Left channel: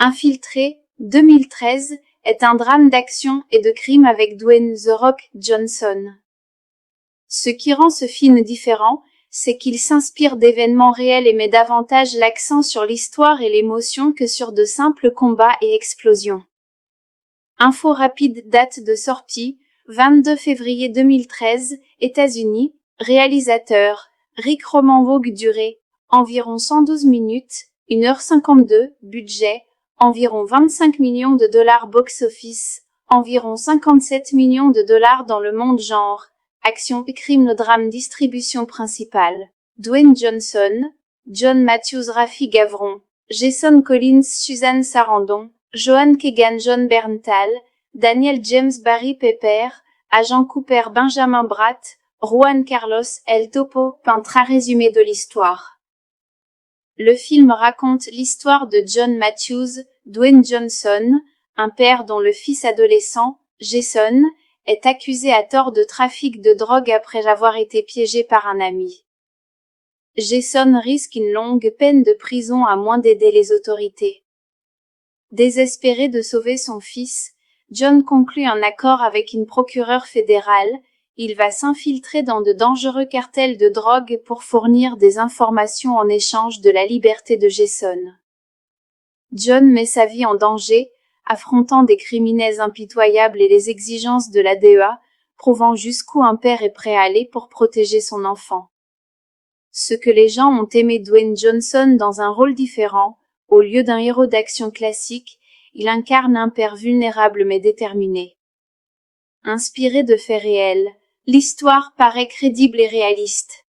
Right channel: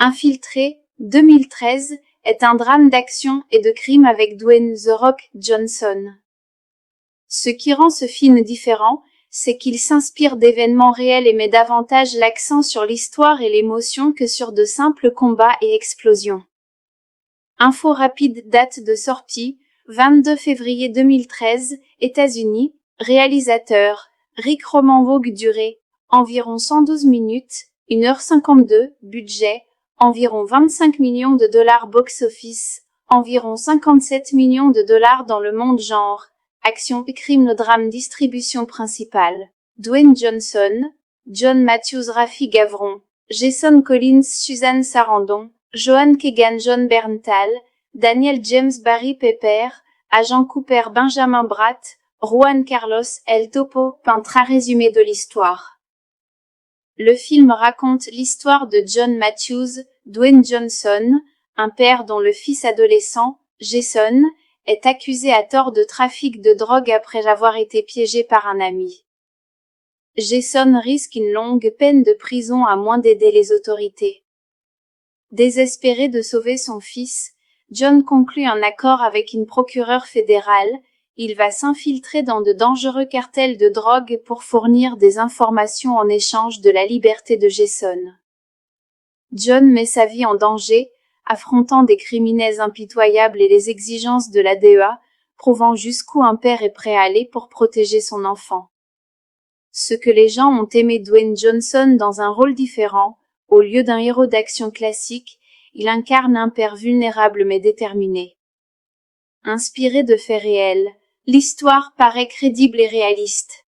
Infiltré, 2013, est un drame d'action et de crime avec Dwayne The Rock Johnson. Ce qui rend ce film différent, c'est qu'il s'inspire d'événements réels et met davantage l'accent sur l'histoire et l'émotion que sur de simples combats et explosions. Info rapide, date de sortie, 22 février 2013, États-Unis. Réalisateur, Rick Roman-Vogue. Durée, environ 112 minutes, 1h52. Budget, environ 25 millions de dollars. Box-office, environ 57 millions de dollars dans le monde. Genre, action, crime, drame. Distribution principale, Dwayne Johnson, John Matthews, Rafi Gavron, Jason Collins, Suzanne Sarandon, Joan Keegan, John Berntal, Daniel James, Barry Pepper, Agent Cooper, Benjamin Bratt, Juan Carlos, El Topo. Très résumé de l'histoire. Le film raconte l'histoire de John Matthews, Dwayne Johnson, un père dont le fils adolescent, Jason, est accusé à tort de trafic de drogue après avoir été piégé par un ami. Jason risque une longue peine de prison à moins d'aider les autorités. Désespéré de sauver son fils, John conclut un accord avec une procureure fédérale. Il va s'infiltrer dans de dangereux cartels de drogue pour fournir des informations en échange de la liberté de Jason. John met sa vie en danger, affrontant des criminels impitoyables et les exigences de la DEA, prouvant jusqu'où un père est prêt à aller pour protéger son enfant. Ce que les gens ont aimé Dwayne Johnson dans un rôle différent, au lieu d'un héros d'action classique, il incarne un père vulnérable mais déterminé. Inspiré de faits réels, l'histoire paraît crédible et réaliste.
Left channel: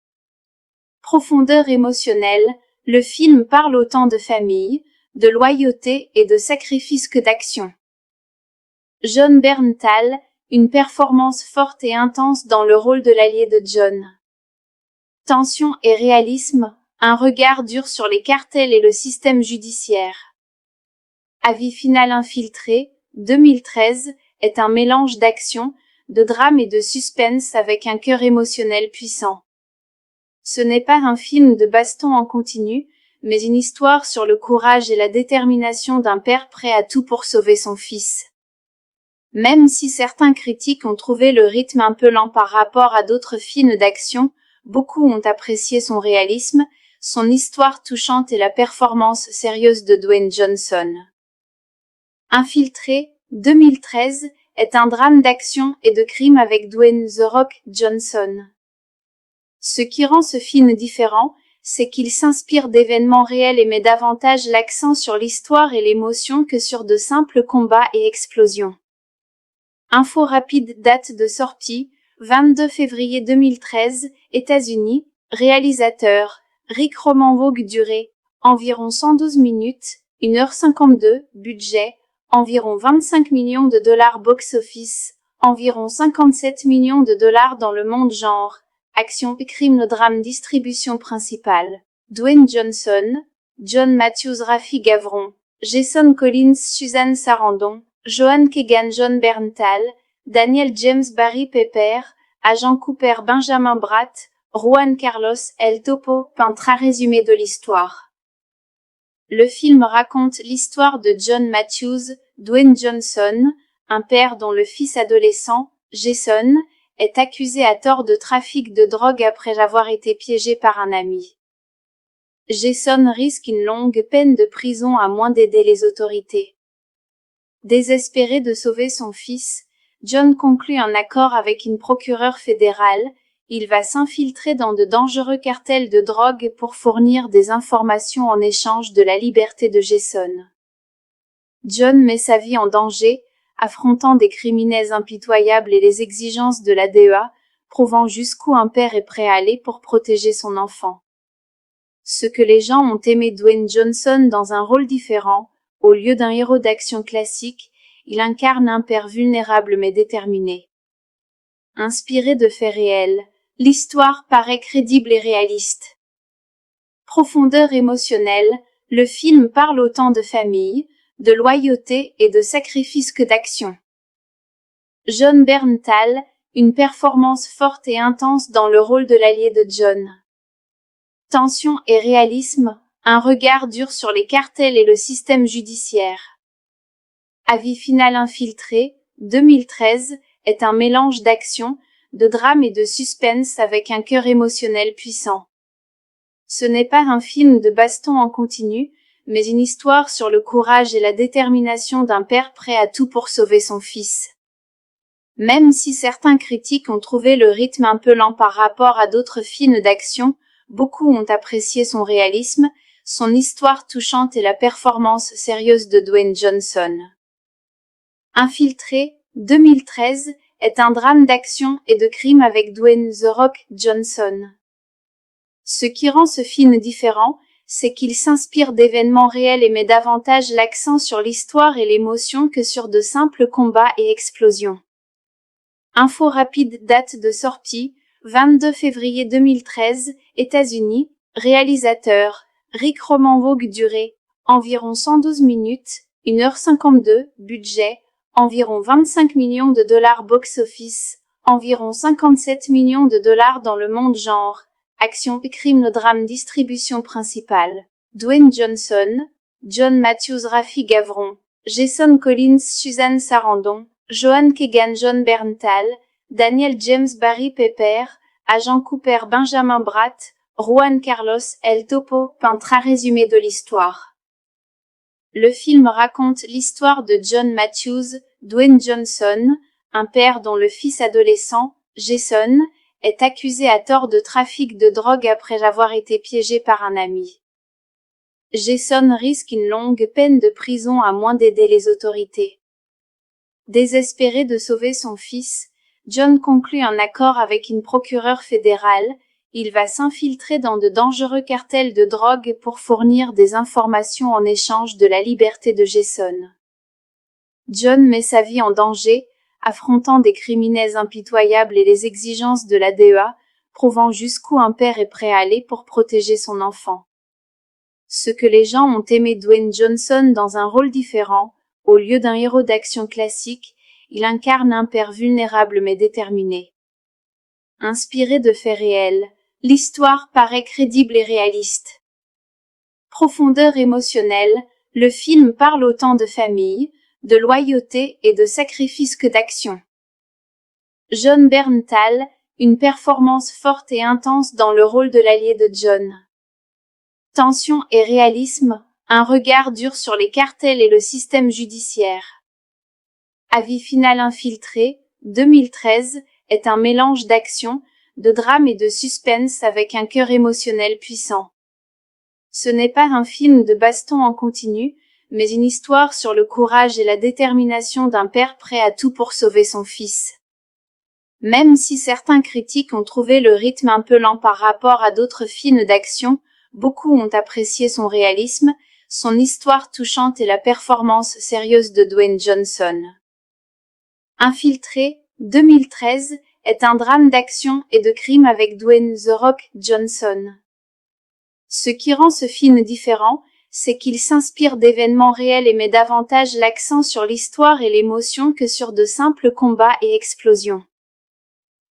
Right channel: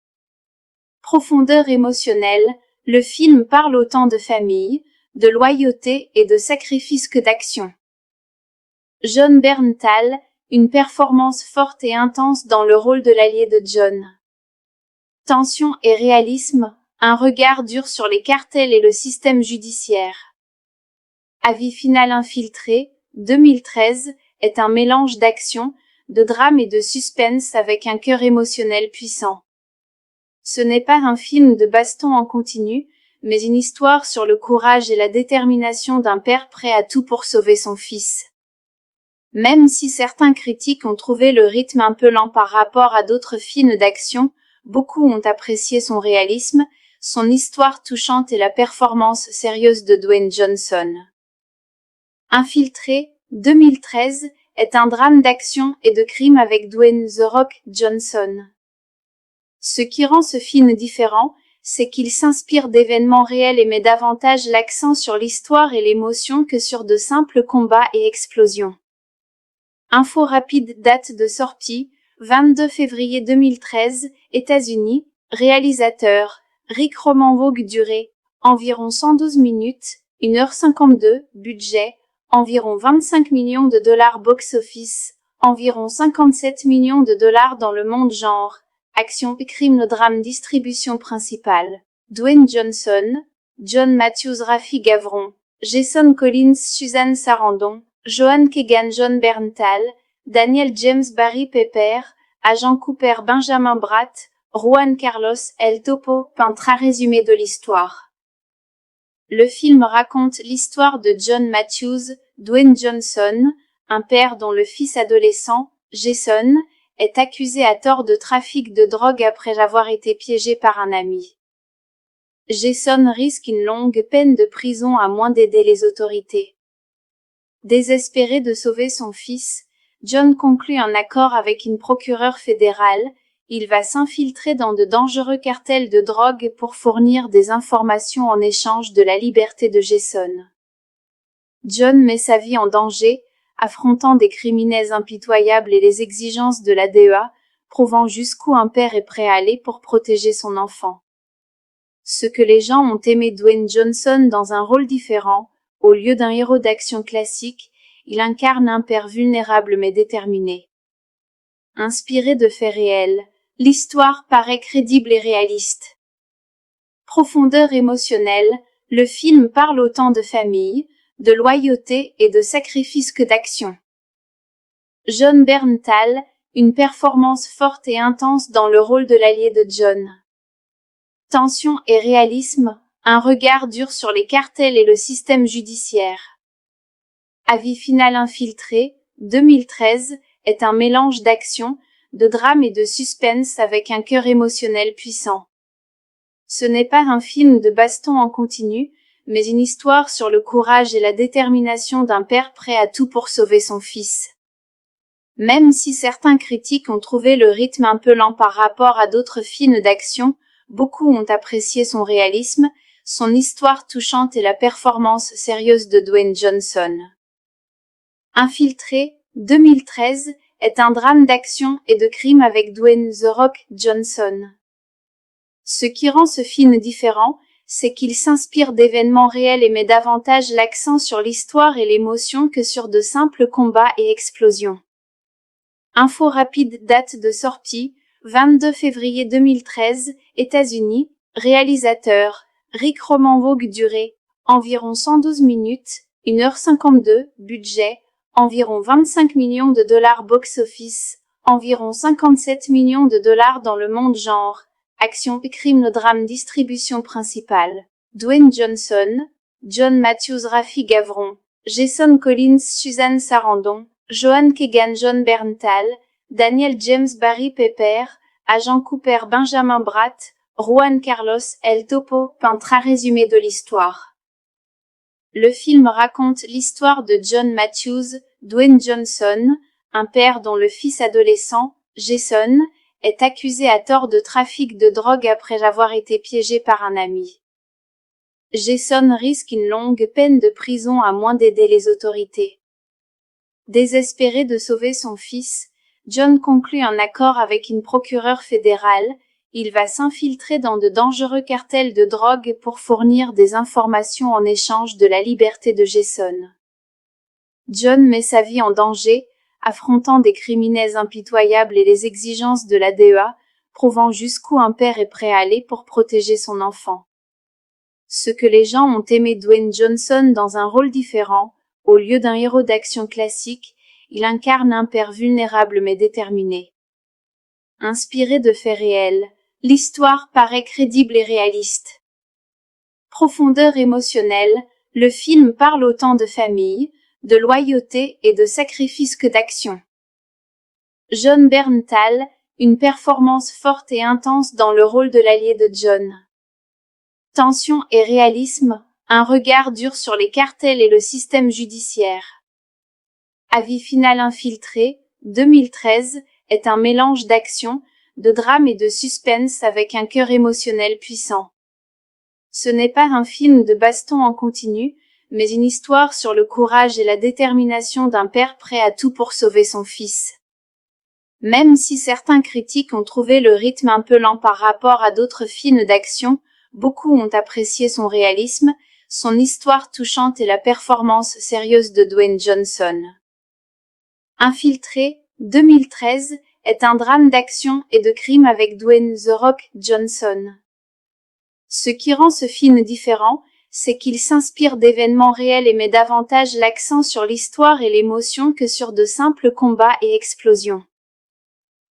Profondeur émotionnelle, le film parle autant de famille, de loyauté et de sacrifice que d'action. John Berntal, une performance forte et intense dans le rôle de l'allié de John. Tension et réalisme, un regard dur sur les cartels et le système judiciaire. Avis final. Infiltré, 2013, est un mélange d'action, de drame et de suspense avec un cœur émotionnel puissant. Ce n'est pas un film de baston en continu, mais une histoire sur le courage et la détermination d'un père prêt à tout pour sauver son fils. Même si certains critiques ont trouvé le rythme un peu lent par rapport à d'autres films d'action, beaucoup ont apprécié son réalisme, son histoire touchante et la performance sérieuse de Dwayne Johnson. Infiltré, 2013, est un drame d'action et de crime avec Dwayne The Rock Johnson. Ce qui rend ce film différent, c'est qu'il s'inspire d'événements réels et met davantage l'accent sur l'histoire et l'émotion que sur de simples combats et explosions. Info rapide, date de sortie, 22 février 2013, États-Unis. Réalisateur, Rick Roman-Vogue. Durée, environ 112 minutes, 1h52. Budget, environ 25 millions de dollars. Box-office, environ 57 millions de dollars dans le monde. Genre, action, crime, drame. Distribution principale, Dwayne Johnson, John Matthews, Rafi Gavron, Jason Collins, Suzanne Sarandon, Joan Keegan, John Berntal, Daniel James, Barry Pepper, Agent Cooper, Benjamin Bratt, Juan Carlos, El Topo. Très résumé de l'histoire. Le film raconte l'histoire de John Matthews, Dwayne Johnson, un père dont le fils adolescent, Jason, est accusé à tort de trafic de drogue après avoir été piégé par un ami. Jason risque une longue peine de prison à moins d'aider les autorités. Désespéré de sauver son fils, John conclut un accord avec une procureure fédérale. Il va s'infiltrer dans de dangereux cartels de drogue pour fournir des informations en échange de la liberté de Jason. John met sa vie en danger, affrontant des criminels impitoyables et les exigences de la DEA, prouvant jusqu'où un père est prêt à aller pour protéger son enfant. Ce que les gens ont aimé Dwayne Johnson dans un rôle différent, au lieu d'un héros d'action classique, il incarne un père vulnérable mais déterminé. Inspiré de faits réels, l'histoire paraît crédible et réaliste. Profondeur émotionnelle, le film parle autant de famille, de loyauté et de sacrifice que d'action. John Berntal, une performance forte et intense dans le rôle de l'allié de John. Tension et réalisme, un regard dur sur les cartels et le système judiciaire. Avis final infiltré, 2013, est un mélange d'action, de drame et de suspense avec un cœur émotionnel puissant. Ce n'est pas un film de baston en continu, mais une histoire sur le courage et la détermination d'un père prêt à tout pour sauver son fils. Même si certains critiques ont trouvé le rythme un peu lent par rapport à d'autres films d'action, beaucoup ont apprécié son réalisme, son histoire touchante et la performance sérieuse de Dwayne Johnson. Infiltré, 2013, est un drame d'action et de crime avec Dwayne The Rock Johnson. Ce qui rend ce film différent, c'est qu'il s'inspire d'événements réels et met davantage l'accent sur l'histoire et l'émotion que sur de simples combats et explosions. Info rapide, date de sortie, 22 février 2013, États-Unis. Réalisateur, Rick Roman Vogue. Durée, environ 112 minutes, 1h52, budget, environ 25 millions de dollars box-office, environ 57 millions de dollars dans le monde. Genre, action, crime, drame. Distribution principale, Dwayne Johnson, John Matthews, Rafi Gavron, Jason Collins, Suzanne Sarandon, Joan Keegan, John Berntal, Daniel James, Barry Pepper, Agent Cooper, Benjamin Bratt, Juan Carlos, El Topo. Peintre. Un résumé de l'histoire. Le film raconte l'histoire de John Matthews, Dwayne Johnson, un père dont le fils adolescent, Jason, est accusé à tort de trafic de drogue après avoir été piégé par un ami. Jason risque une longue peine de prison à moins d'aider les autorités. Désespéré de sauver son fils, John conclut un accord avec une procureure fédérale. Il va s'infiltrer dans de dangereux cartels de drogue pour fournir des informations en échange de la liberté de Jason. John met sa vie en danger, affrontant des criminels impitoyables et les exigences de la DEA, prouvant jusqu'où un père est prêt à aller pour protéger son enfant. Ce que les gens ont aimé Dwayne Johnson dans un rôle différent, au lieu d'un héros d'action classique, il incarne un père vulnérable mais déterminé. Inspiré de faits réels, l'histoire paraît crédible et réaliste. Profondeur émotionnelle, le film parle autant de famille, de loyauté et de sacrifice que d'action. John Berntal, une performance forte et intense dans le rôle de l'allié de John. Tension et réalisme, un regard dur sur les cartels et le système judiciaire. Avis final infiltré, 2013, est un mélange d'action, de drame et de suspense avec un cœur émotionnel puissant. Ce n'est pas un film de baston en continu, mais une histoire sur le courage et la détermination d'un père prêt à tout pour sauver son fils. Même si certains critiques ont trouvé le rythme un peu lent par rapport à d'autres films d'action, beaucoup ont apprécié son réalisme, son histoire touchante et la performance sérieuse de Dwayne Johnson. Infiltré, 2013, est un drame d'action et de crime avec Dwayne The Rock Johnson. Ce qui rend ce film différent, c'est qu'il s'inspire d'événements réels et met davantage l'accent sur l'histoire et l'émotion que sur de simples combats et explosions.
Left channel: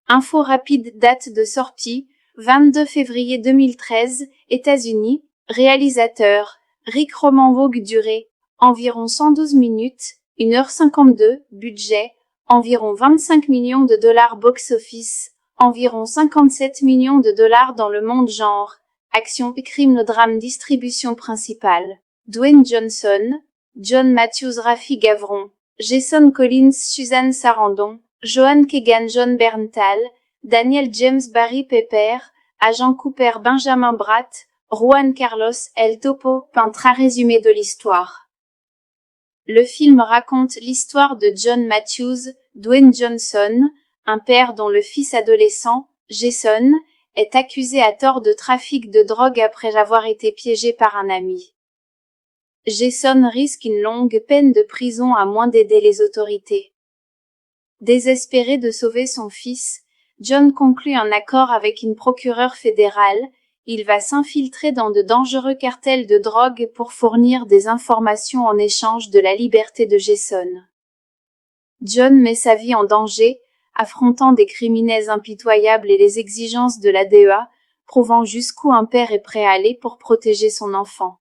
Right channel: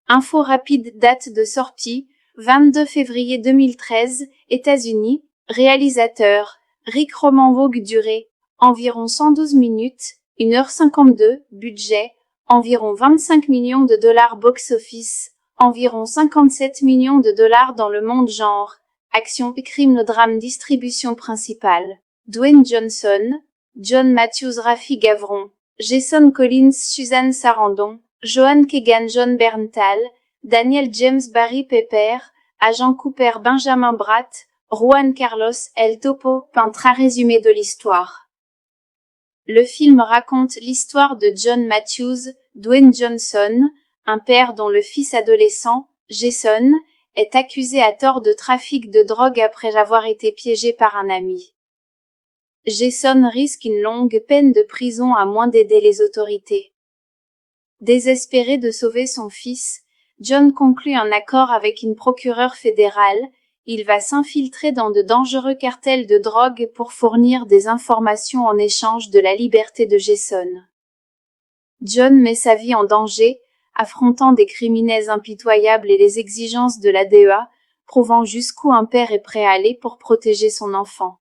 Info rapide, date de sortie, 22 février 2013, États-Unis. Réalisateur, Rick Roman Vogue. Durée, environ 112 minutes, 1h52, budget, environ 25 millions de dollars box-office, environ 57 millions de dollars dans le monde. Genre, action, crime, drame. Distribution principale, Dwayne Johnson, John Matthews, Rafi Gavron, Jason Collins, Suzanne Sarandon, Joan Keegan, John Berntal, Daniel James, Barry Pepper, Agent Cooper, Benjamin Bratt, Juan Carlos, El Topo. Peintre. Un résumé de l'histoire. Le film raconte l'histoire de John Matthews, Dwayne Johnson, un père dont le fils adolescent, Jason, est accusé à tort de trafic de drogue après avoir été piégé par un ami. Jason risque une longue peine de prison à moins d'aider les autorités. Désespéré de sauver son fils, John conclut un accord avec une procureure fédérale. Il va s'infiltrer dans de dangereux cartels de drogue pour fournir des informations en échange de la liberté de Jason. John met sa vie en danger, affrontant des criminels impitoyables et les exigences de la DEA, prouvant jusqu'où un père est prêt à aller pour protéger son enfant.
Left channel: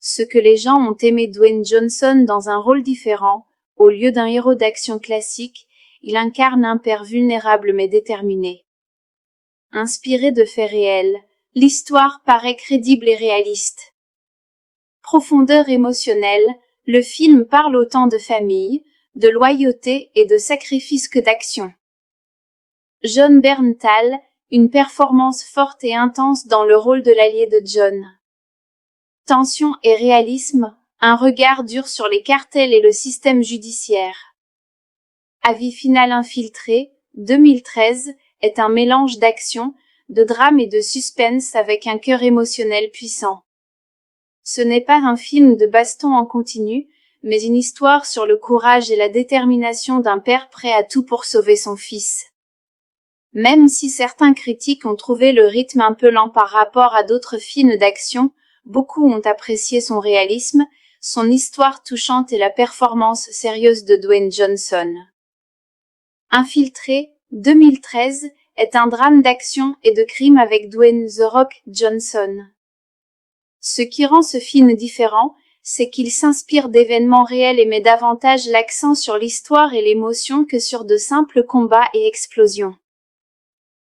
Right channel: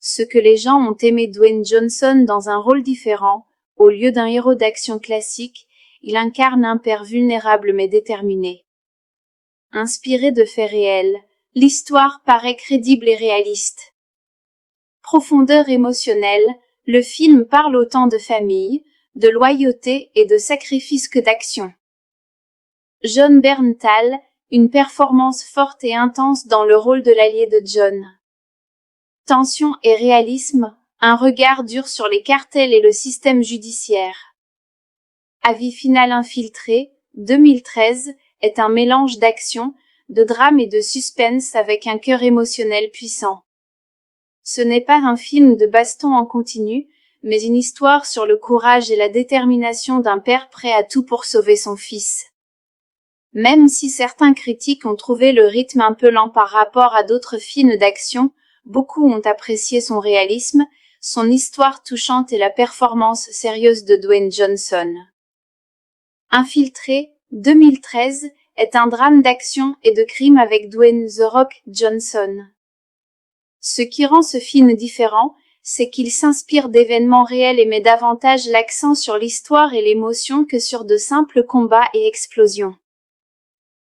Ce que les gens ont aimé Dwayne Johnson dans un rôle différent, au lieu d'un héros d'action classique, il incarne un père vulnérable mais déterminé. Inspiré de faits réels, l'histoire paraît crédible et réaliste. Profondeur émotionnelle, le film parle autant de famille, de loyauté et de sacrifice que d'action. Jon Bernthal, une performance forte et intense dans le rôle de l'allié de John. Tension et réalisme, un regard dur sur les cartels et le système judiciaire. Avis final infiltré, 2013, est un mélange d'action, de drame et de suspense avec un cœur émotionnel puissant. Ce n'est pas un film de baston en continu, mais une histoire sur le courage et la détermination d'un père prêt à tout pour sauver son fils. Même si certains critiques ont trouvé le rythme un peu lent par rapport à d'autres films d'action, beaucoup ont apprécié son réalisme, son histoire touchante et la performance sérieuse de Dwayne Johnson. Infiltré, 2013, est un drame d'action et de crime avec Dwayne The Rock Johnson. Ce qui rend ce film différent, c'est qu'il s'inspire d'événements réels et met davantage l'accent sur l'histoire et l'émotion que sur de simples combats et explosions.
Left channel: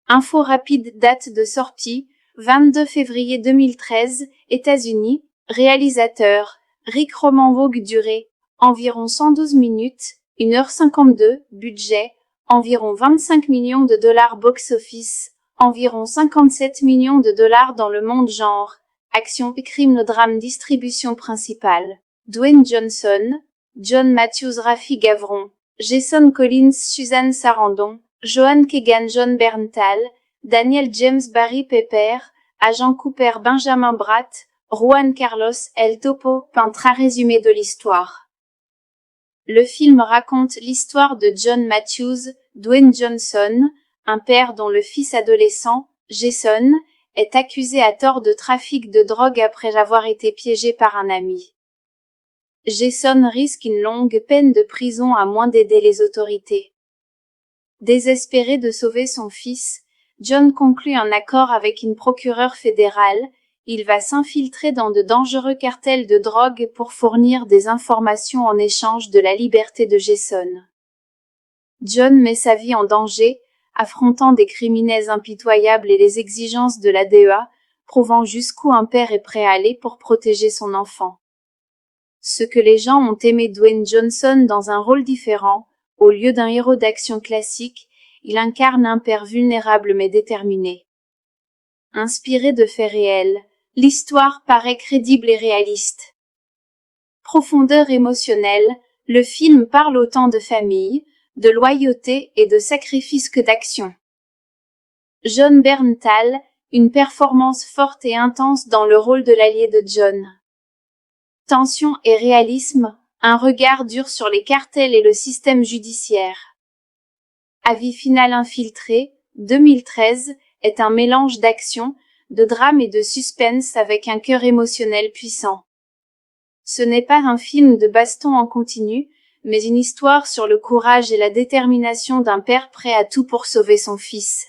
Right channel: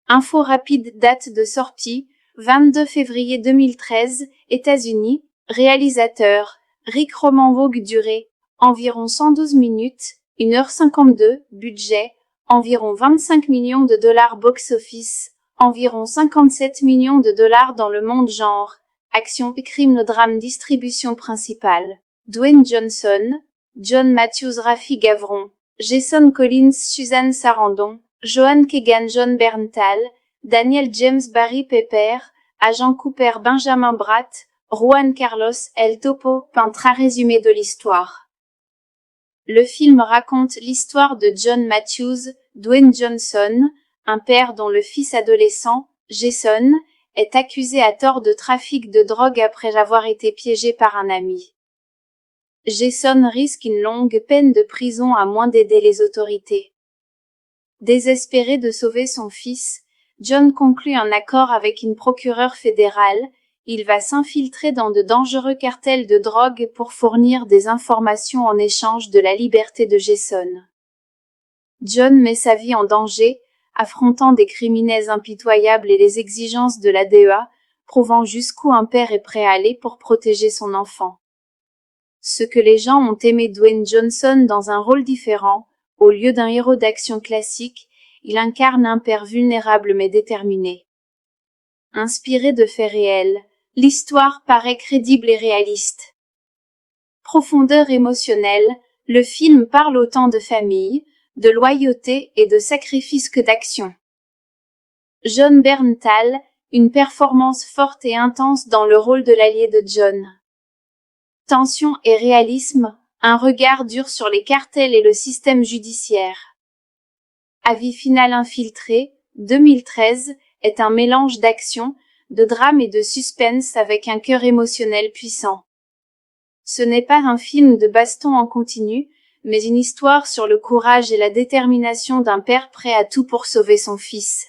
Info rapide, date de sortie, 22 février 2013, États-Unis, réalisateur, Rick Roman-Vogue, durée, environ 112 minutes, 1h52, budget, environ 25 millions de dollars box-office, environ 57 millions de dollars dans le monde genre, action, crime, drame, distribution principale, Dwayne Johnson, John Matthews, Rafi Gavron, Jason Collins, Suzanne Sarandon, Joan Keegan, Jon Bernthal, Daniel James, Barry Pepper, Agent Cooper, Benjamin Bratt, Juan Carlos, El Topo, peintre résumé de l'histoire. Le film raconte l'histoire de John Matthews, Dwayne Johnson, un père dont le fils adolescent, Jason, est accusé à tort de trafic de drogue après avoir été piégé par un ami. Jason risque une longue peine de prison à moins d'aider les autorités. Désespéré de sauver son fils, John conclut un accord avec une procureure fédérale. Il va s'infiltrer dans de dangereux cartels de drogue pour fournir des informations en échange de la liberté de Jason. John met sa vie en danger, affrontant des criminels impitoyables et les exigences de la DEA, prouvant jusqu'où un père est prêt à aller pour protéger son enfant. Ce que les gens ont aimé Dwayne Johnson dans un rôle différent, au lieu d'un héros d'action classique, il incarne un père vulnérable mais déterminé. Inspiré de faits réels, l'histoire paraît crédible et réaliste. Profondeur émotionnelle, le film parle autant de famille, de loyauté et de sacrifice que d'action. Jon Bernthal, une performance forte et intense dans le rôle de l'allié de John. Tension et réalisme, un regard dur sur les cartels et le système judiciaire. Avis final infiltré, 2013, est un mélange d'action, de drame et de suspense avec un cœur émotionnel puissant. Ce n'est pas un film de baston en continu, mais une histoire sur le courage et la détermination d'un père prêt à tout pour sauver son fils.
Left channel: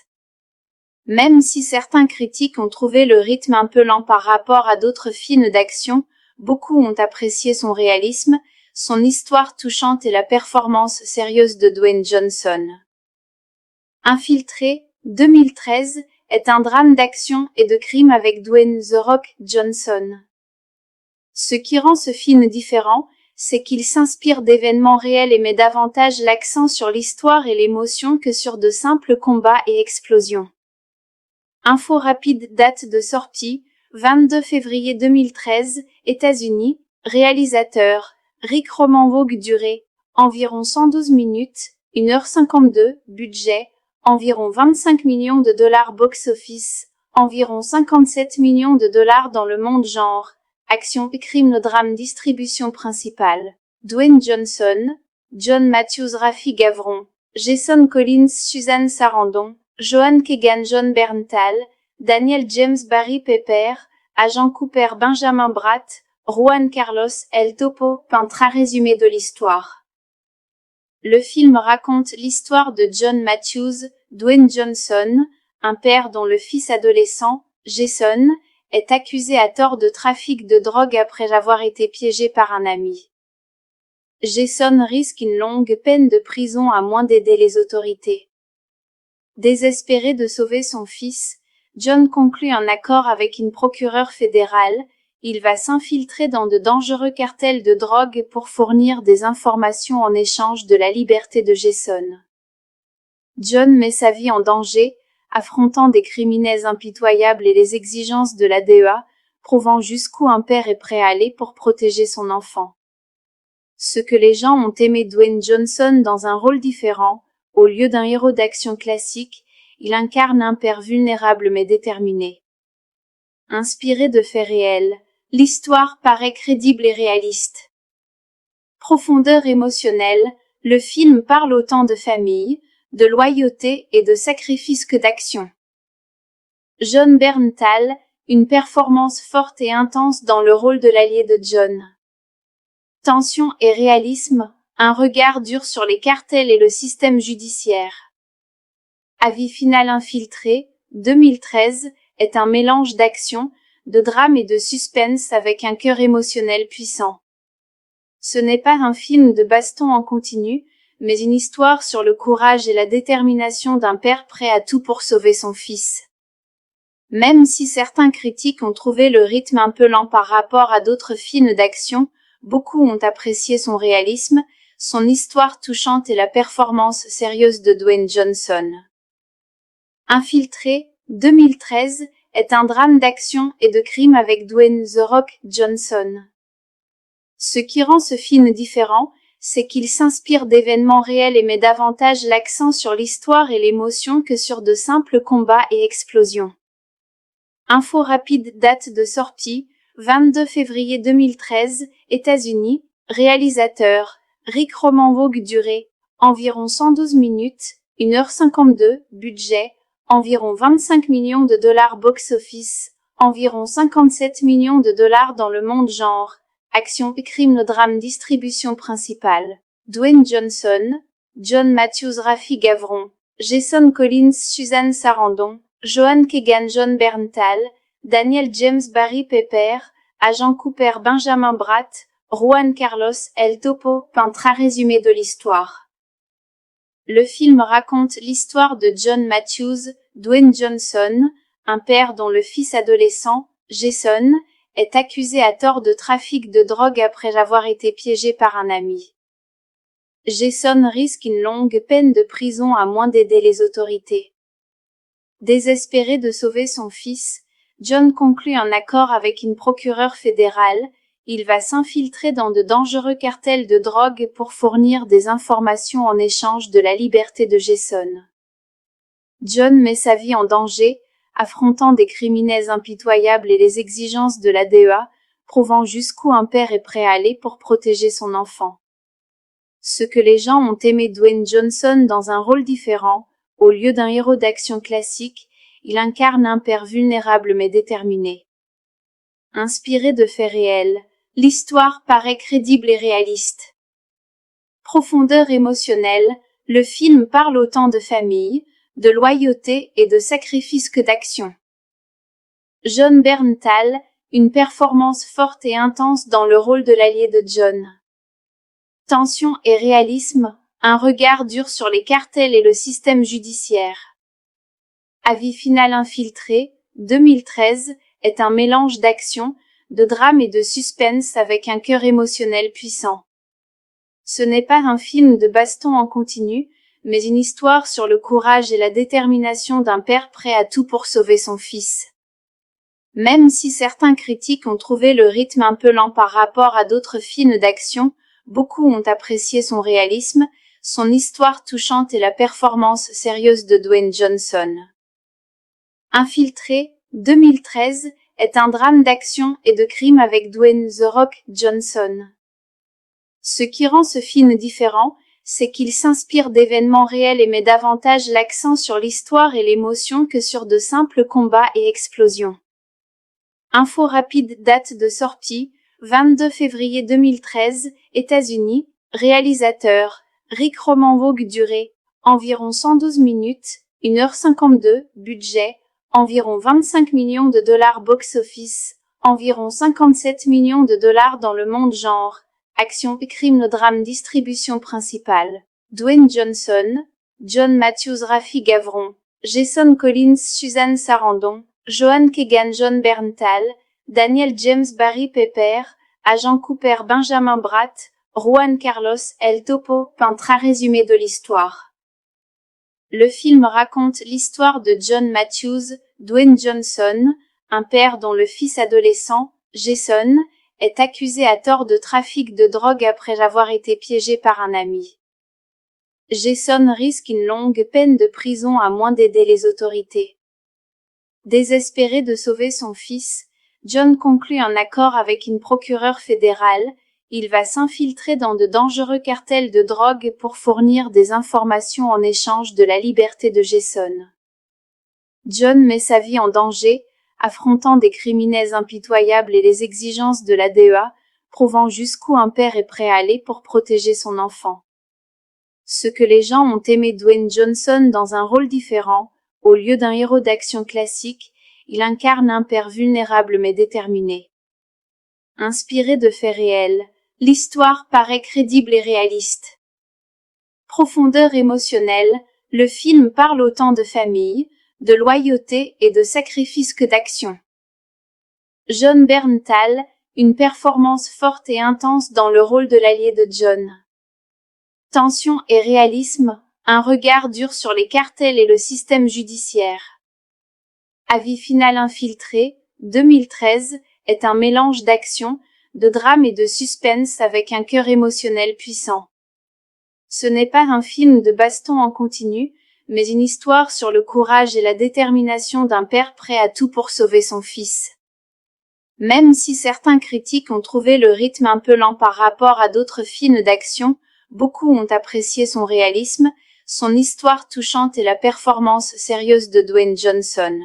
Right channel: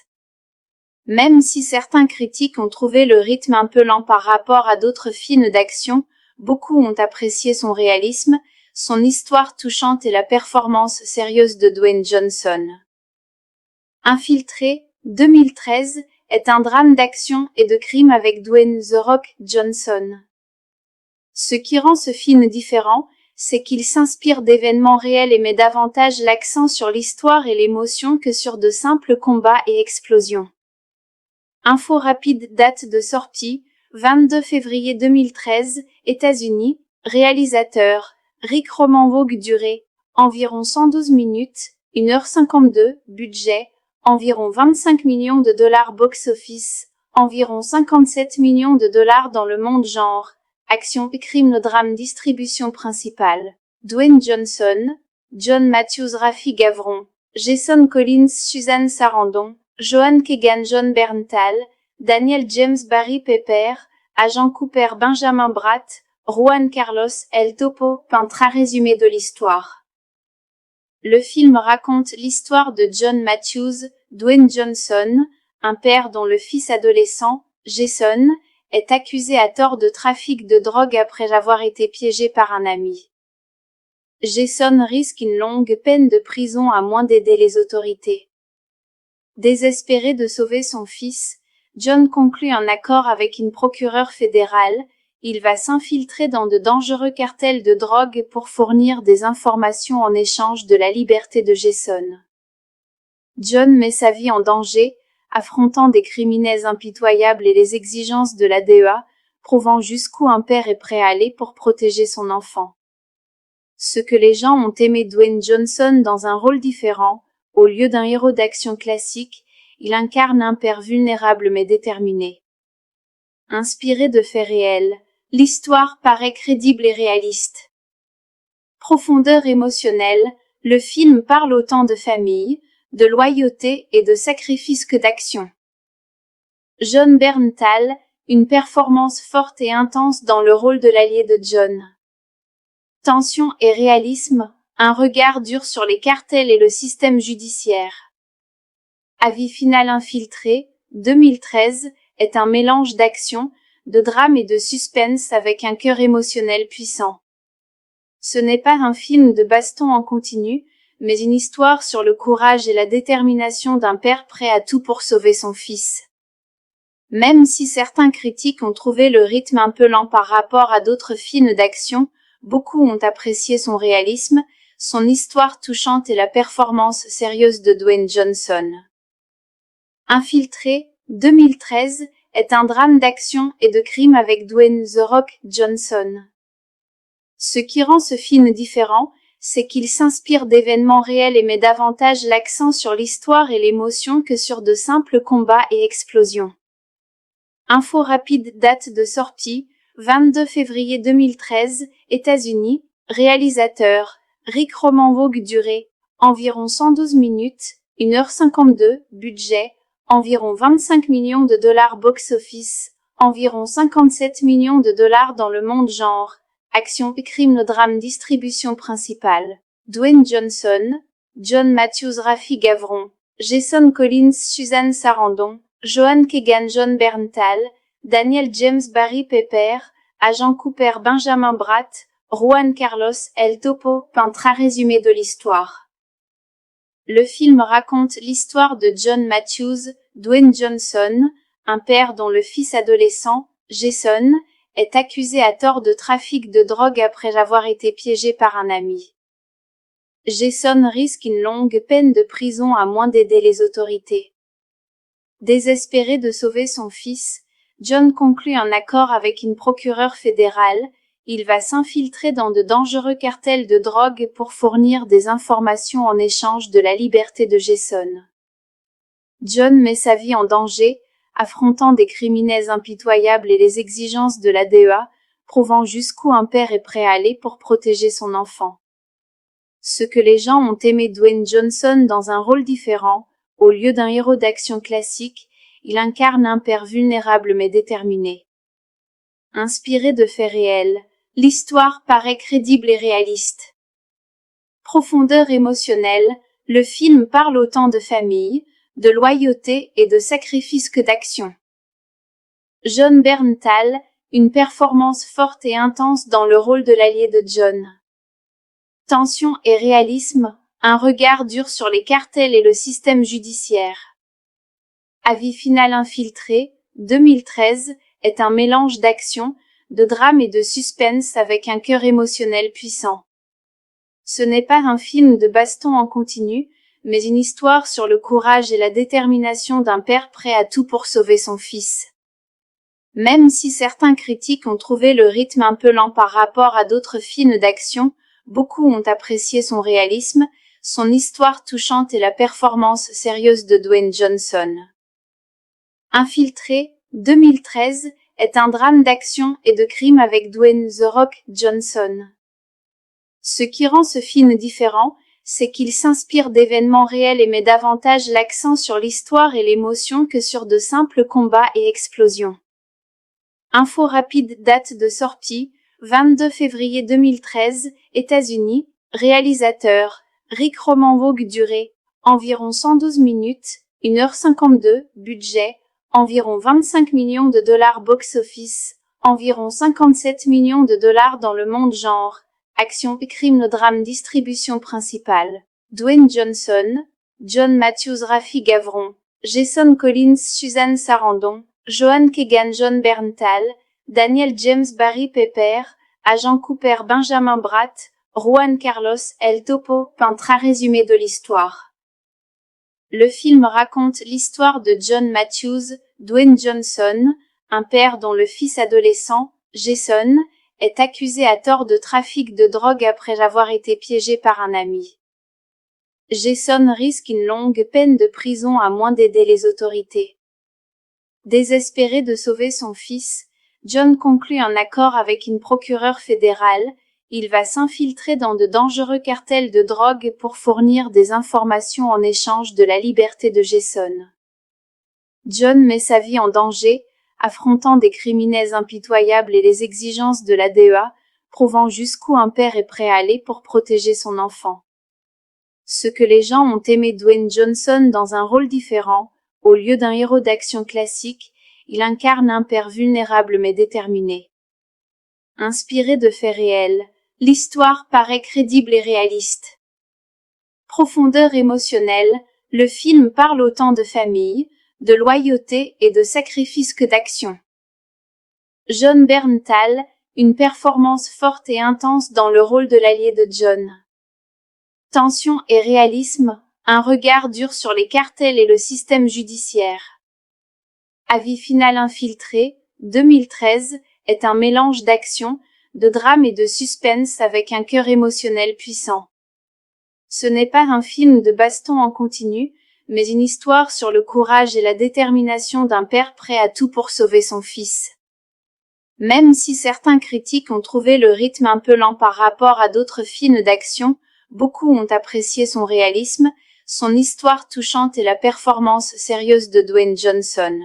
Même si certains critiques ont trouvé le rythme un peu lent par rapport à d'autres films d'action, beaucoup ont apprécié son réalisme, son histoire touchante et la performance sérieuse de Dwayne Johnson. Infiltré, 2013, est un drame d'action et de crime avec Dwayne The Rock Johnson. Ce qui rend ce film différent, c'est qu'il s'inspire d'événements réels et met davantage l'accent sur l'histoire et l'émotion que sur de simples combats et explosions. Info rapide, date de sortie, 22 février 2013, États-Unis, réalisateur, Rick Roman-Vogue, durée, environ 112 minutes, 1h52, budget, environ 25 millions de dollars box-office, environ 57 millions de dollars dans le monde genre, action, crime, drame, distribution principale, Dwayne Johnson, John Matthews, Rafi Gavron, Jason Collins, Suzanne Sarandon, Joan Keegan, Jon Bernthal, Daniel James, Barry Pepper, Agent Cooper, Benjamin Bratt, Juan Carlos, El Topo, peintre résumé de l'histoire. Le film raconte l'histoire de John Matthews, Dwayne Johnson, un père dont le fils adolescent, Jason, est accusé à tort de trafic de drogue après avoir été piégé par un ami. Jason risque une longue peine de prison à moins d'aider les autorités. Désespéré de sauver son fils, John conclut un accord avec une procureure fédérale. Il va s'infiltrer dans de dangereux cartels de drogue pour fournir des informations en échange de la liberté de Jason. John met sa vie en danger, affrontant des criminels impitoyables et les exigences de la DEA, prouvant jusqu'où un père est prêt à aller pour protéger son enfant. Ce que les gens ont aimé Dwayne Johnson dans un rôle différent, au lieu d'un héros d'action classique, il incarne un père vulnérable mais déterminé. Inspiré de faits réels, l'histoire paraît crédible et réaliste. Profondeur émotionnelle, le film parle autant de famille, de loyauté et de sacrifice que d'action. Jon Bernthal, une performance forte et intense dans le rôle de l'allié de John. Tension et réalisme, un regard dur sur les cartels et le système judiciaire. Avis final infiltré, 2013, est un mélange d'action, de drame et de suspense avec un cœur émotionnel puissant. Ce n'est pas un film de baston en continu, mais une histoire sur le courage et la détermination d'un père prêt à tout pour sauver son fils. Même si certains critiques ont trouvé le rythme un peu lent par rapport à d'autres films d'action, beaucoup ont apprécié son réalisme, son histoire touchante et la performance sérieuse de Dwayne Johnson. Infiltré, 2013, est un drame d'action et de crime avec Dwayne The Rock Johnson. Ce qui rend ce film différent, c'est qu'il s'inspire d'événements réels et met davantage l'accent sur l'histoire et l'émotion que sur de simples combats et explosions. Info rapide, date de sortie, 22 février 2013, États-Unis, réalisateur, Rick Roman-Vogue, durée, environ 112 minutes, 1h52, budget, environ 25 millions de dollars box-office, environ 57 millions de dollars dans le monde genre. Action, crime, drame, distribution principale. Dwayne Johnson, John Matthews, Rafi Gavron, Jason Collins, Suzanne Sarandon, Joan Keegan, Jon Bernthal, Daniel James, Barry Pepper, Agent Cooper, Benjamin Bratt, Juan Carlos, El Topo, peintre à résumé de l'histoire. Le film raconte l'histoire de John Matthews, Dwayne Johnson, un père dont le fils adolescent, Jason, est accusé à tort de trafic de drogue après avoir été piégé par un ami. Jason risque une longue peine de prison à moins d'aider les autorités. Désespéré de sauver son fils, John conclut un accord avec une procureure fédérale. Il va s'infiltrer dans de dangereux cartels de drogue pour fournir des informations en échange de la liberté de Jason. John met sa vie en danger, affrontant des criminels impitoyables et les exigences de la DEA, prouvant jusqu'où un père est prêt à aller pour protéger son enfant. Ce que les gens ont aimé Dwayne Johnson dans un rôle différent, au lieu d'un héros d'action classique, il incarne un père vulnérable mais déterminé. Inspiré de faits réels, l'histoire paraît crédible et réaliste. Profondeur émotionnelle, le film parle autant de famille, de loyauté et de sacrifice que d'action. Jon Bernthal, une performance forte et intense dans le rôle de l'allié de John. Tension et réalisme, un regard dur sur les cartels et le système judiciaire. Avis final infiltré, 2013, est un mélange d'action, de drame et de suspense avec un cœur émotionnel puissant. Ce n'est pas un film de baston en continu, mais une histoire sur le courage et la détermination d'un père prêt à tout pour sauver son fils. Même si certains critiques ont trouvé le rythme un peu lent par rapport à d'autres films d'action, beaucoup ont apprécié son réalisme, son histoire touchante et la performance sérieuse de Dwayne Johnson. Infiltré, 2013, est un drame d'action et de crime avec Dwayne The Rock Johnson. Ce qui rend ce film différent, c'est qu'il s'inspire d'événements réels et met davantage l'accent sur l'histoire et l'émotion que sur de simples combats et explosions. Info rapide, date de sortie, 22 février 2013, États-Unis, réalisateur, Rick Roman-Vogue, durée, environ 112 minutes, 1h52, budget, environ 25 millions de dollars box-office, environ 57 millions de dollars dans le monde genre, action, crime, drame, distribution principale. Dwayne Johnson, John Matthews, Rafi Gavron, Jason Collins, Suzanne Sarandon, Joan Keegan, John Berntal, Daniel James, Barry Pepper, Agent Cooper, Benjamin Bratt, Juan Carlos, El Topo, peintre résumé de l'histoire. Le film raconte l'histoire de John Matthews, Dwayne Johnson, un père dont le fils adolescent, Jason, est accusé à tort de trafic de drogue après avoir été piégé par un ami. Jason risque une longue peine de prison à moins d'aider les autorités. Désespéré de sauver son fils, John conclut un accord avec une procureure fédérale. Il va s'infiltrer dans de dangereux cartels de drogue pour fournir des informations en échange de la liberté de Jason. John met sa vie en danger, affrontant des criminels impitoyables et les exigences de la DEA, prouvant jusqu'où un père est prêt à aller pour protéger son enfant. Ce que les gens ont aimé Dwayne Johnson dans un rôle différent, au lieu d'un héros d'action classique, il incarne un père vulnérable mais déterminé. Inspiré de faits réels, l'histoire paraît crédible et réaliste. Profondeur émotionnelle, le film parle autant de famille, de loyauté et de sacrifice que d'action. Jon Bernthal, une performance forte et intense dans le rôle de l'allié de John. Tension et réalisme, un regard dur sur les cartels et le système judiciaire. Avis final infiltré, 2013, est un mélange d'action, de drame et de suspense avec un cœur émotionnel puissant. Ce n'est pas un film de baston en continu, mais une histoire sur le courage et la détermination d'un père prêt à tout pour sauver son fils. Même si certains critiques ont trouvé le rythme un peu lent par rapport à d'autres films d'action, beaucoup ont apprécié son réalisme, son histoire touchante et la performance sérieuse de Dwayne Johnson.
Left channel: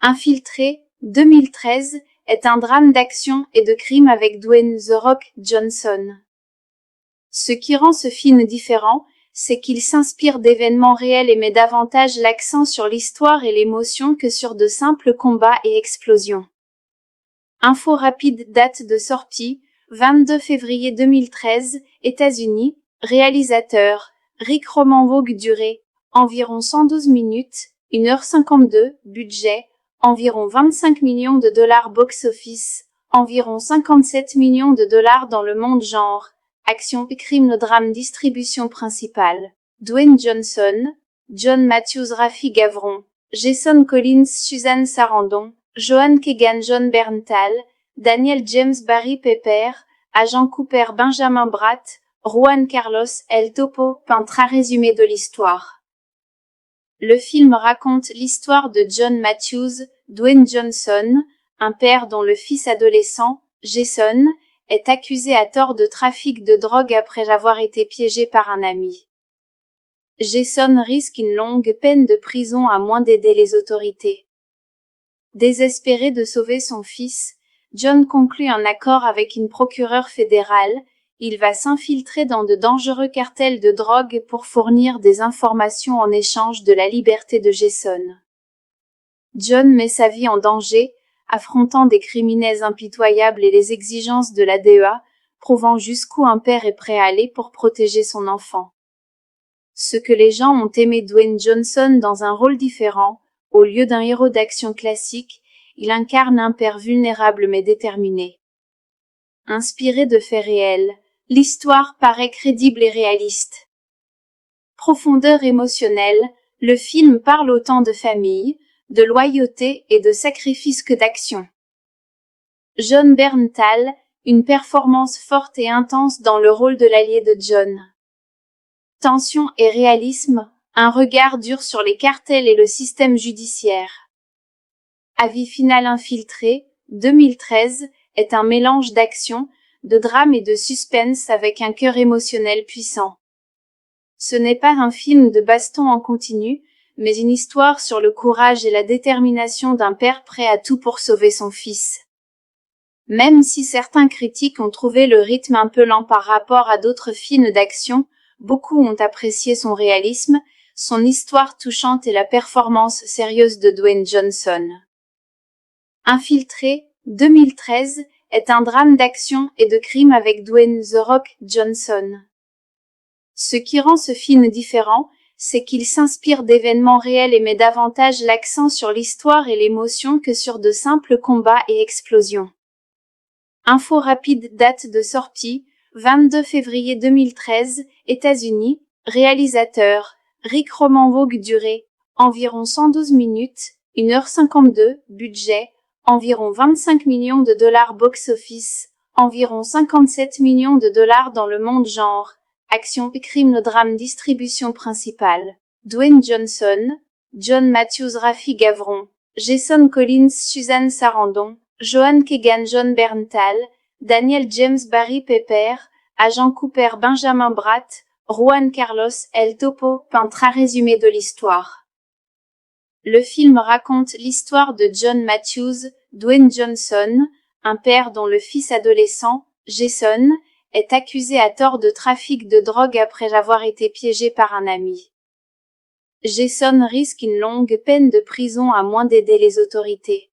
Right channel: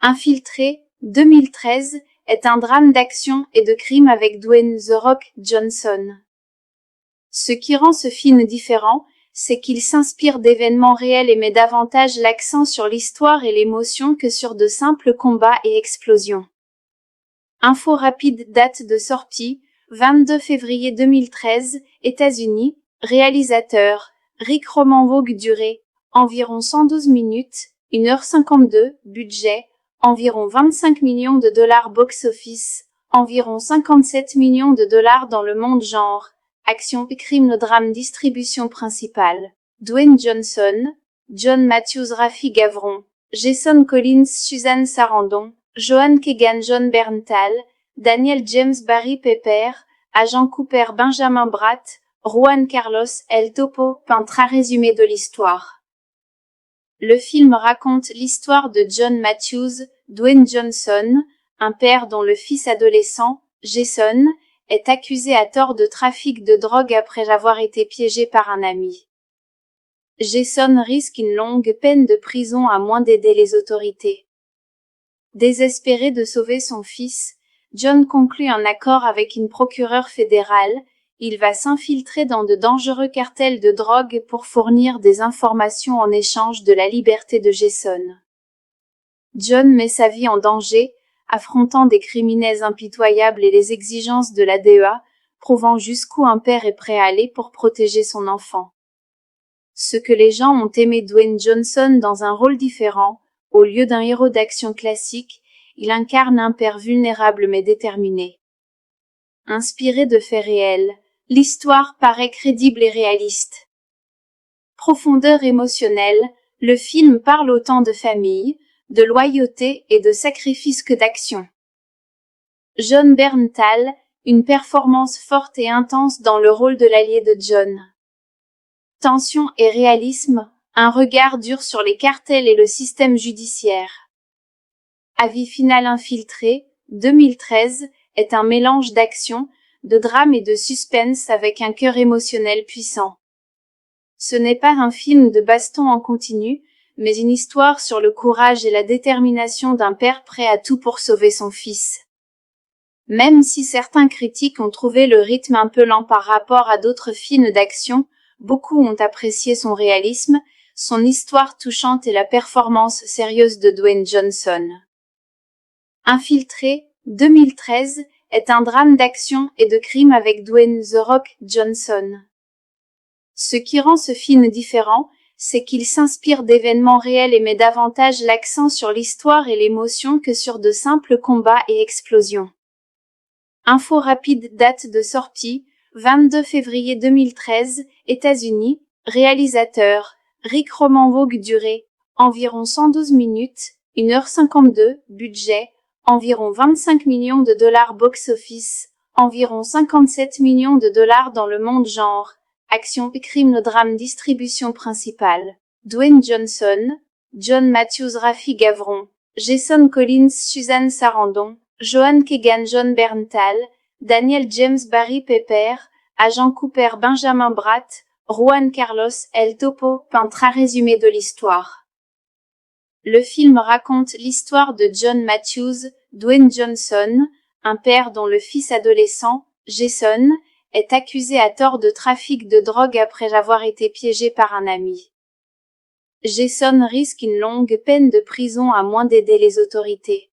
Infiltré, 2013, est un drame d'action et de crime avec Dwayne The Rock Johnson. Ce qui rend ce film différent, c'est qu'il s'inspire d'événements réels et met davantage l'accent sur l'histoire et l'émotion que sur de simples combats et explosions. Info rapide, date de sortie, 22 février 2013, États-Unis, réalisateur, Rick Roman Vogue, durée, environ 112 minutes, 1h52, budget, environ 25 millions de dollars box-office, environ 57 millions de dollars dans le monde genre, action, crime, drame, distribution principale. Dwayne Johnson, John Matthews, Rafi Gavron, Jason Collins, Suzanne Sarandon, Joan Keegan, John Berntal, Daniel James, Barry Pepper, Agent Cooper, Benjamin Bratt, Juan Carlos, El Topo, peintre résumé de l'histoire. Le film raconte l'histoire de John Matthews, Dwayne Johnson, un père dont le fils adolescent, Jason, est accusé à tort de trafic de drogue après avoir été piégé par un ami. Jason risque une longue peine de prison à moins d'aider les autorités. Désespéré de sauver son fils, John conclut un accord avec une procureure fédérale. Il va s'infiltrer dans de dangereux cartels de drogue pour fournir des informations en échange de la liberté de Jason. John met sa vie en danger, affrontant des criminels impitoyables et les exigences de la DEA, prouvant jusqu'où un père est prêt à aller pour protéger son enfant. Ce que les gens ont aimé Dwayne Johnson dans un rôle différent, au lieu d'un héros d'action classique, il incarne un père vulnérable mais déterminé. Inspiré de faits réels, l'histoire paraît crédible et réaliste. Profondeur émotionnelle, le film parle autant de famille, de loyauté et de sacrifice que d'action. Jon Bernthal, une performance forte et intense dans le rôle de l'allié de John. Tension et réalisme, un regard dur sur les cartels et le système judiciaire. Avis final infiltré, 2013, est un mélange d'action, de drame et de suspense avec un cœur émotionnel puissant. Ce n'est pas un film de baston en continu, mais une histoire sur le courage et la détermination d'un père prêt à tout pour sauver son fils. Même si certains critiques ont trouvé le rythme un peu lent par rapport à d'autres films d'action, beaucoup ont apprécié son réalisme, son histoire touchante et la performance sérieuse de Dwayne Johnson. Infiltré, 2013, est un drame d'action et de crime avec Dwayne The Rock Johnson. Ce qui rend ce film différent, c'est qu'il s'inspire d'événements réels et met davantage l'accent sur l'histoire et l'émotion que sur de simples combats et explosions. Info rapide, date de sortie, 22 février 2013, États-Unis, réalisateur, Rick Roman Vogue, durée, environ 112 minutes, 1h52, budget, environ 25 millions de dollars box-office, environ 57 millions de dollars dans le monde genre, action, crime, drame, distribution principale, Dwayne Johnson, John Matthews, Rafi Gavron, Jason Collins, Suzanne Sarandon, Joan Keegan, John Berntal, Daniel James, Barry Pepper, Agent Cooper, Benjamin Bratt, Juan Carlos, El Topo, peintre résumé de l'histoire. Le film raconte l'histoire de John Matthews, Dwayne Johnson, un père dont le fils adolescent, Jason, est accusé à tort de trafic de drogue après avoir été piégé par un ami. Jason risque une longue peine de prison à moins d'aider les autorités.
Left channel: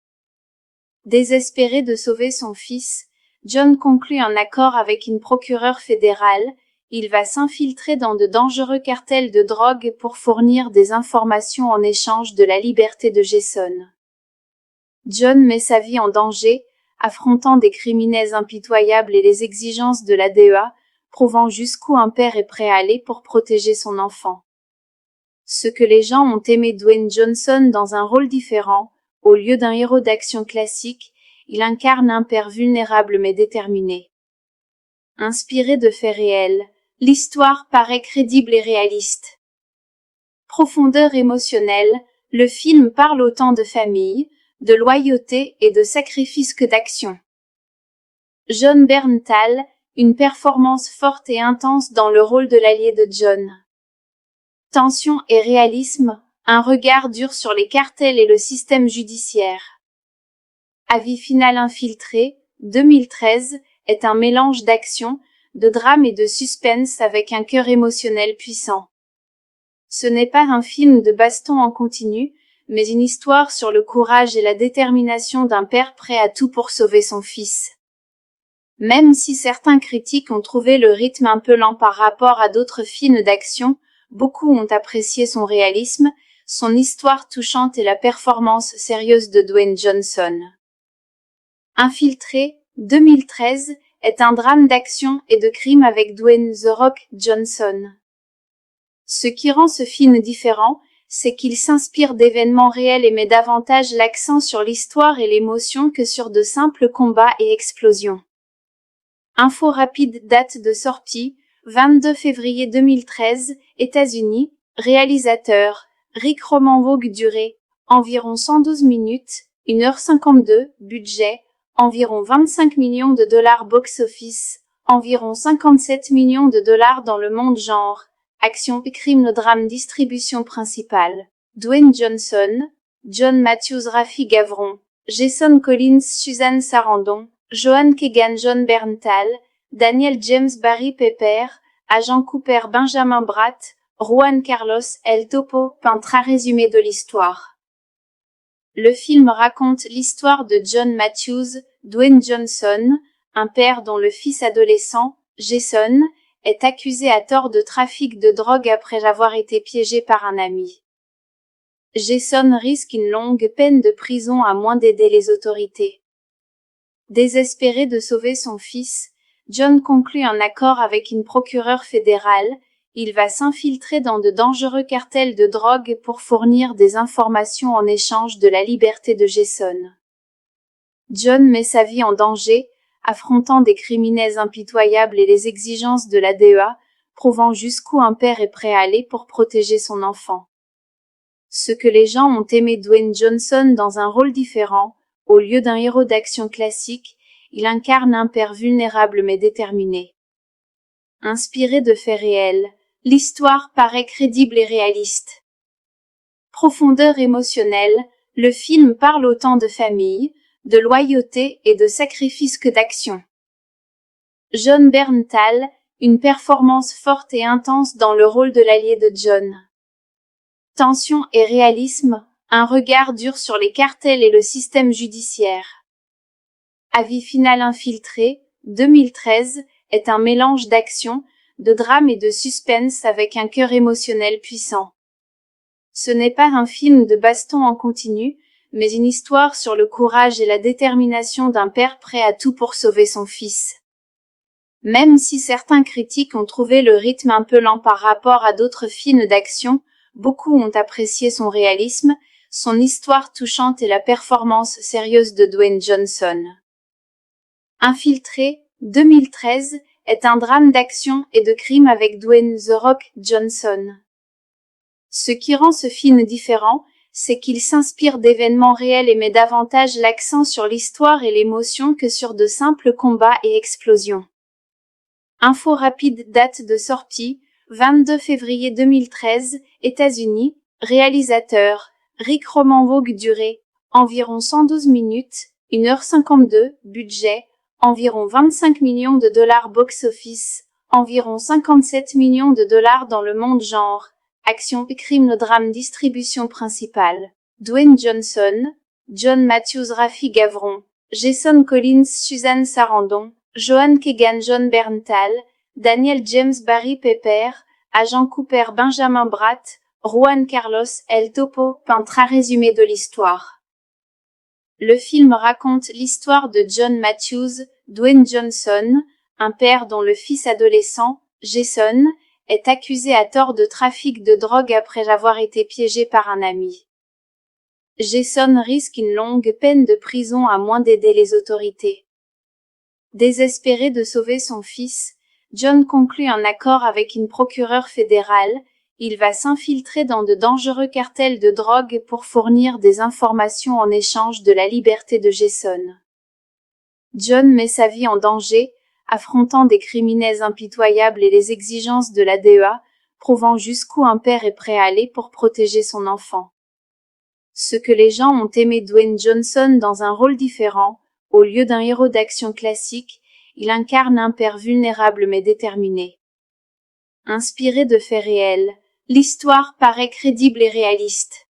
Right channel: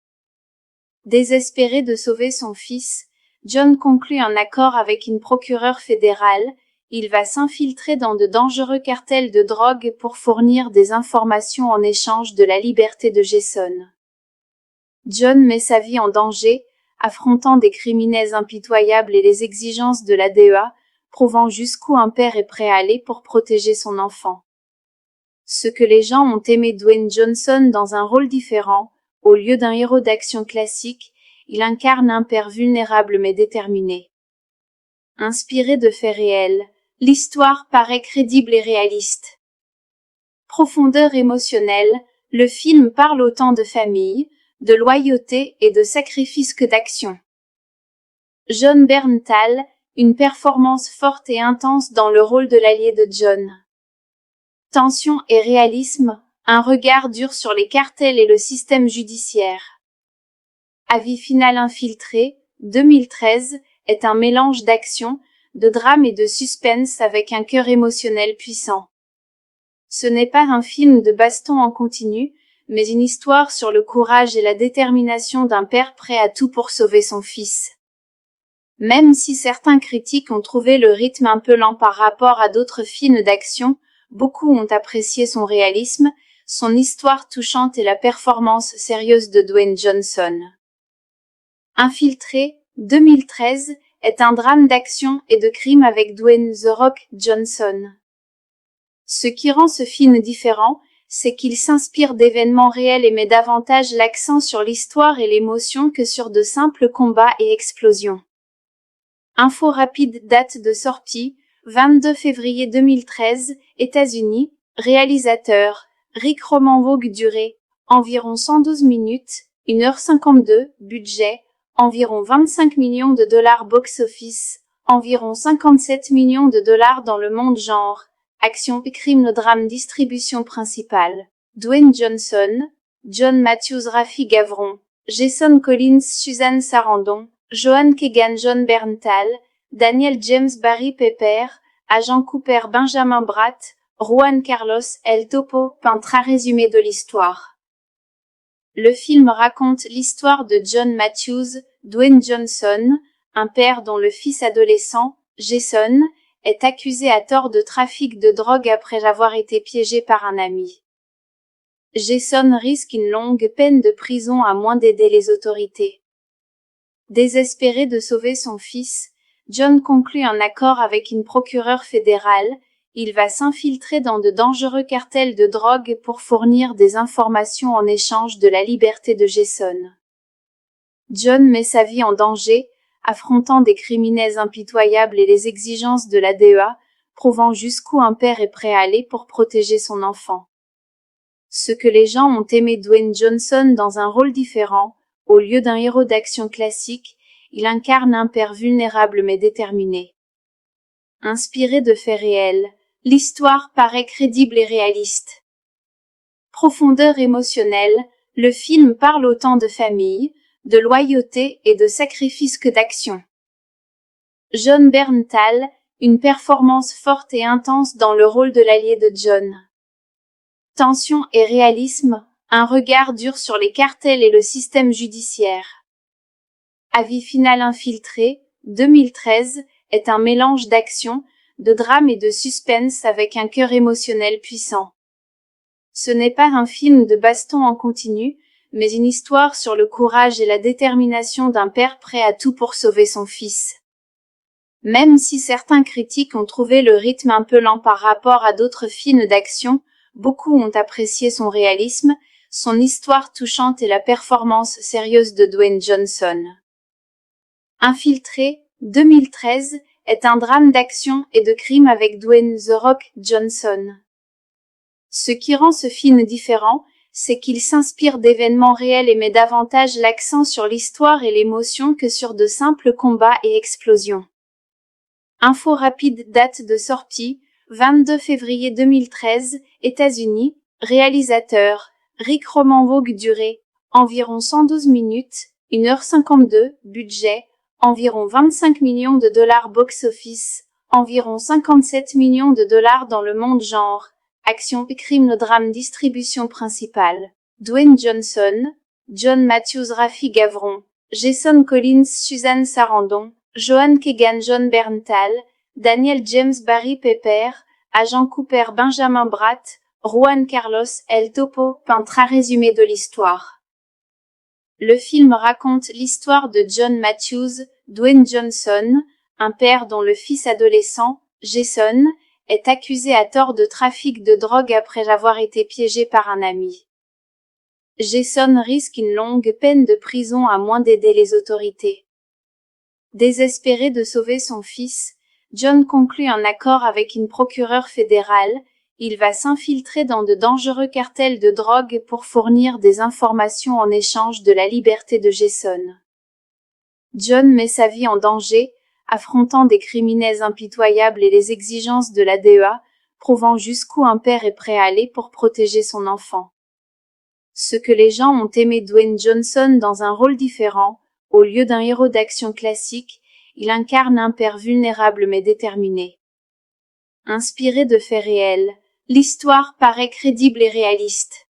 Désespéré de sauver son fils, John conclut un accord avec une procureure fédérale. Il va s'infiltrer dans de dangereux cartels de drogue pour fournir des informations en échange de la liberté de Jason. John met sa vie en danger, affrontant des criminels impitoyables et les exigences de la DEA, prouvant jusqu'où un père est prêt à aller pour protéger son enfant. Ce que les gens ont aimé Dwayne Johnson dans un rôle différent, au lieu d'un héros d'action classique, il incarne un père vulnérable mais déterminé. Inspiré de faits réels, l'histoire paraît crédible et réaliste. Profondeur émotionnelle, le film parle autant de famille, de loyauté et de sacrifice que d'action. John Berntal, une performance forte et intense dans le rôle de l'allié de John. Tension et réalisme, un regard dur sur les cartels et le système judiciaire. Avis final, infiltré, 2013, est un mélange d'action, de drame et de suspense avec un cœur émotionnel puissant. Ce n'est pas un film de baston en continu, mais une histoire sur le courage et la détermination d'un père prêt à tout pour sauver son fils. Même si certains critiques ont trouvé le rythme un peu lent par rapport à d'autres films d'action, beaucoup ont apprécié son réalisme, son histoire touchante et la performance sérieuse de Dwayne Johnson. Infiltré, 2013, est un drame d'action et de crime avec Dwayne The Rock Johnson. Ce qui rend ce film différent, c'est qu'il s'inspire d'événements réels et met davantage l'accent sur l'histoire et l'émotion que sur de simples combats et explosions. Info rapide, date de sortie, 22 février 2013, États-Unis, réalisateur, Rick Roman Vogue, durée, environ 112 minutes, 1h52, budget, environ 25 millions de dollars box-office, environ 57 millions de dollars dans le monde genre, action, crime, drame, distribution principale, Dwayne Johnson, John Matthews, Rafi Gavron, Jason Collins, Suzanne Sarandon, Joan Keegan, John Berntal, Daniel James, Barry Pepper, Agent Cooper, Benjamin Bratt, Juan Carlos, El Topo, peintre résumé de l'histoire. Le film raconte l'histoire de John Matthews, Dwayne Johnson, un père dont le fils adolescent, Jason, est accusé à tort de trafic de drogue après avoir été piégé par un ami. Jason risque une longue peine de prison à moins d'aider les autorités. Désespéré de sauver son fils, John conclut un accord avec une procureure fédérale. Il va s'infiltrer dans de dangereux cartels de drogue pour fournir des informations en échange de la liberté de Jason. John met sa vie en danger, affrontant des criminels impitoyables et les exigences de la DEA, prouvant jusqu'où un père est prêt à aller pour protéger son enfant. Ce que les gens ont aimé Dwayne Johnson dans un rôle différent, au lieu d'un héros d'action classique, il incarne un père vulnérable mais déterminé. Inspiré de faits réels, l'histoire paraît crédible et réaliste. Profondeur émotionnelle, le film parle autant de famille, de loyauté et de sacrifice que d'action. John Berntal, une performance forte et intense dans le rôle de l'allié de John. Tension et réalisme, un regard dur sur les cartels et le système judiciaire. Avis final infiltré, 2013, est un mélange d'action, de drame et de suspense avec un cœur émotionnel puissant. Ce n'est pas un film de baston en continu, mais une histoire sur le courage et la détermination d'un père prêt à tout pour sauver son fils. Même si certains critiques ont trouvé le rythme un peu lent par rapport à d'autres films d'action, beaucoup ont apprécié son réalisme, son histoire touchante et la performance sérieuse de Dwayne Johnson. Infiltré, 2013, est un drame d'action et de crime avec Dwayne The Rock Johnson. Ce qui rend ce film différent, c'est qu'il s'inspire d'événements réels et met davantage l'accent sur l'histoire et l'émotion que sur de simples combats et explosions. Info rapide, date de sortie, 22 février 2013, États-Unis, réalisateur, Rick Roman-Vogue, durée, environ 112 minutes, 1h52, budget, environ 25 millions de dollars box-office, environ 57 millions de dollars dans le monde genre, action, crime, drame, distribution principale, Dwayne Johnson, John Matthews, Rafi Gavron, Jason Collins, Suzanne Sarandon, Joan Keegan, John Berntal, Daniel James, Barry Pepper, Agent Cooper, Benjamin Bratt, Juan Carlos, El Topo, peintre résumé de l'histoire. Le film raconte l'histoire de John Matthews, Dwayne Johnson, un père dont le fils adolescent, Jason, est accusé à tort de trafic de drogue après avoir été piégé par un ami. Jason risque une longue peine de prison à moins d'aider les autorités. Désespéré de sauver son fils, John conclut un accord avec une procureure fédérale. Il va s'infiltrer dans de dangereux cartels de drogue pour fournir des informations en échange de la liberté de Jason. John met sa vie en danger, affrontant des criminels impitoyables et les exigences de la DEA, prouvant jusqu'où un père est prêt à aller pour protéger son enfant. Ce que les gens ont aimé Dwayne Johnson dans un rôle différent, au lieu d'un héros d'action classique, il incarne un père vulnérable mais déterminé. Inspiré de faits réels, l'histoire paraît crédible et réaliste.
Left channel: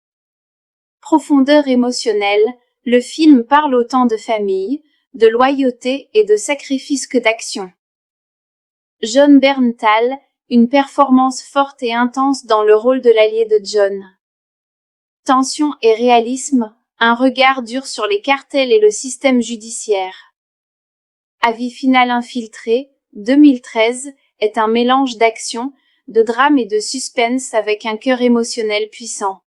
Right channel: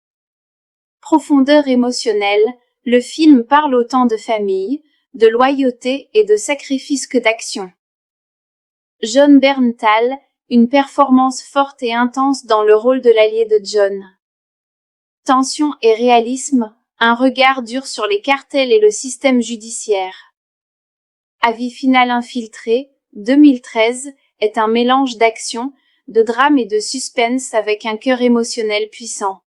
Profondeur émotionnelle, le film parle autant de famille, de loyauté et de sacrifice que d'action. John Berntal, une performance forte et intense dans le rôle de l'allié de John. Tension et réalisme, un regard dur sur les cartels et le système judiciaire. Avis final infiltré, 2013, est un mélange d'action, de drame et de suspense avec un cœur émotionnel puissant.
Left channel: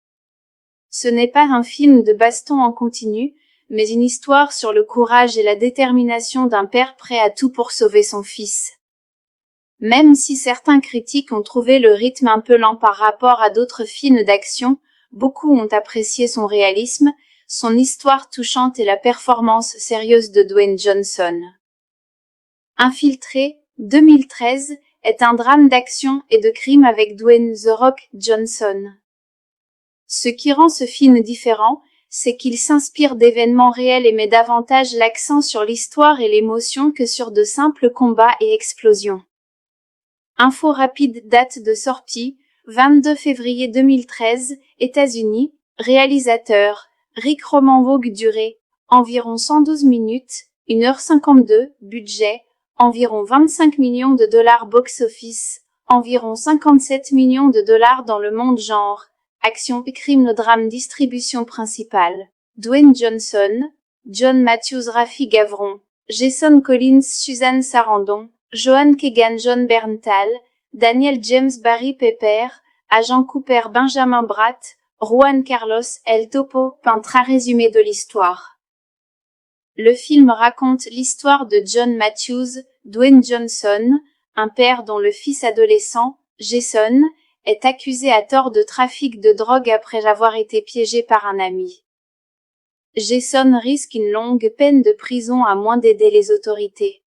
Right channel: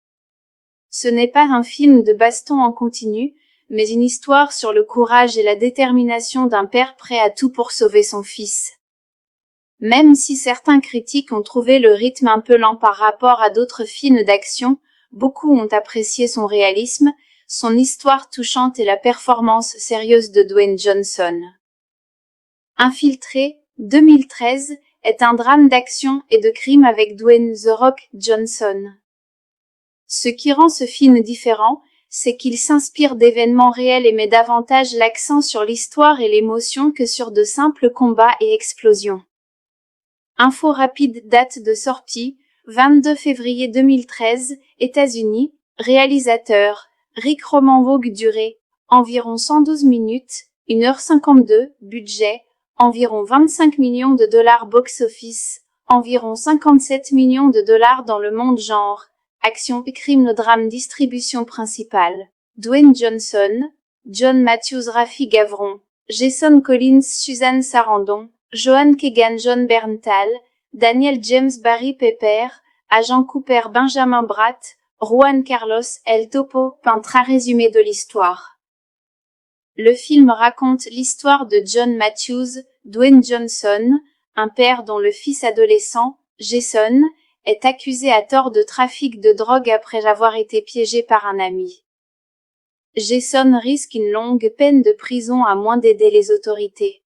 Ce n'est pas un film de baston en continu, mais une histoire sur le courage et la détermination d'un père prêt à tout pour sauver son fils. Même si certains critiques ont trouvé le rythme un peu lent par rapport à d'autres films d'action, beaucoup ont apprécié son réalisme, son histoire touchante et la performance sérieuse de Dwayne Johnson. Infiltré, 2013, est un drame d'action et de crime avec Dwayne The Rock Johnson. Ce qui rend ce film différent, c'est qu'il s'inspire d'événements réels et met davantage l'accent sur l'histoire et l'émotion que sur de simples combats et explosions. Info rapide, date de sortie, 22 février 2013, États-Unis, réalisateur, Rick Roman-Vogue, durée, environ 112 minutes, 1h52, budget, environ 25 millions de dollars box-office, environ 57 millions de dollars dans le monde genre, action, crime, drame, distribution principale, Dwayne Johnson, John Matthews, Rafi Gavron, Jason Collins, Suzanne Sarandon, Joan Keegan, John Berntal, Daniel James, Barry Pepper, Agent Cooper, Benjamin Bratt, Juan Carlos, El Topo, peintre résumé de l'histoire. Le film raconte l'histoire de John Matthews, Dwayne Johnson, un père dont le fils adolescent, Jason, est accusé à tort de trafic de drogue après avoir été piégé par un ami. Jason risque une longue peine de prison à moins d'aider les autorités.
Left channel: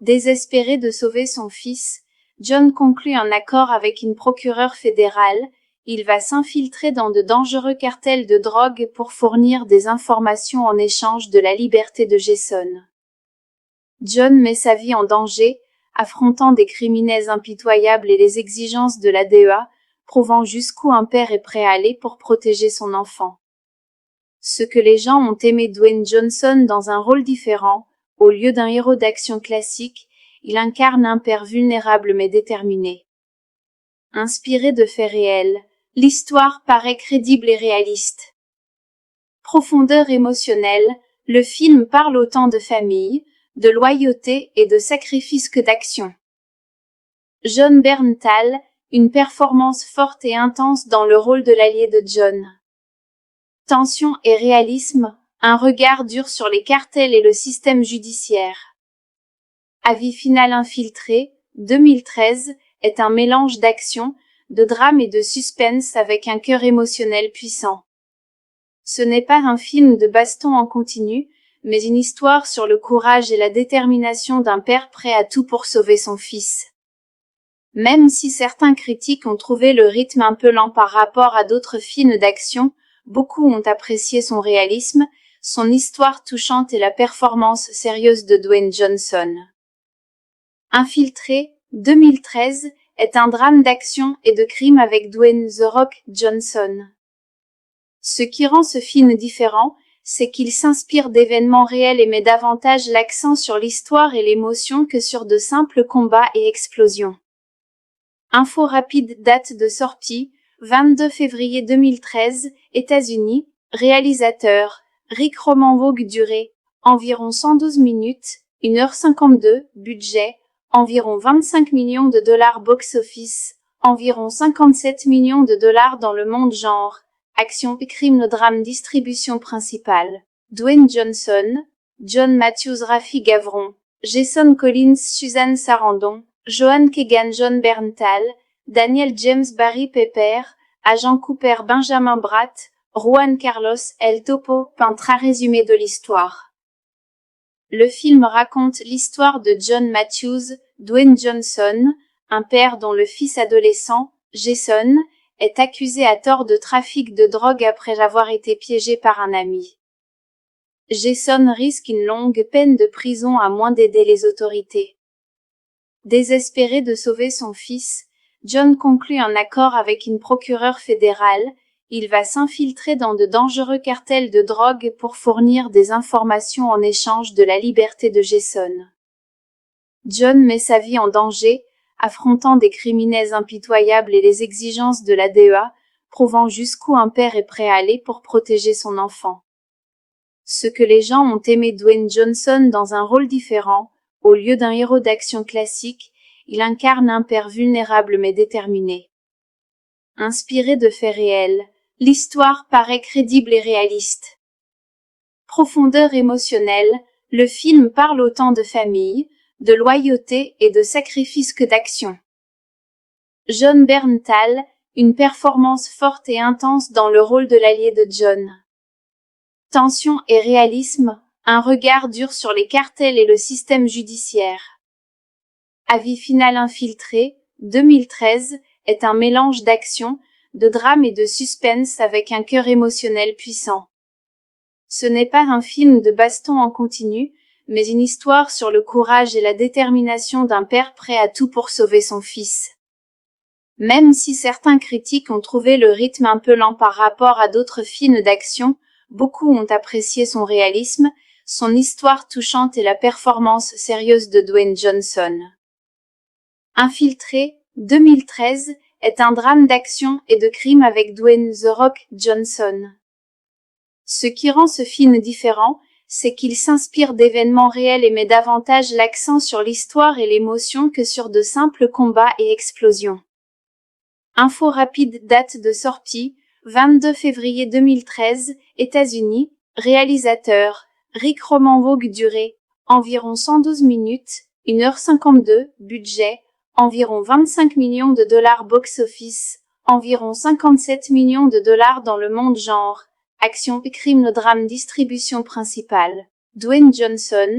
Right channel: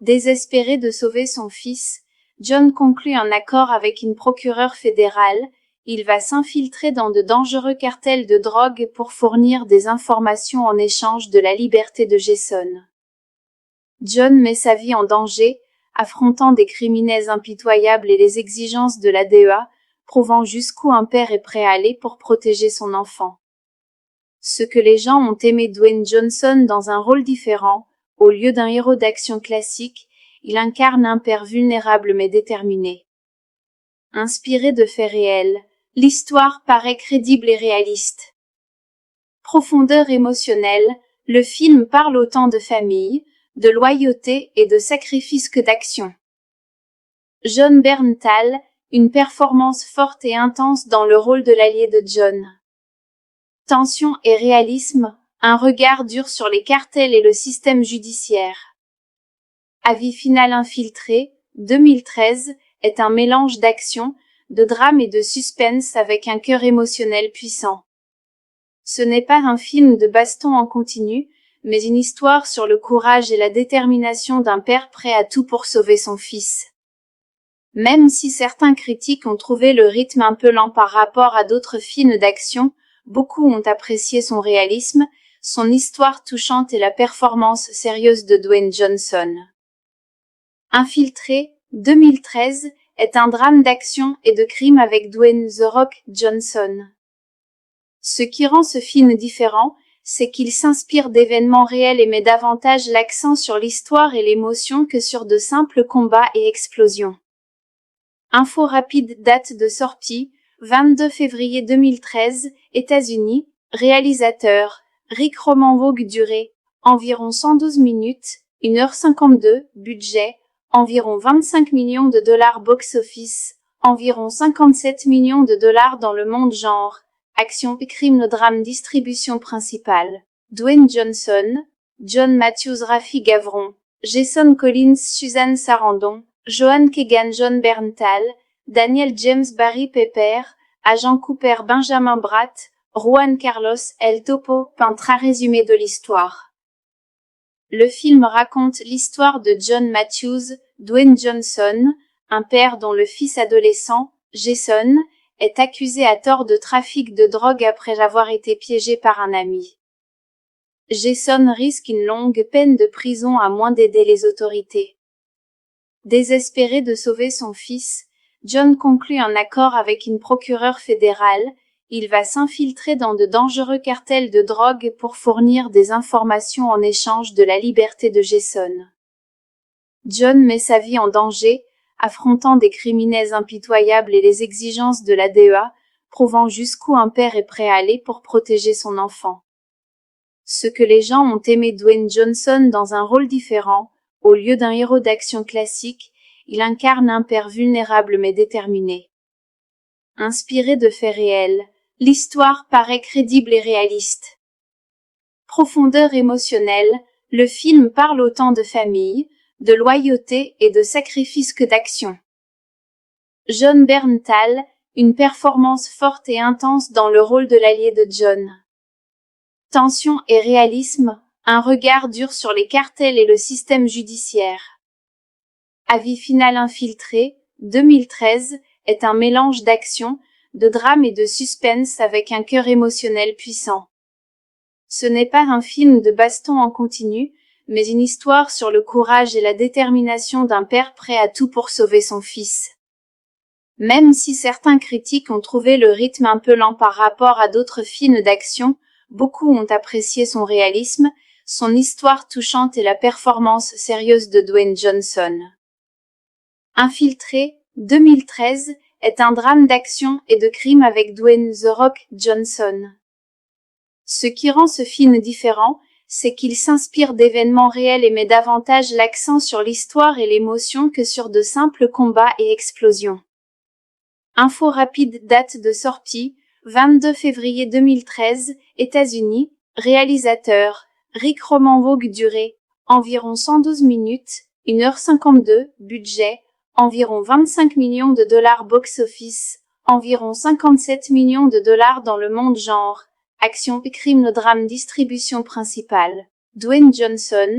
Désespéré de sauver son fils, John conclut un accord avec une procureure fédérale. Il va s'infiltrer dans de dangereux cartels de drogue pour fournir des informations en échange de la liberté de Jason. John met sa vie en danger, affrontant des criminels impitoyables et les exigences de la DEA, prouvant jusqu'où un père est prêt à aller pour protéger son enfant. Ce que les gens ont aimé Dwayne Johnson dans un rôle différent, au lieu d'un héros d'action classique, il incarne un père vulnérable mais déterminé. Inspiré de faits réels, l'histoire paraît crédible et réaliste. Profondeur émotionnelle, le film parle autant de famille, de loyauté et de sacrifice que d'action. Jon Bernthal, une performance forte et intense dans le rôle de l'allié de John. Tension et réalisme, un regard dur sur les cartels et le système judiciaire. Avis final infiltré, 2013, est un mélange d'action, de drame et de suspense avec un cœur émotionnel puissant. Ce n'est pas un film de baston en continu, mais une histoire sur le courage et la détermination d'un père prêt à tout pour sauver son fils. Même si certains critiques ont trouvé le rythme un peu lent par rapport à d'autres films d'action, beaucoup ont apprécié son réalisme, son histoire touchante et la performance sérieuse de Dwayne Johnson. Infiltré, 2013, est un drame d'action et de crime avec Dwayne The Rock Johnson. Ce qui rend ce film différent, c'est qu'il s'inspire d'événements réels et met davantage l'accent sur l'histoire et l'émotion que sur de simples combats et explosions. Info rapide, date de sortie, 22 février 2013, États-Unis, réalisateur, Rick Roman-Vogue, durée, environ 112 minutes, 1h52, budget, environ 25 millions de dollars box-office, environ 57 millions de dollars dans le monde genre, action crime drame distribution principale, Dwayne Johnson, John Matthews Rafi Gavron, Jason Collins Suzanne Sarandon, Joan Keegan Jon Bernthal, Daniel James Barry Pepper, Agent Cooper Benjamin Bratt, Juan Carlos El Topo, peintre résumé de l'histoire. Le film raconte l'histoire de John Matthews, Dwayne Johnson, un père dont le fils adolescent, Jason, est accusé à tort de trafic de drogue après avoir été piégé par un ami. Jason risque une longue peine de prison à moins d'aider les autorités. Désespéré de sauver son fils, John conclut un accord avec une procureure fédérale. Il va s'infiltrer dans de dangereux cartels de drogue pour fournir des informations en échange de la liberté de Jason. John met sa vie en danger, affrontant des criminels impitoyables et les exigences de la DEA, prouvant jusqu'où un père est prêt à aller pour protéger son enfant. Ce que les gens ont aimé Dwayne Johnson dans un rôle différent, au lieu d'un héros d'action classique, il incarne un père vulnérable mais déterminé. Inspiré de faits réels, l'histoire paraît crédible et réaliste. Profondeur émotionnelle, le film parle autant de famille, de loyauté et de sacrifice que d'action. Jon Bernthal, une performance forte et intense dans le rôle de l'allié de John. Tension et réalisme, un regard dur sur les cartels et le système judiciaire. Avis final infiltré, 2013, est un mélange d'action, de drame et de suspense avec un cœur émotionnel puissant. Ce n'est pas un film de baston en continu, mais une histoire sur le courage et la détermination d'un père prêt à tout pour sauver son fils. Même si certains critiques ont trouvé le rythme un peu lent par rapport à d'autres films d'action, beaucoup ont apprécié son réalisme, son histoire touchante et la performance sérieuse de Dwayne Johnson. Infiltré, 2013, est un drame d'action et de crime avec Dwayne The Rock Johnson. Ce qui rend ce film différent, c'est qu'il s'inspire d'événements réels et met davantage l'accent sur l'histoire et l'émotion que sur de simples combats et explosions. Info rapide, date de sortie, 22 février 2013, États-Unis, réalisateur, Rick Roman-Vogue, durée, environ 112 minutes, 1h52, budget, environ 25 millions de dollars box-office, environ 57 millions de dollars dans le monde genre, action crime drame distribution principale, Dwayne Johnson,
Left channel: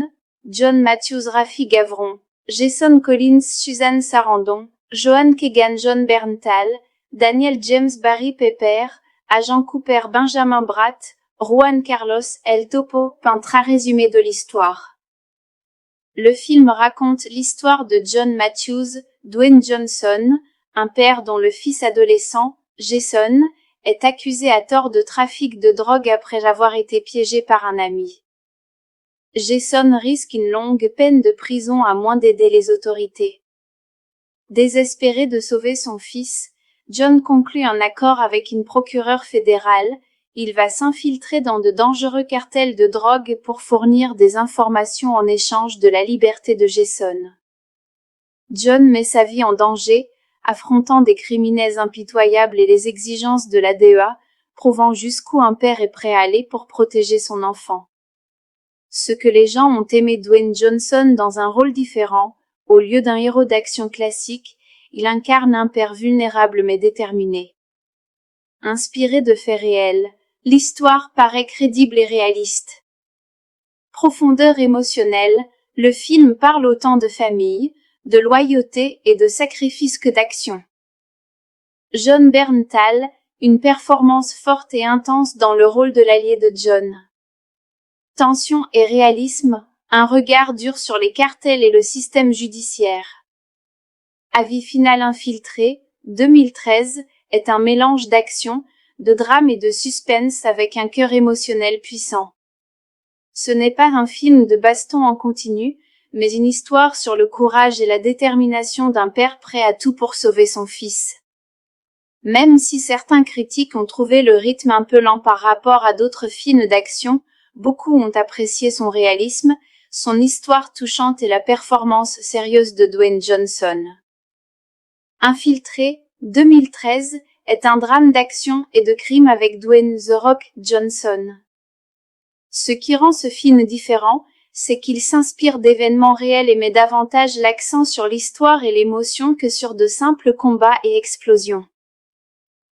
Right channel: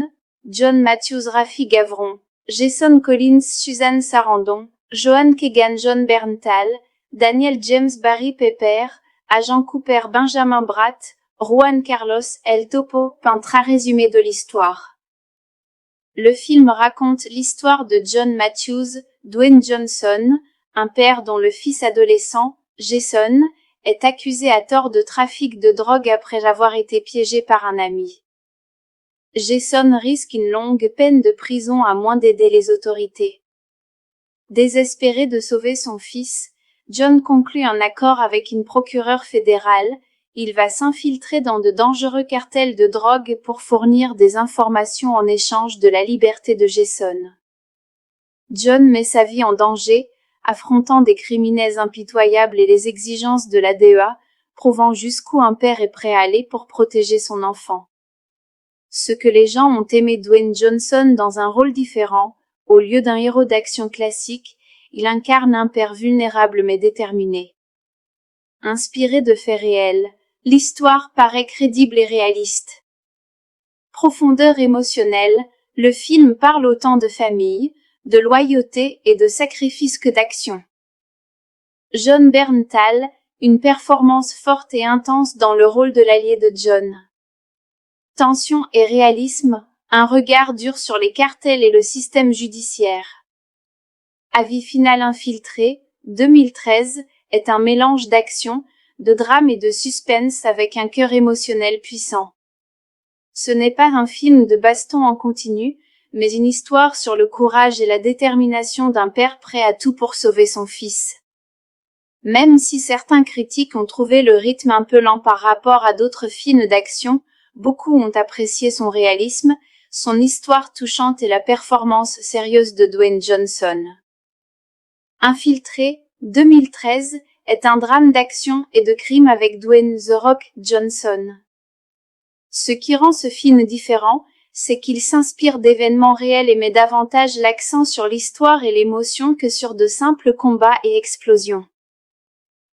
John Matthews Rafi Gavron, Jason Collins Suzanne Sarandon, Joan Keegan Jon Bernthal, Daniel James Barry Pepper, Agent Cooper Benjamin Bratt, Juan Carlos El Topo, peintre résumé de l'histoire. Le film raconte l'histoire de John Matthews, Dwayne Johnson, un père dont le fils adolescent, Jason, est accusé à tort de trafic de drogue après avoir été piégé par un ami. Jason risque une longue peine de prison à moins d'aider les autorités. Désespéré de sauver son fils, John conclut un accord avec une procureure fédérale. Il va s'infiltrer dans de dangereux cartels de drogue pour fournir des informations en échange de la liberté de Jason. John met sa vie en danger, affrontant des criminels impitoyables et les exigences de la DEA, prouvant jusqu'où un père est prêt à aller pour protéger son enfant. Ce que les gens ont aimé Dwayne Johnson dans un rôle différent, au lieu d'un héros d'action classique, il incarne un père vulnérable mais déterminé. Inspiré de faits réels, l'histoire paraît crédible et réaliste. Profondeur émotionnelle, le film parle autant de famille, de loyauté et de sacrifice que d'action. Jon Bernthal, une performance forte et intense dans le rôle de l'allié de John. Tension et réalisme, un regard dur sur les cartels et le système judiciaire. Avis final infiltré, 2013, est un mélange d'action, de drame et de suspense avec un cœur émotionnel puissant. Ce n'est pas un film de baston en continu, mais une histoire sur le courage et la détermination d'un père prêt à tout pour sauver son fils. Même si certains critiques ont trouvé le rythme un peu lent par rapport à d'autres films d'action, beaucoup ont apprécié son réalisme, son histoire touchante et la performance sérieuse de Dwayne Johnson. Infiltré, 2013, est un drame d'action et de crime avec Dwayne The Rock Johnson. Ce qui rend ce film différent, c'est qu'il s'inspire d'événements réels et met davantage l'accent sur l'histoire et l'émotion que sur de simples combats et explosions.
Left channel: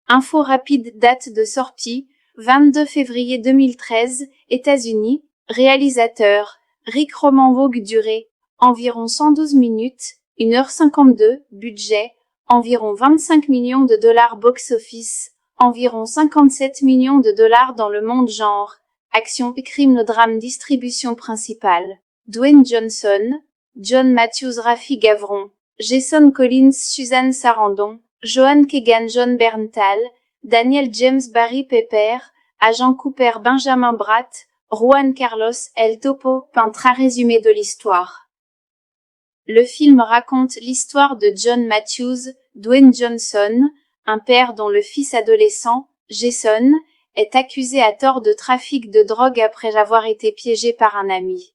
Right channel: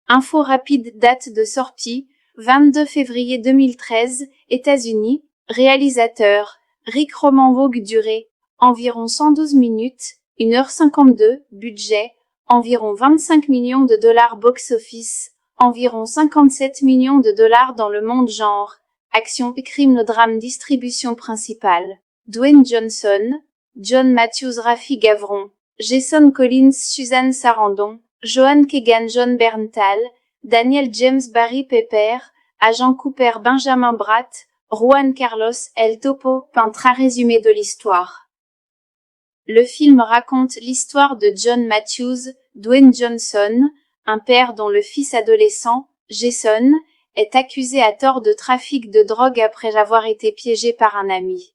Info rapide, date de sortie, 22 février 2013, États-Unis, réalisateur, Rick Roman Vogue, durée, environ 112 minutes, 1h52, budget, environ 25 millions de dollars box-office, environ 57 millions de dollars dans le monde genre, action, crime, drame, distribution principale, Dwayne Johnson, John Matthews, Rafi Gavron, Jason Collins, Suzanne Sarandon, Joan Keegan, Jon Bernthal, Daniel James, Barry Pepper, Agent Cooper, Benjamin Bratt, Juan Carlos El Topo, peintre à résumé de l'histoire. Le film raconte l'histoire de John Matthews, Dwayne Johnson, un père dont le fils adolescent, Jason, est accusé à tort de trafic de drogue après avoir été piégé par un ami.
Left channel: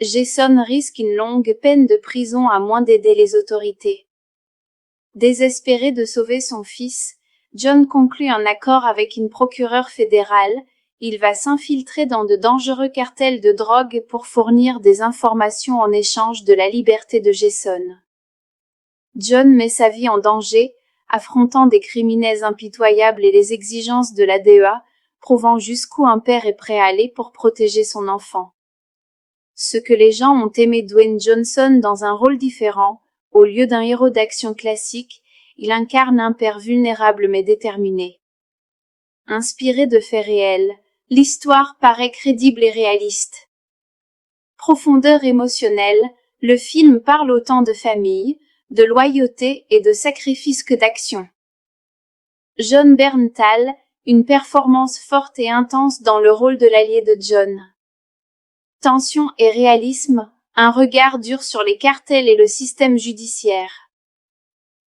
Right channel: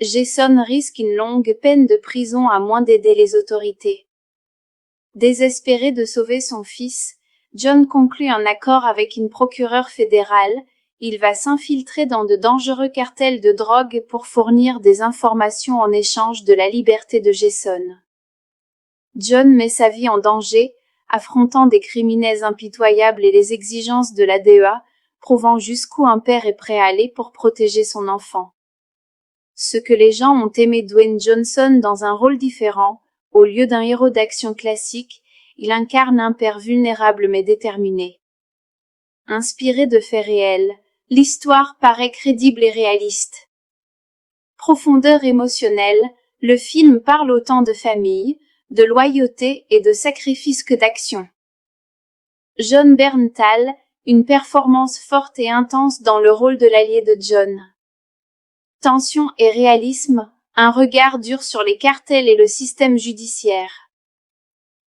Jason risque une longue peine de prison à moins d'aider les autorités. Désespéré de sauver son fils, John conclut un accord avec une procureure fédérale. Il va s'infiltrer dans de dangereux cartels de drogue pour fournir des informations en échange de la liberté de Jason. John met sa vie en danger, affrontant des criminels impitoyables et les exigences de la DEA, prouvant jusqu'où un père est prêt à aller pour protéger son enfant. Ce que les gens ont aimé Dwayne Johnson dans un rôle différent, au lieu d'un héros d'action classique, il incarne un père vulnérable mais déterminé. Inspiré de faits réels, l'histoire paraît crédible et réaliste. Profondeur émotionnelle, le film parle autant de famille, de loyauté et de sacrifice que d'action. Jon Bernthal, une performance forte et intense dans le rôle de l'allié de John. Tension et réalisme, un regard dur sur les cartels et le système judiciaire.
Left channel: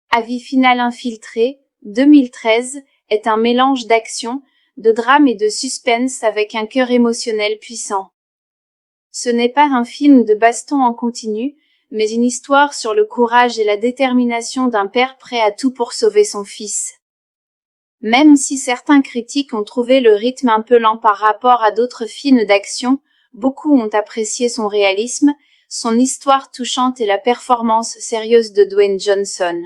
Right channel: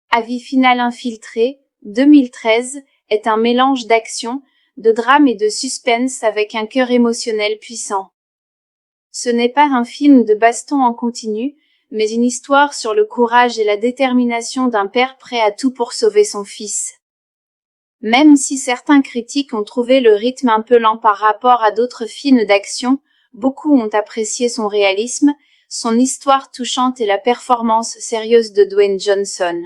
Avis final infiltré, 2013, est un mélange d'action, de drame et de suspense avec un cœur émotionnel puissant. Ce n'est pas un film de baston en continu, mais une histoire sur le courage et la détermination d'un père prêt à tout pour sauver son fils. Même si certains critiques ont trouvé le rythme un peu lent par rapport à d'autres films d'action, beaucoup ont apprécié son réalisme, son histoire touchante et la performance sérieuse de Dwayne Johnson.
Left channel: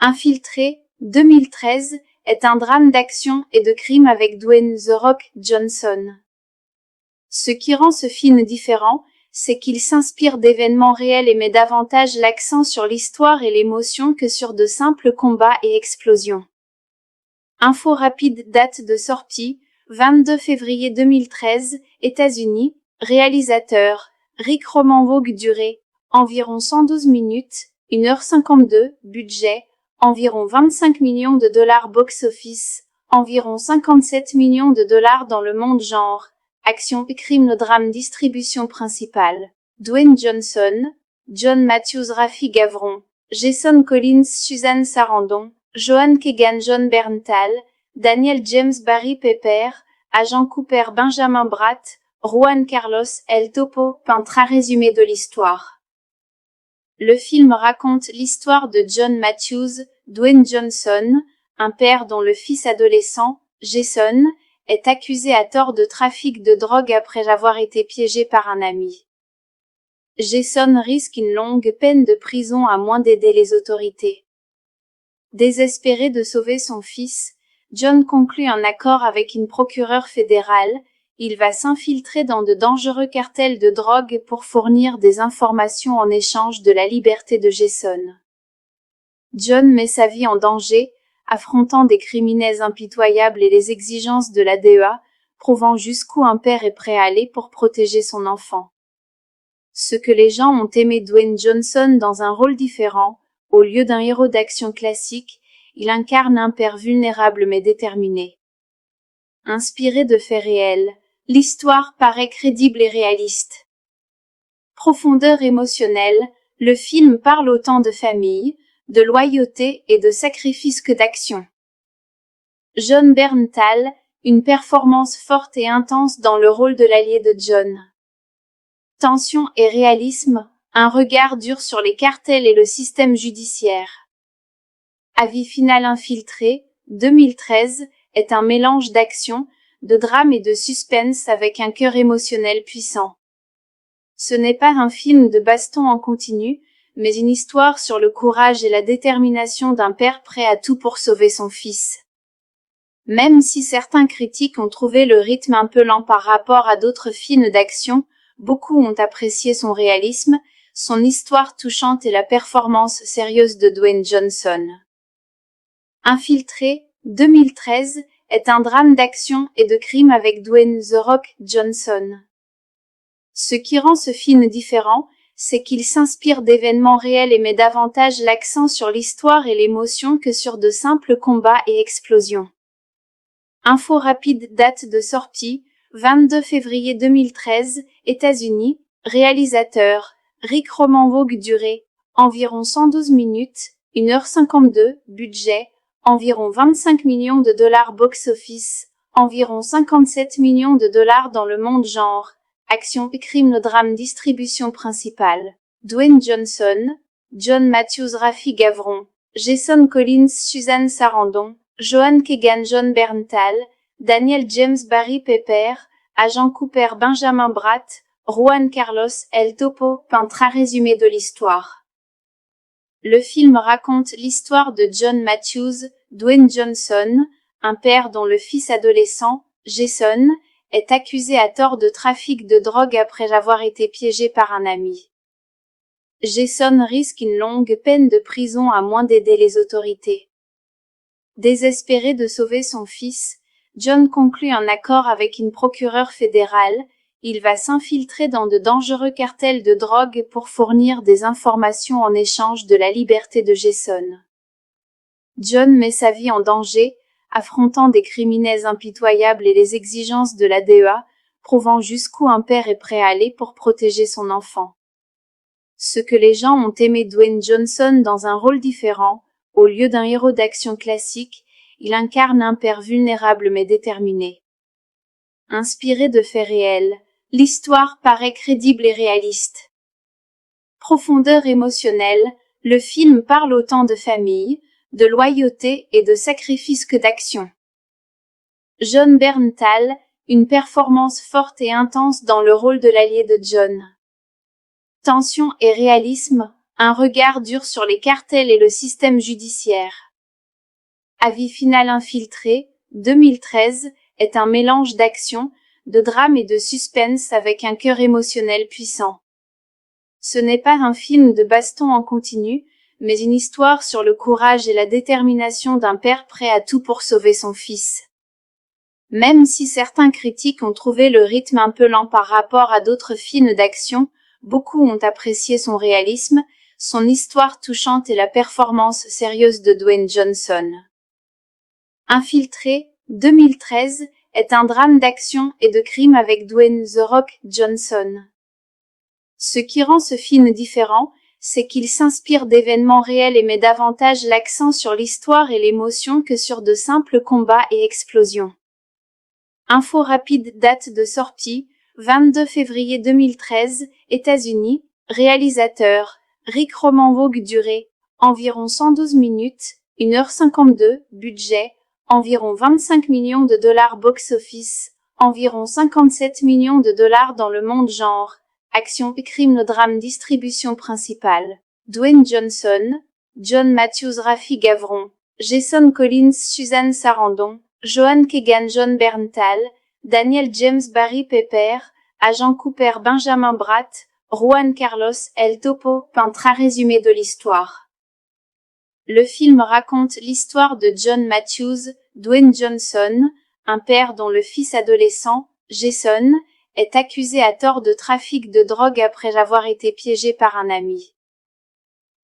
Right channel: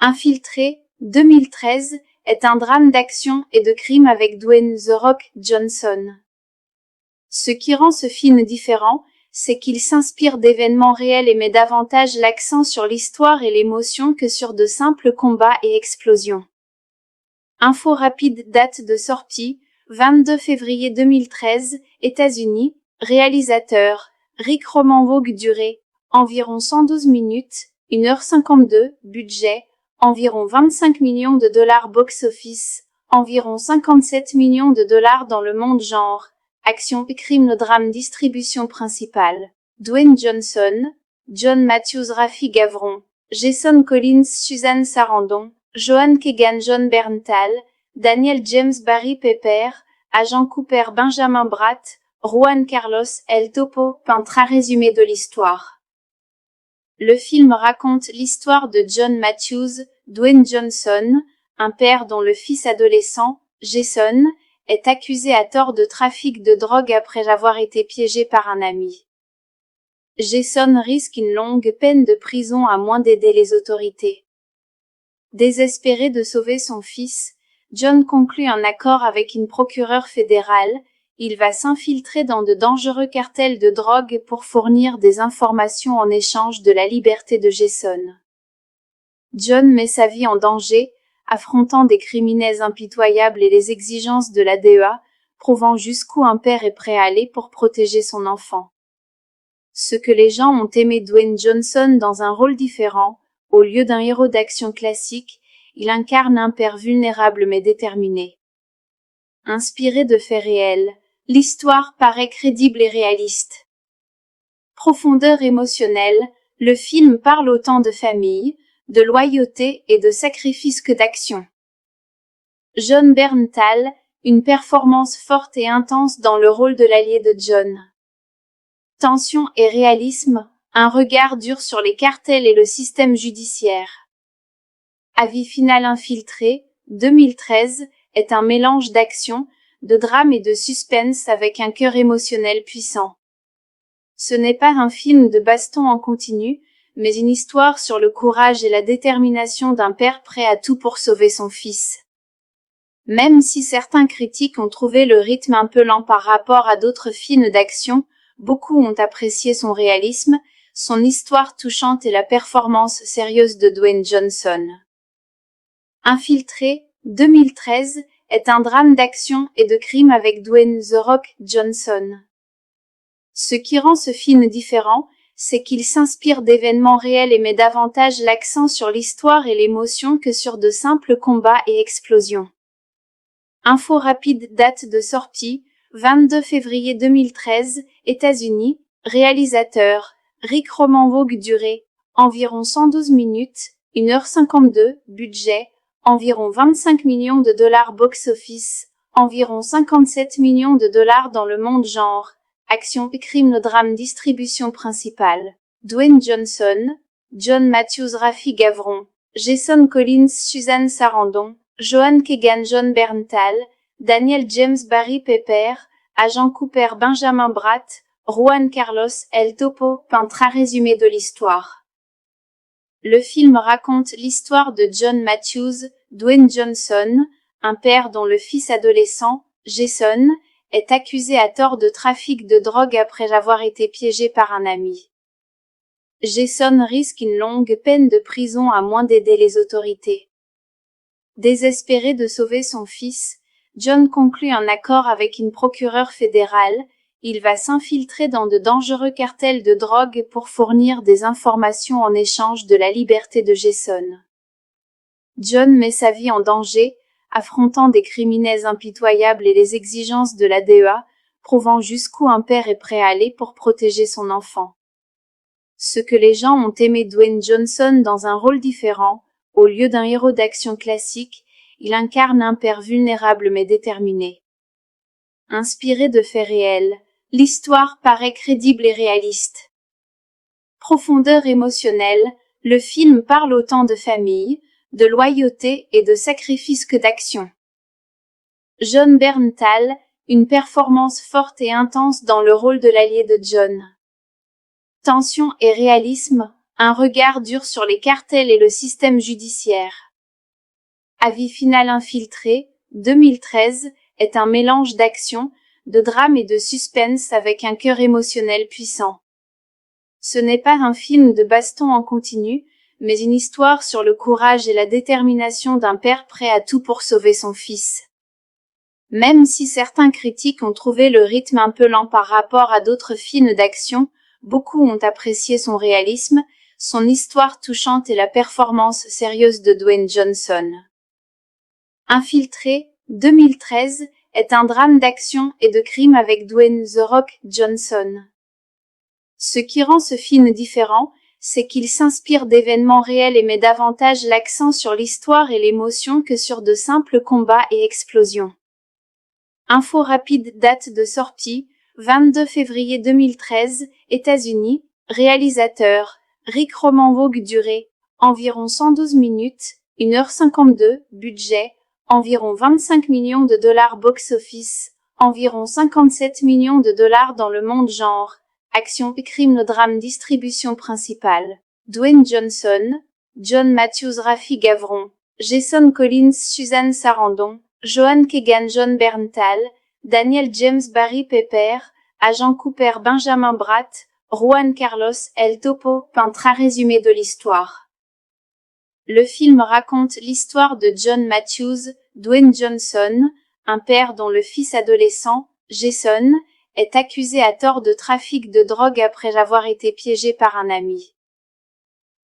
Infiltré, 2013, est un drame d'action et de crime avec Dwayne The Rock Johnson. Ce qui rend ce film différent, c'est qu'il s'inspire d'événements réels et met davantage l'accent sur l'histoire et l'émotion que sur de simples combats et explosions. Info rapide, date de sortie, 22 février 2013, États-Unis, réalisateur, Rick Roman Vogue, durée, environ 112 minutes, 1h52, budget, environ 25 millions de dollars box-office, environ 57 millions de dollars dans le monde genre, action crime drame distribution principale, Dwayne Johnson, John Matthews Rafi Gavron, Jason Collins Suzanne Sarandon, Joan Keegan John Berntal, Daniel James Barry Pepper, Agent Cooper Benjamin Bratt, Juan Carlos El Topo, un très résumé de l'histoire. Le film raconte l'histoire de John Matthews, Dwayne Johnson, un père dont le fils adolescent, Jason, est accusé à tort de trafic de drogue après avoir été piégé par un ami. Jason risque une longue peine de prison à moins d'aider les autorités. Désespéré de sauver son fils, John conclut un accord avec une procureure fédérale. Il va s'infiltrer dans de dangereux cartels de drogue pour fournir des informations en échange de la liberté de Jason. John met sa vie en danger, affrontant des criminels impitoyables et les exigences de la DEA, prouvant jusqu'où un père est prêt à aller pour protéger son enfant. Ce que les gens ont aimé Dwayne Johnson dans un rôle différent, au lieu d'un héros d'action classique, il incarne un père vulnérable mais déterminé. Inspiré de faits réels, l'histoire paraît crédible et réaliste. Profondeur émotionnelle, le film parle autant de famille, de loyauté et de sacrifice que d'action. Jon Bernthal, une performance forte et intense dans le rôle de l'allié de John. Tension et réalisme, un regard dur sur les cartels et le système judiciaire. Avis final infiltré, 2013, est un mélange d'action, de drame et de suspense avec un cœur émotionnel puissant. Ce n'est pas un film de baston en continu, mais une histoire sur le courage et la détermination d'un père prêt à tout pour sauver son fils. Même si certains critiques ont trouvé le rythme un peu lent par rapport à d'autres films d'action, beaucoup ont apprécié son réalisme, son histoire touchante et la performance sérieuse de Dwayne Johnson. Infiltré, 2013, est un drame d'action et de crime avec Dwayne The Rock Johnson. Ce qui rend ce film différent, c'est qu'il s'inspire d'événements réels et met davantage l'accent sur l'histoire et l'émotion que sur de simples combats et explosions. Info rapide, date de sortie, 22 février 2013, États-Unis, réalisateur, Rick Roman Vogue durée, environ 112 minutes, 1h52, budget, environ 25 millions de dollars box-office, environ 57 millions de dollars dans le monde genre, action crime drame distribution principale, Dwayne Johnson, John Matthews Rafi Gavron, Jason Collins Suzanne Sarandon, Joan Keegan John Berntal, Daniel James Barry Pepper, Agent Cooper Benjamin Bratt, Juan Carlos El Topo, un très résumé de l'histoire. Le film raconte l'histoire de John Matthews, Dwayne Johnson, un père dont le fils adolescent, Jason, est accusé à tort de trafic de drogue après avoir été piégé par un ami. Jason risque une longue peine de prison à moins d'aider les autorités. Désespéré de sauver son fils, John conclut un accord avec une procureure fédérale. Il va s'infiltrer dans de dangereux cartels de drogue pour fournir des informations en échange de la liberté de Jason. John met sa vie en danger, affrontant des criminels impitoyables et les exigences de la DEA, prouvant jusqu'où un père est prêt à aller pour protéger son enfant. Ce que les gens ont aimé Dwayne Johnson dans un rôle différent, au lieu d'un héros d'action classique, il incarne un père vulnérable mais déterminé. Inspiré de faits réels, l'histoire paraît crédible et réaliste. Profondeur émotionnelle, le film parle autant de famille, de loyauté et de sacrifice que d'action. Jon Bernthal, une performance forte et intense dans le rôle de l'allié de John. Tension et réalisme, un regard dur sur les cartels et le système judiciaire. Avis final infiltré, 2013, est un mélange d'action, de drame et de suspense avec un cœur émotionnel puissant. Ce n'est pas un film de baston en continu, mais une histoire sur le courage et la détermination d'un père prêt à tout pour sauver son fils. Même si certains critiques ont trouvé le rythme un peu lent par rapport à d'autres films d'action, beaucoup ont apprécié son réalisme, son histoire touchante et la performance sérieuse de Dwayne Johnson. Infiltré, 2013, est un drame d'action et de crime avec Dwayne The Rock Johnson. Ce qui rend ce film différent, c'est qu'il s'inspire d'événements réels et met davantage l'accent sur l'histoire et l'émotion que sur de simples combats et explosions. Info rapide, date de sortie, 22 février 2013, États-Unis, réalisateur, Rick Roman-Vogue, durée, environ 112 minutes, 1h52, budget, environ 25 millions de dollars box-office, environ 57 millions de dollars dans le monde genre, action, crime, drame, distribution principale, Dwayne Johnson, John Matthews, Rafi Gavron, Jason Collins, Suzanne Sarandon, Joan Keegan, John Berntal, Daniel James, Barry Pepper, Agent Cooper, Benjamin Bratt, Juan Carlos, El Topo, peintre résumé de l'histoire. Le film raconte l'histoire de John Matthews, Dwayne Johnson, un père dont le fils adolescent, Jason, est accusé à tort de trafic de drogue après avoir été piégé par un ami.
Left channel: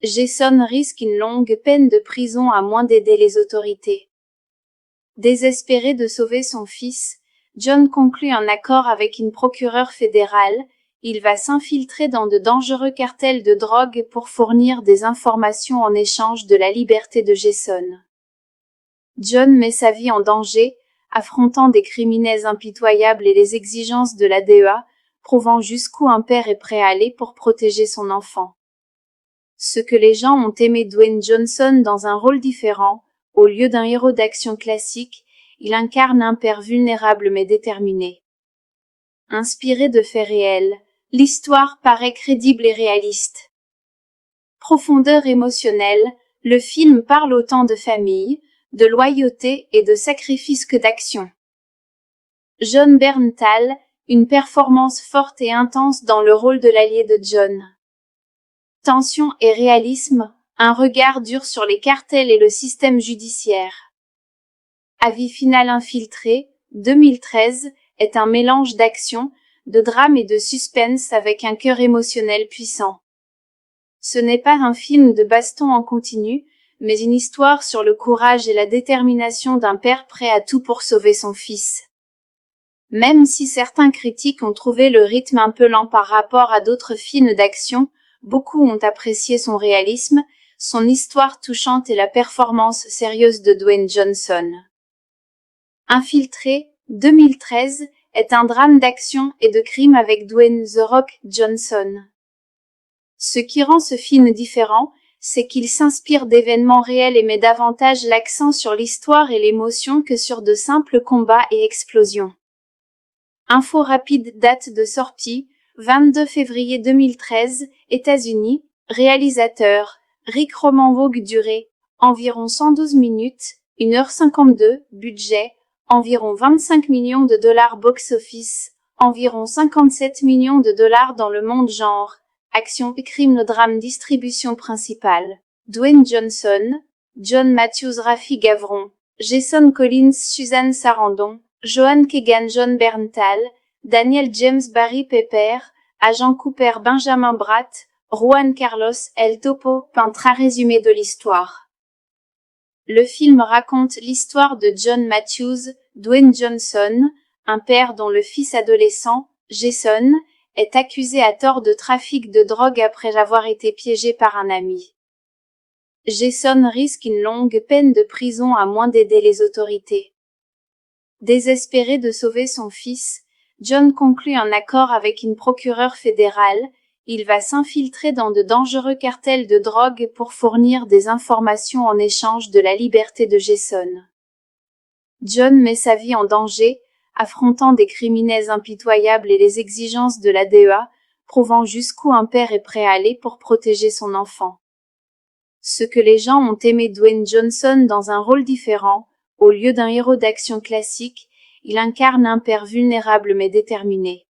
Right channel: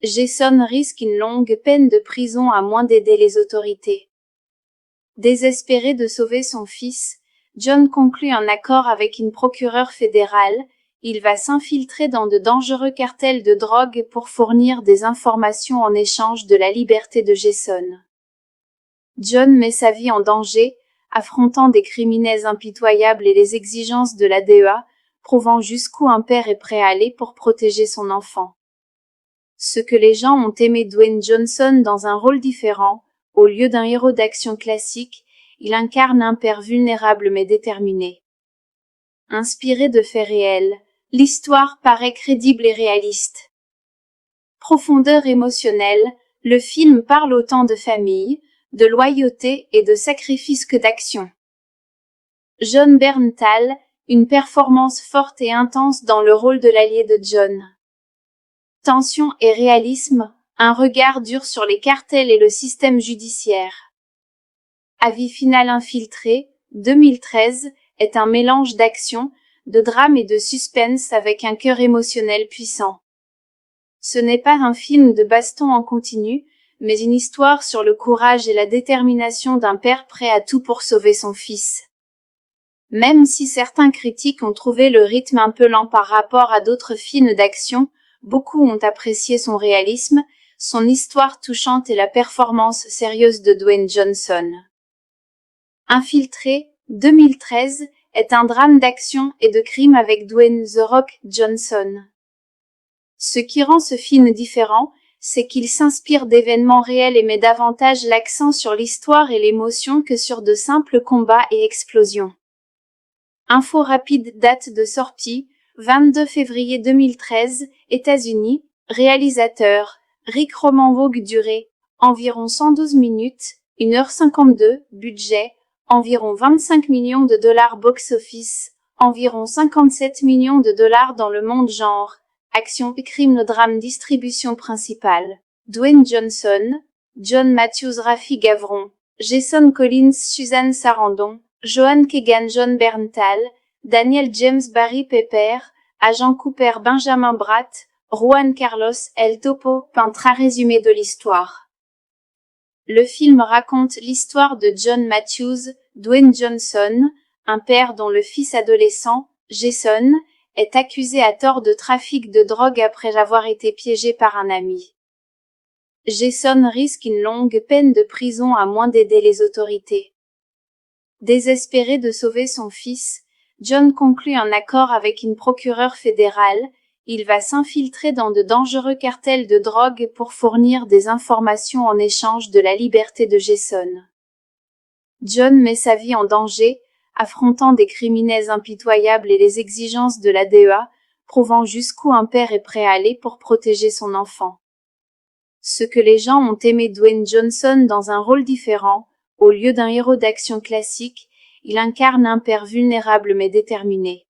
Jason risque une longue peine de prison à moins d'aider les autorités. Désespéré de sauver son fils, John conclut un accord avec une procureure fédérale. Il va s'infiltrer dans de dangereux cartels de drogue pour fournir des informations en échange de la liberté de Jason. John met sa vie en danger, affrontant des criminels impitoyables et les exigences de la DEA, prouvant jusqu'où un père est prêt à aller pour protéger son enfant. Ce que les gens ont aimé Dwayne Johnson dans un rôle différent, au lieu d'un héros d'action classique, il incarne un père vulnérable mais déterminé. Inspiré de faits réels, l'histoire paraît crédible et réaliste. Profondeur émotionnelle, le film parle autant de famille, de loyauté et de sacrifice que d'action. John Berntal, une performance forte et intense dans le rôle de l'allié de John. Tension et réalisme, un regard dur sur les cartels et le système judiciaire. Avis final, Infiltré, 2013, est un mélange d'action, de drame et de suspense avec un cœur émotionnel puissant. Ce n'est pas un film de baston en continu, mais une histoire sur le courage et la détermination d'un père prêt à tout pour sauver son fils. Même si certains critiques ont trouvé le rythme un peu lent par rapport à d'autres films d'action, beaucoup ont apprécié son réalisme, son histoire touchante et la performance sérieuse de Dwayne Johnson. Infiltré, 2013, est un drame d'action et de crime avec Dwayne The Rock Johnson. Ce qui rend ce film différent, c'est qu'il s'inspire d'événements réels et met davantage l'accent sur l'histoire et l'émotion que sur de simples combats et explosions. Info rapide, date de sortie, 22 février 2013, États-Unis, réalisateur, Rick Roman-Vogue, durée, environ 112 minutes, 1h52, budget, environ 25 millions de dollars box-office, environ 57 millions de dollars dans le monde genre, action, crime, drame, distribution principale, Dwayne Johnson, John Matthews, Rafi Gavron, Jason Collins, Suzanne Sarandon, Joan Keegan, John Berntal, Daniel James, Barry Pepper, Agent Cooper, Benjamin Bratt, Juan Carlos, El Topo, peintre résumé de l'histoire. Le film raconte l'histoire de John Matthews, Dwayne Johnson, un père dont le fils adolescent, Jason, est accusé à tort de trafic de drogue après avoir été piégé par un ami. Jason risque une longue peine de prison à moins d'aider les autorités. Désespéré de sauver son fils, John conclut un accord avec une procureure fédérale. Il va s'infiltrer dans de dangereux cartels de drogue pour fournir des informations en échange de la liberté de Jason. John met sa vie en danger, affrontant des criminels impitoyables et les exigences de la DEA, prouvant jusqu'où un père est prêt à aller pour protéger son enfant. Ce que les gens ont aimé Dwayne Johnson dans un rôle différent, au lieu d'un héros d'action classique, il incarne un père vulnérable mais déterminé.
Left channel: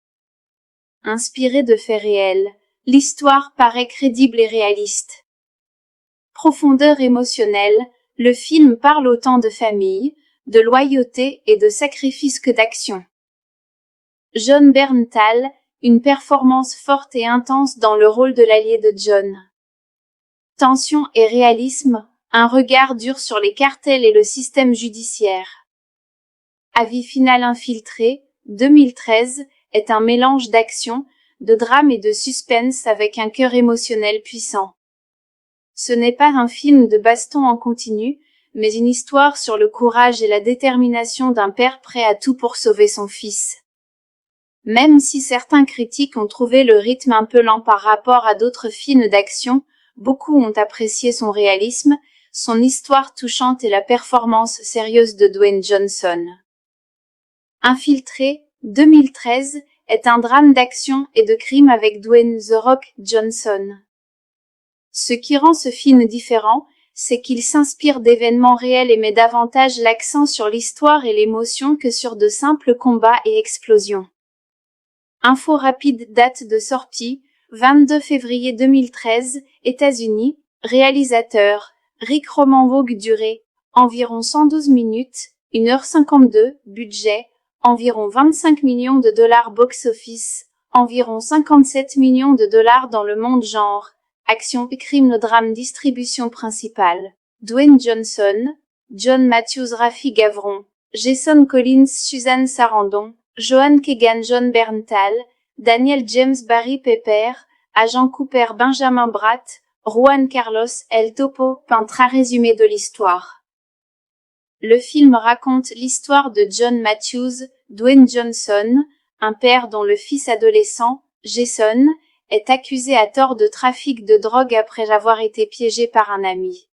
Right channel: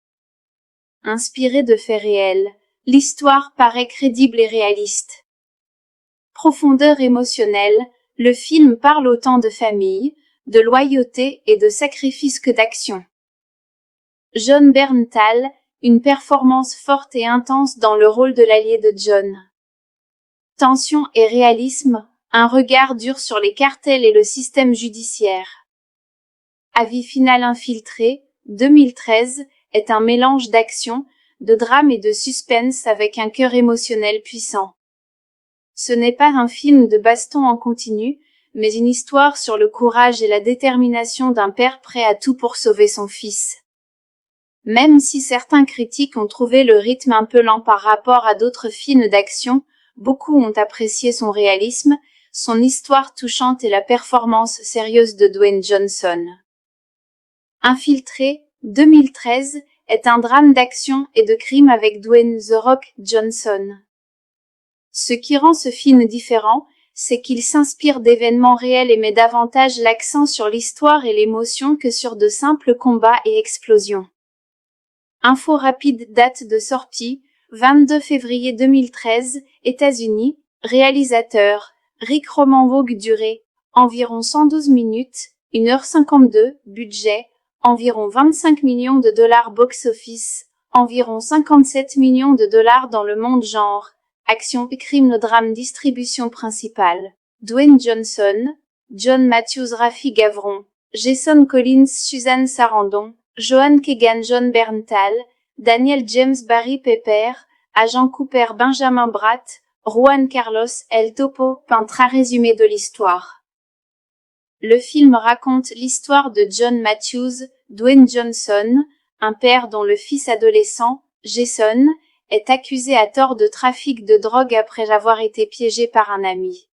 Inspiré de faits réels, l'histoire paraît crédible et réaliste. Profondeur émotionnelle, le film parle autant de famille, de loyauté et de sacrifice que d'action. John Berntal, une performance forte et intense dans le rôle de l'allié de John. Tension et réalisme, un regard dur sur les cartels et le système judiciaire. Avis final infiltré, 2013, est un mélange d'action, de drame et de suspense avec un cœur émotionnel puissant. Ce n'est pas un film de baston en continu, mais une histoire sur le courage et la détermination d'un père prêt à tout pour sauver son fils. Même si certains critiques ont trouvé le rythme un peu lent par rapport à d'autres films d'action, beaucoup ont apprécié son réalisme, son histoire touchante et la performance sérieuse de Dwayne Johnson. Infiltré, 2013, est un drame d'action et de crime avec Dwayne The Rock Johnson. Ce qui rend ce film différent, c'est qu'il s'inspire d'événements réels et met davantage l'accent sur l'histoire et l'émotion que sur de simples combats et explosions. Info rapide, date de sortie, 22 février 2013, États-Unis, réalisateur, Rick Roman-Vogue, durée, environ 112 minutes, 1h52, budget, environ 25 millions de dollars box-office, environ 57 millions de dollars dans le monde genre, action, crime, drame, distribution principale. Dwayne Johnson, John Matthews, Rafi Gavron, Jason Collins, Suzanne Sarandon, Joan Keegan, John Berntal, Daniel James, Barry Pepper, Agent Cooper, Benjamin Bratt, Juan Carlos, El Topo, peintre résumé de l'histoire. Le film raconte l'histoire de John Matthews, Dwayne Johnson, un père dont le fils adolescent, Jason, est accusé à tort de trafic de drogue après avoir été piégé par un ami.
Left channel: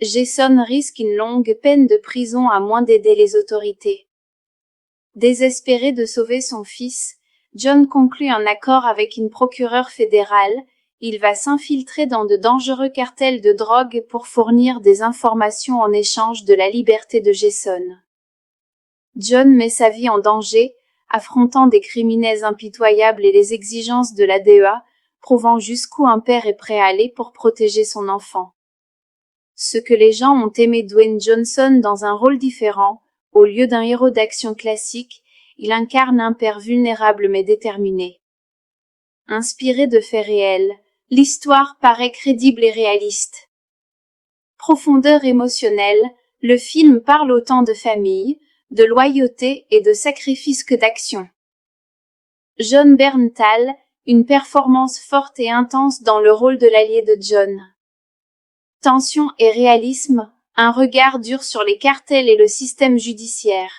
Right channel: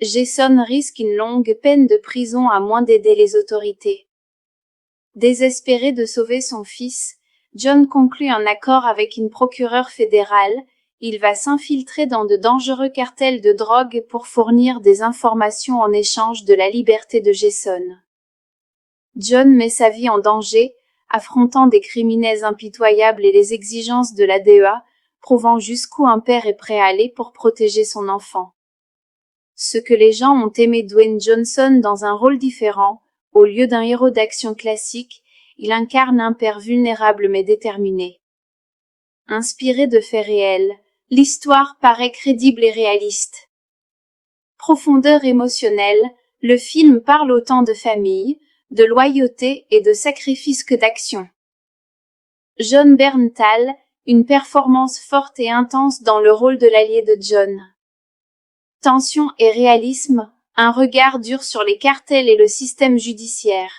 Jason risque une longue peine de prison à moins d'aider les autorités. Désespéré de sauver son fils, John conclut un accord avec une procureure fédérale. Il va s'infiltrer dans de dangereux cartels de drogue pour fournir des informations en échange de la liberté de Jason. John met sa vie en danger, affrontant des criminels impitoyables et les exigences de la DEA, prouvant jusqu'où un père est prêt à aller pour protéger son enfant. Ce que les gens ont aimé Dwayne Johnson dans un rôle différent, au lieu d'un héros d'action classique, il incarne un père vulnérable mais déterminé. Inspiré de faits réels, l'histoire paraît crédible et réaliste. Profondeur émotionnelle, le film parle autant de famille, de loyauté et de sacrifice que d'action. John Berntal, une performance forte et intense dans le rôle de l'allié de John. Tension et réalisme, un regard dur sur les cartels et le système judiciaire.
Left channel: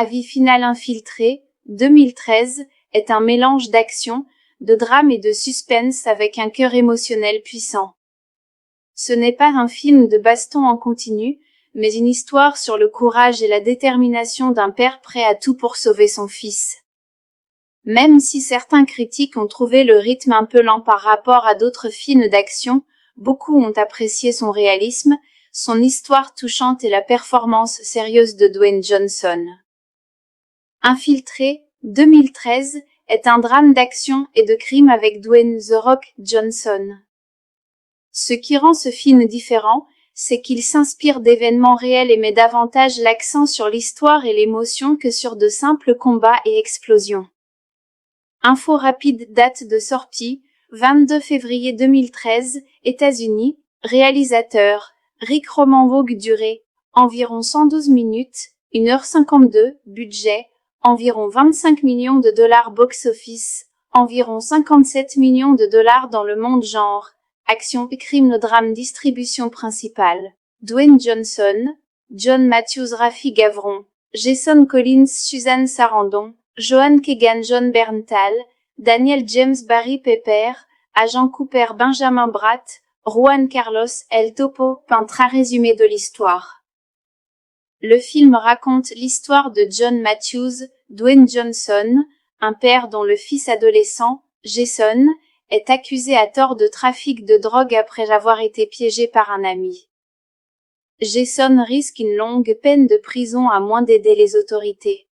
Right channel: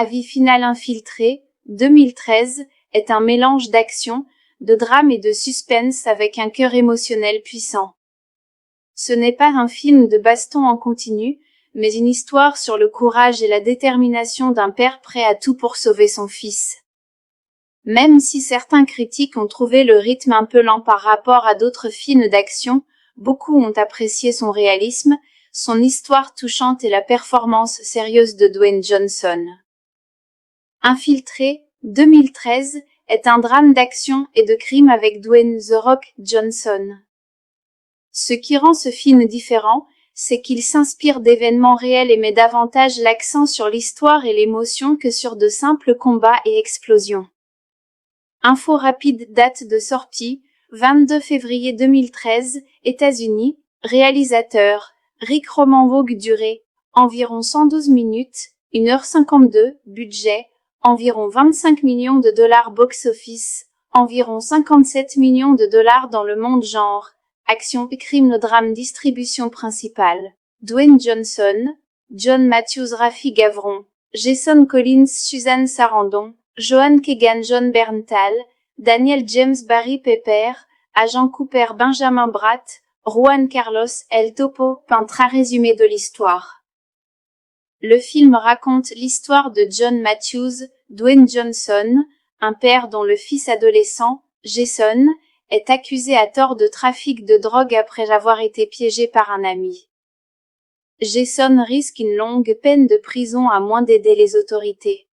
Avis final infiltré, 2013, est un mélange d'action, de drame et de suspense avec un cœur émotionnel puissant. Ce n'est pas un film de baston en continu, mais une histoire sur le courage et la détermination d'un père prêt à tout pour sauver son fils. Même si certains critiques ont trouvé le rythme un peu lent par rapport à d'autres films d'action, beaucoup ont apprécié son réalisme, son histoire touchante et la performance sérieuse de Dwayne Johnson. Infiltré, 2013, est un drame d'action et de crime avec Dwayne The Rock Johnson. Ce qui rend ce film différent, c'est qu'il s'inspire d'événements réels et met davantage l'accent sur l'histoire et l'émotion que sur de simples combats et explosions. Info rapide, date de sortie, 22 février 2013, États-Unis, réalisateur, Rick Roman-Vogue, durée, environ 112 minutes, 1h52, budget, environ 25 millions de dollars box-office, environ 57 millions de dollars dans le monde genre, action, crime, drame, distribution principale. Dwayne Johnson, John Matthews, Rafi Gavron, Jason Collins, Suzanne Sarandon, Joan Keegan, John Berntal, Daniel James, Barry Pepper, Agent Cooper, Benjamin Bratt, Juan Carlos, El Topo, peintre résumé de l'histoire. Le film raconte l'histoire de John Matthews, Dwayne Johnson, un père dont le fils adolescent, Jason, est accusé à tort de trafic de drogue après avoir été piégé par un ami. Jason risque une longue peine de prison à moins d'aider les autorités.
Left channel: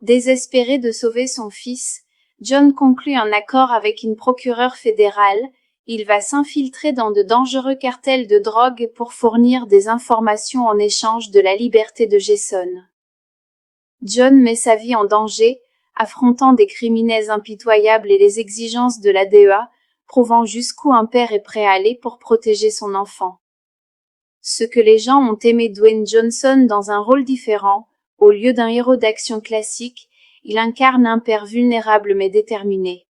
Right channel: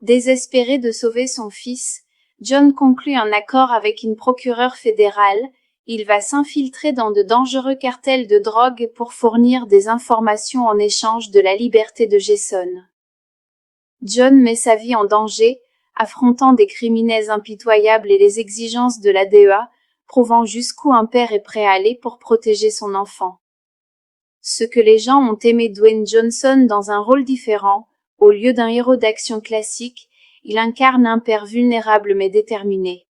Désespéré de sauver son fils, John conclut un accord avec une procureure fédérale. Il va s'infiltrer dans de dangereux cartels de drogue pour fournir des informations en échange de la liberté de Jason. John met sa vie en danger, affrontant des criminels impitoyables et les exigences de la DEA, prouvant jusqu'où un père est prêt à aller pour protéger son enfant. Ce que les gens ont aimé Dwayne Johnson dans un rôle différent, au lieu d'un héros d'action classique, il incarne un père vulnérable mais déterminé.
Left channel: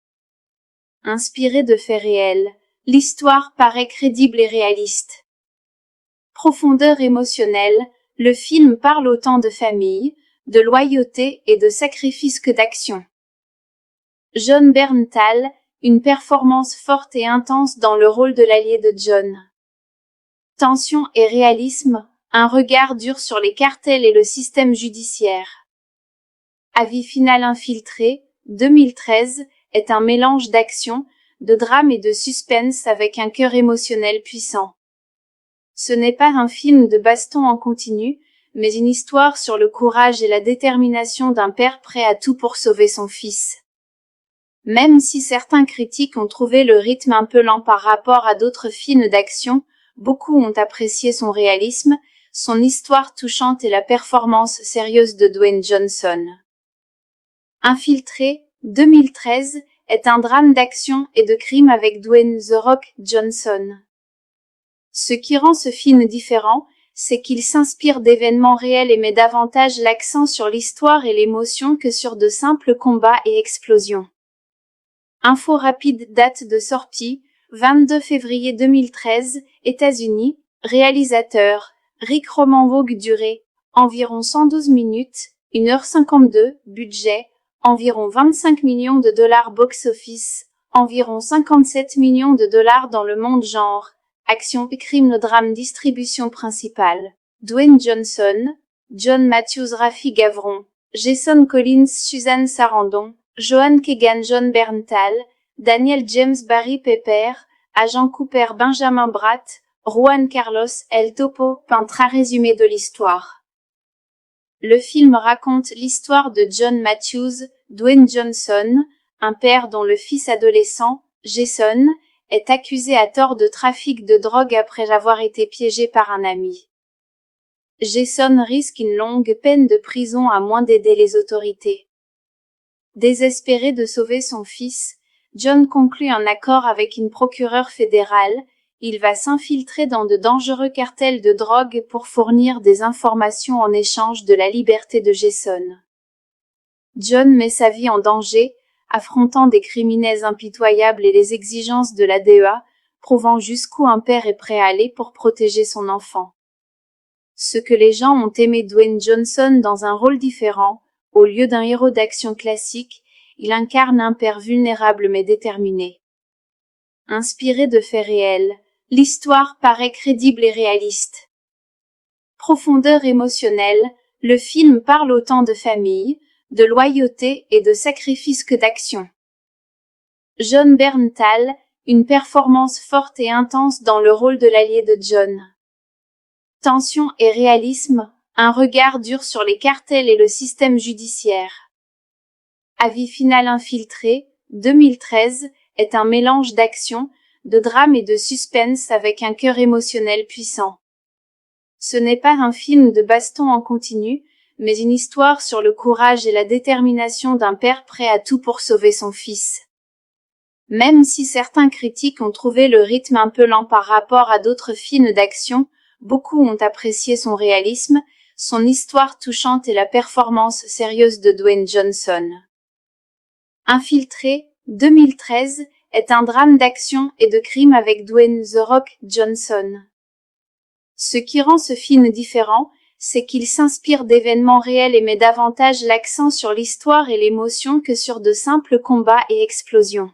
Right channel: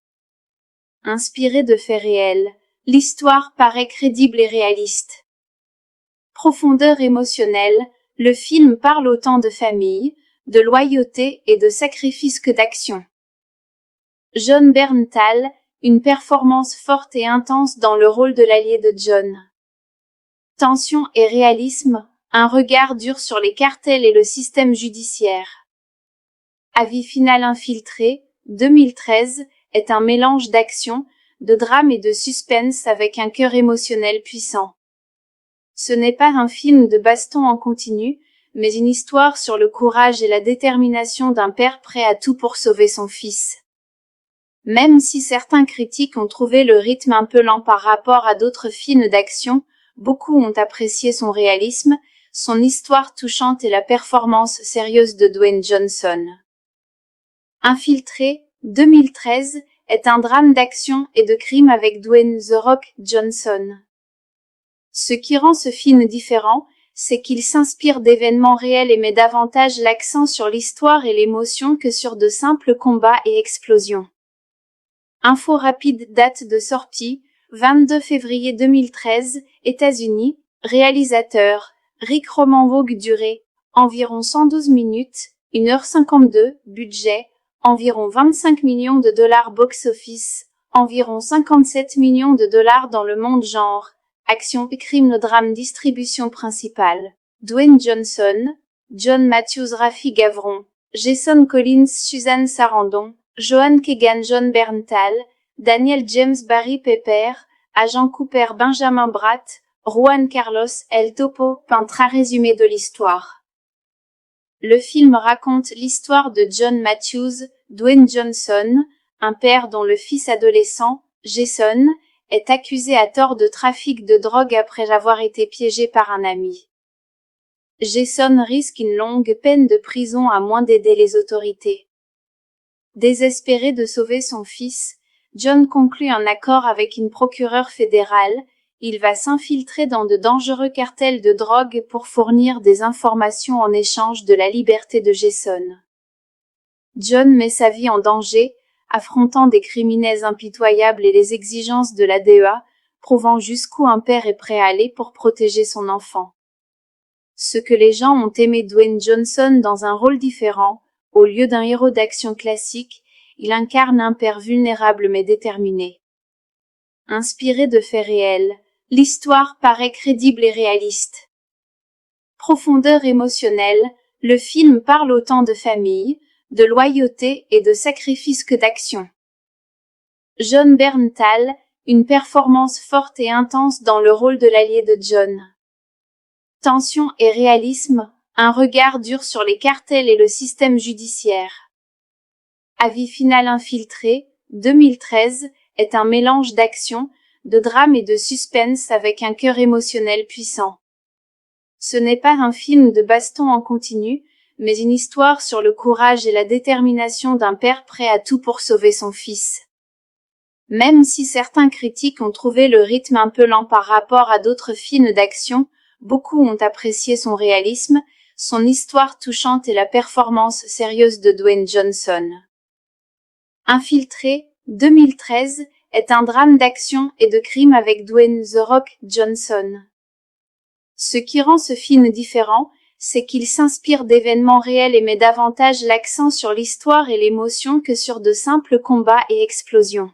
Inspiré de faits réels, l'histoire paraît crédible et réaliste. Profondeur émotionnelle, le film parle autant de famille, de loyauté et de sacrifice que d'action. Jon Bernthal, une performance forte et intense dans le rôle de l'allié de John. Tension et réalisme, un regard dur sur les cartels et le système judiciaire. Avis final infiltré, 2013, est un mélange d'action, de drame et de suspense avec un cœur émotionnel puissant. Ce n'est pas un film de baston en continu, mais une histoire sur le courage et la détermination d'un père prêt à tout pour sauver son fils. Même si certains critiques ont trouvé le rythme un peu lent par rapport à d'autres films d'action, beaucoup ont apprécié son réalisme, son histoire touchante et la performance sérieuse de Dwayne Johnson. Infiltré, 2013, est un drame d'action et de crime avec Dwayne The Rock Johnson. Ce qui rend ce film différent, c'est qu'il s'inspire d'événements réels et met davantage l'accent sur l'histoire et l'émotion que sur de simples combats et explosions. Info rapide, date de sortie, 22 février 2013, États-Unis, réalisateur, Rick Roman-Vogue, durée, environ 112 minutes, 1h52, budget, environ 25 millions de dollars box-office, environ 57 millions de dollars dans le monde genre, action, crime, drame, distribution principale. Dwayne Johnson, John Matthews, Rafi Gavron, Jason Collins, Suzanne Sarandon, Joan Keegan, Jon Bernthal, Daniel James, Barry Pepper, Agent Cooper, Benjamin Bratt, Juan Carlos, El Topo, peintre résumé de l'histoire. Le film raconte l'histoire de John Matthews, Dwayne Johnson, un père dont le fils adolescent, Jason, est accusé à tort de trafic de drogue après avoir été piégé par un ami. Jason risque une longue peine de prison à moins d'aider les autorités. Désespéré de sauver son fils, John conclut un accord avec une procureure fédérale. Il va s'infiltrer dans de dangereux cartels de drogue pour fournir des informations en échange de la liberté de Jason. John met sa vie en danger, affrontant des criminels impitoyables et les exigences de la DEA, prouvant jusqu'où un père est prêt à aller pour protéger son enfant. Ce que les gens ont aimé Dwayne Johnson dans un rôle différent, au lieu d'un héros d'action classique, il incarne un père vulnérable mais déterminé. Inspiré de faits réels, l'histoire paraît crédible et réaliste. Profondeur émotionnelle, le film parle autant de famille, de loyauté et de sacrifice que d'action. Jon Bernthal, une performance forte et intense dans le rôle de l'allié de John. Tension et réalisme, un regard dur sur les cartels et le système judiciaire. Avis final infiltré, 2013, est un mélange d'action, de drame et de suspense avec un cœur émotionnel puissant. Ce n'est pas un film de baston en continu, mais une histoire sur le courage et la détermination d'un père prêt à tout pour sauver son fils. Même si certains critiques ont trouvé le rythme un peu lent par rapport à d'autres films d'action, beaucoup ont apprécié son réalisme, son histoire touchante et la performance sérieuse de Dwayne Johnson. Infiltré, 2013, est un drame d'action et de crime avec Dwayne The Rock Johnson. Ce qui rend ce film différent, c'est qu'il s'inspire d'événements réels et met davantage l'accent sur l'histoire et l'émotion que sur de simples combats et explosions.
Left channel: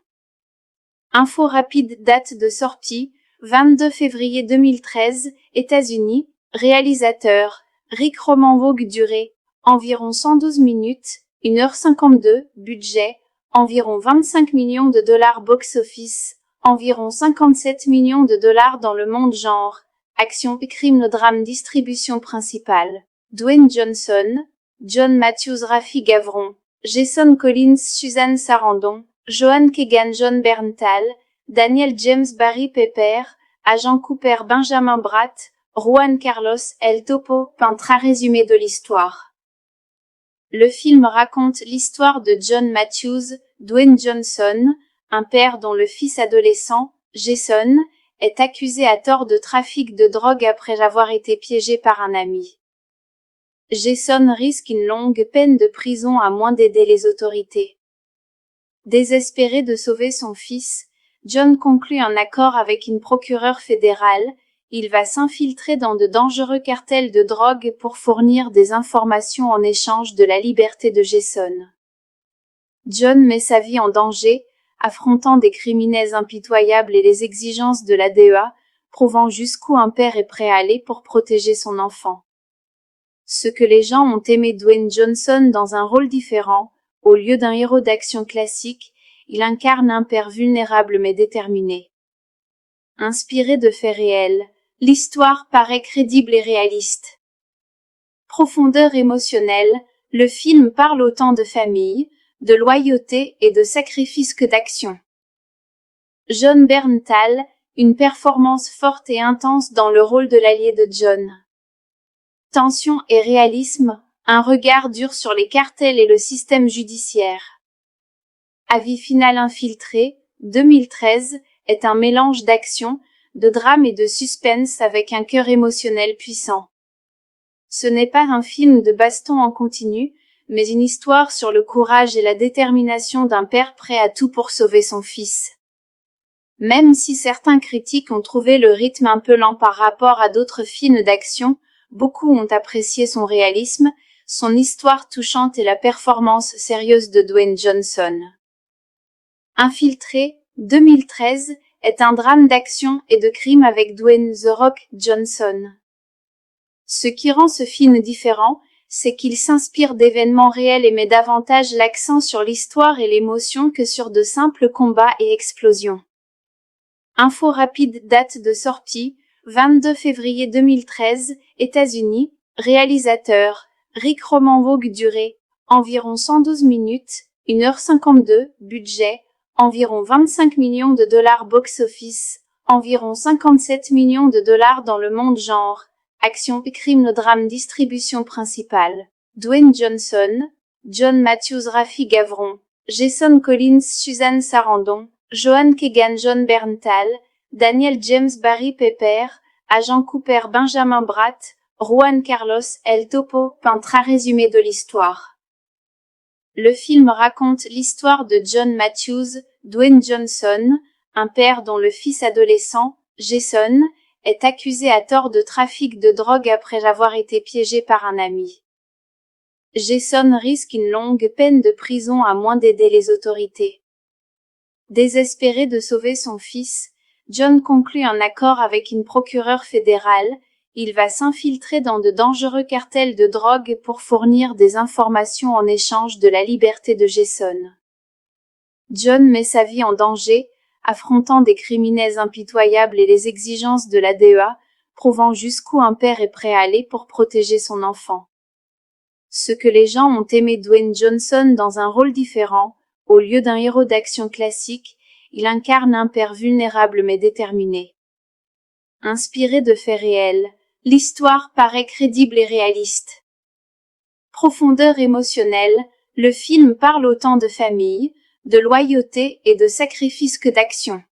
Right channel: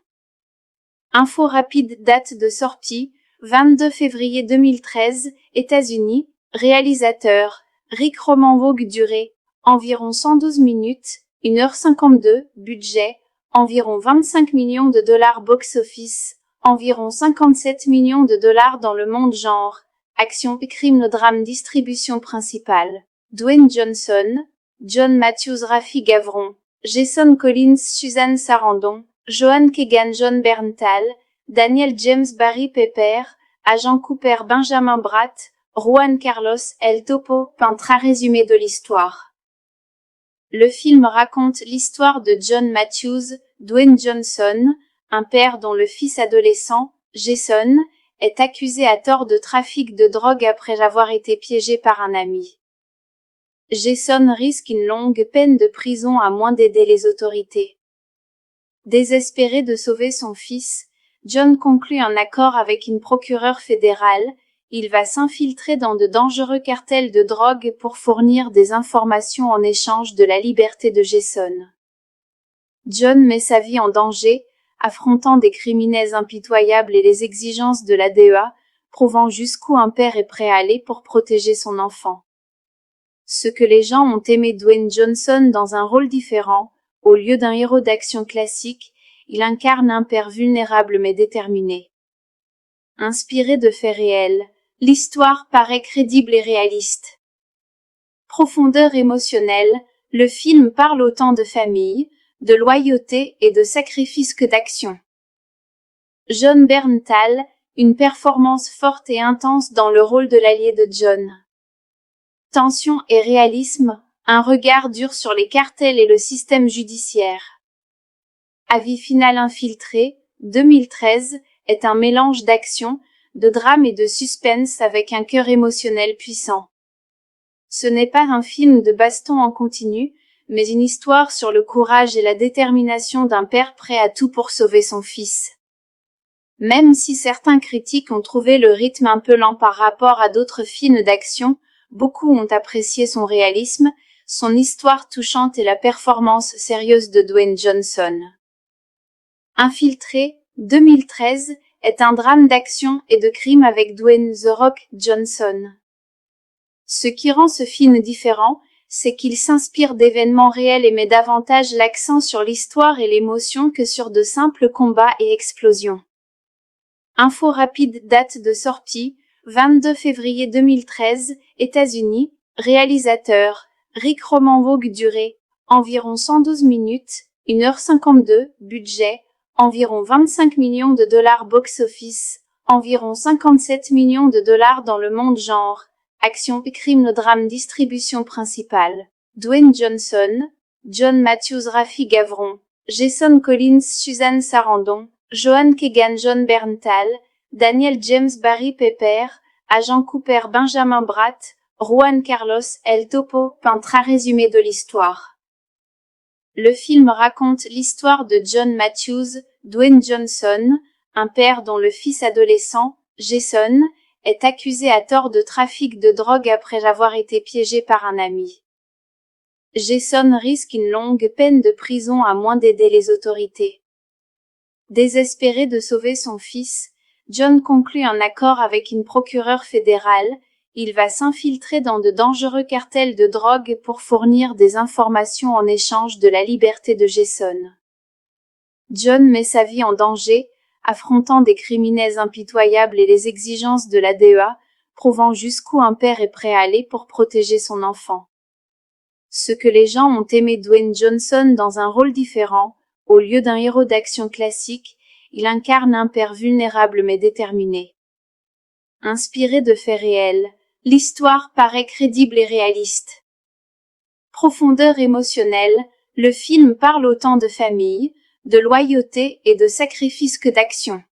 Info rapide, date de sortie, 22 février 2013, États-Unis, réalisateur, Rick Roman-Vogue, durée, environ 112 minutes, 1h52, budget, environ 25 millions de dollars box-office, environ 57 millions de dollars dans le monde genre, action, crime, drame, distribution principale, Dwayne Johnson, John Matthews, Rafi Gavron, Jason Collins, Suzanne Sarandon, Joan Keegan, Jon Bernthal, Daniel James, Barry Pepper, Agent Cooper, Benjamin Bratt, Juan Carlos, El Topo, peintre résumé de l'histoire. Le film raconte l'histoire de John Matthews, Dwayne Johnson, un père dont le fils adolescent, Jason, est accusé à tort de trafic de drogue après avoir été piégé par un ami. Jason risque une longue peine de prison à moins d'aider les autorités. Désespéré de sauver son fils, John conclut un accord avec une procureure fédérale. Il va s'infiltrer dans de dangereux cartels de drogue pour fournir des informations en échange de la liberté de Jason. John met sa vie en danger, affrontant des criminels impitoyables et les exigences de la DEA, prouvant jusqu'où un père est prêt à aller pour protéger son enfant. Ce que les gens ont aimé Dwayne Johnson dans un rôle différent, au lieu d'un héros d'action classique, il incarne un père vulnérable mais déterminé. Inspiré de faits réels, l'histoire paraît crédible et réaliste. Profondeur émotionnelle, le film parle autant de famille, de loyauté et de sacrifice que d'action. Jon Bernthal, une performance forte et intense dans le rôle de l'allié de John. Tension et réalisme, un regard dur sur les cartels et le système judiciaire. Avis final infiltré, 2013, est un mélange d'action, de drame et de suspense avec un cœur émotionnel puissant. Ce n'est pas un film de baston en continu, mais une histoire sur le courage et la détermination d'un père prêt à tout pour sauver son fils. Même si certains critiques ont trouvé le rythme un peu lent par rapport à d'autres films d'action, beaucoup ont apprécié son réalisme, son histoire touchante et la performance sérieuse de Dwayne Johnson. Infiltré, 2013, est un drame d'action et de crime avec Dwayne The Rock Johnson. Ce qui rend ce film différent, c'est qu'il s'inspire d'événements réels et met davantage l'accent sur l'histoire et l'émotion que sur de simples combats et explosions. Info rapide, date de sortie, 22 février 2013, États-Unis, réalisateur, Rick Roman Vogue, durée, environ 112 minutes, 1h52, budget, environ 25 millions de dollars box-office, environ 57 millions de dollars dans le monde genre, action, crime, drame, distribution principale, Dwayne Johnson, John Matthews, Rafi Gavron, Jason Collins, Suzanne Sarandon, Joan Keegan, Jon Bernthal, Daniel James, Barry Pepper, Agent Cooper, Benjamin Bratt, Juan Carlos, El Topo, peintre résumé de l'histoire. Le film raconte l'histoire de John Matthews, Dwayne Johnson, un père dont le fils adolescent, Jason, est accusé à tort de trafic de drogue après avoir été piégé par un ami. Jason risque une longue peine de prison à moins d'aider les autorités. Désespéré de sauver son fils, John conclut un accord avec une procureure fédérale. Il va s'infiltrer dans de dangereux cartels de drogue pour fournir des informations en échange de la liberté de Jason. John met sa vie en danger, affrontant des criminels impitoyables et les exigences de la DEA, prouvant jusqu'où un père est prêt à aller pour protéger son enfant. Ce que les gens ont aimé Dwayne Johnson dans un rôle différent, au lieu d'un héros d'action classique, il incarne un père vulnérable mais déterminé. Inspiré de faits réels, l'histoire paraît crédible et réaliste. Profondeur émotionnelle, le film parle autant de famille, de loyauté et de sacrifice que d'action.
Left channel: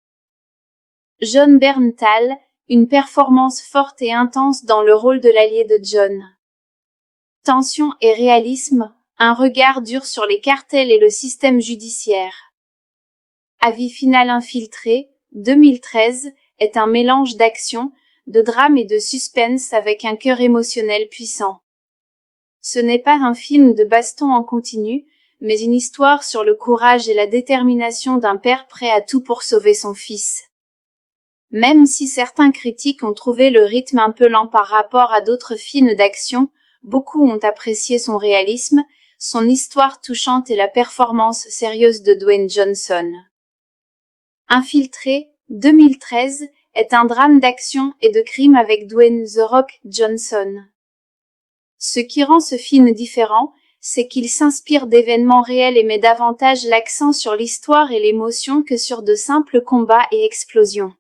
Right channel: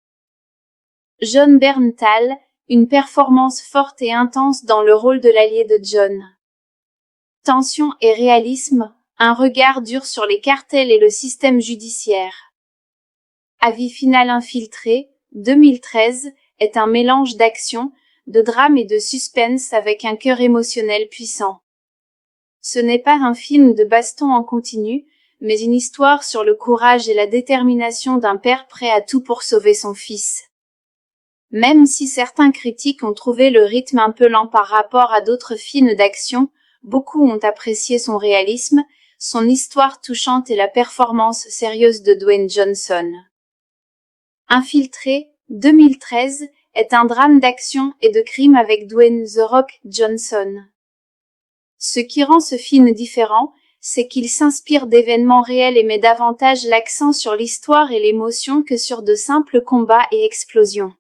Jon Bernthal, une performance forte et intense dans le rôle de l'allié de John. Tension et réalisme, un regard dur sur les cartels et le système judiciaire. Avis final infiltré, 2013, est un mélange d'action, de drame et de suspense avec un cœur émotionnel puissant. Ce n'est pas un film de baston en continu, mais une histoire sur le courage et la détermination d'un père prêt à tout pour sauver son fils. Même si certains critiques ont trouvé le rythme un peu lent par rapport à d'autres films d'action, beaucoup ont apprécié son réalisme, son histoire touchante et la performance sérieuse de Dwayne Johnson. Infiltré, 2013, est un drame d'action et de crime avec Dwayne The Rock Johnson. Ce qui rend ce film différent, c'est qu'il s'inspire d'événements réels et met davantage l'accent sur l'histoire et l'émotion que sur de simples combats et explosions.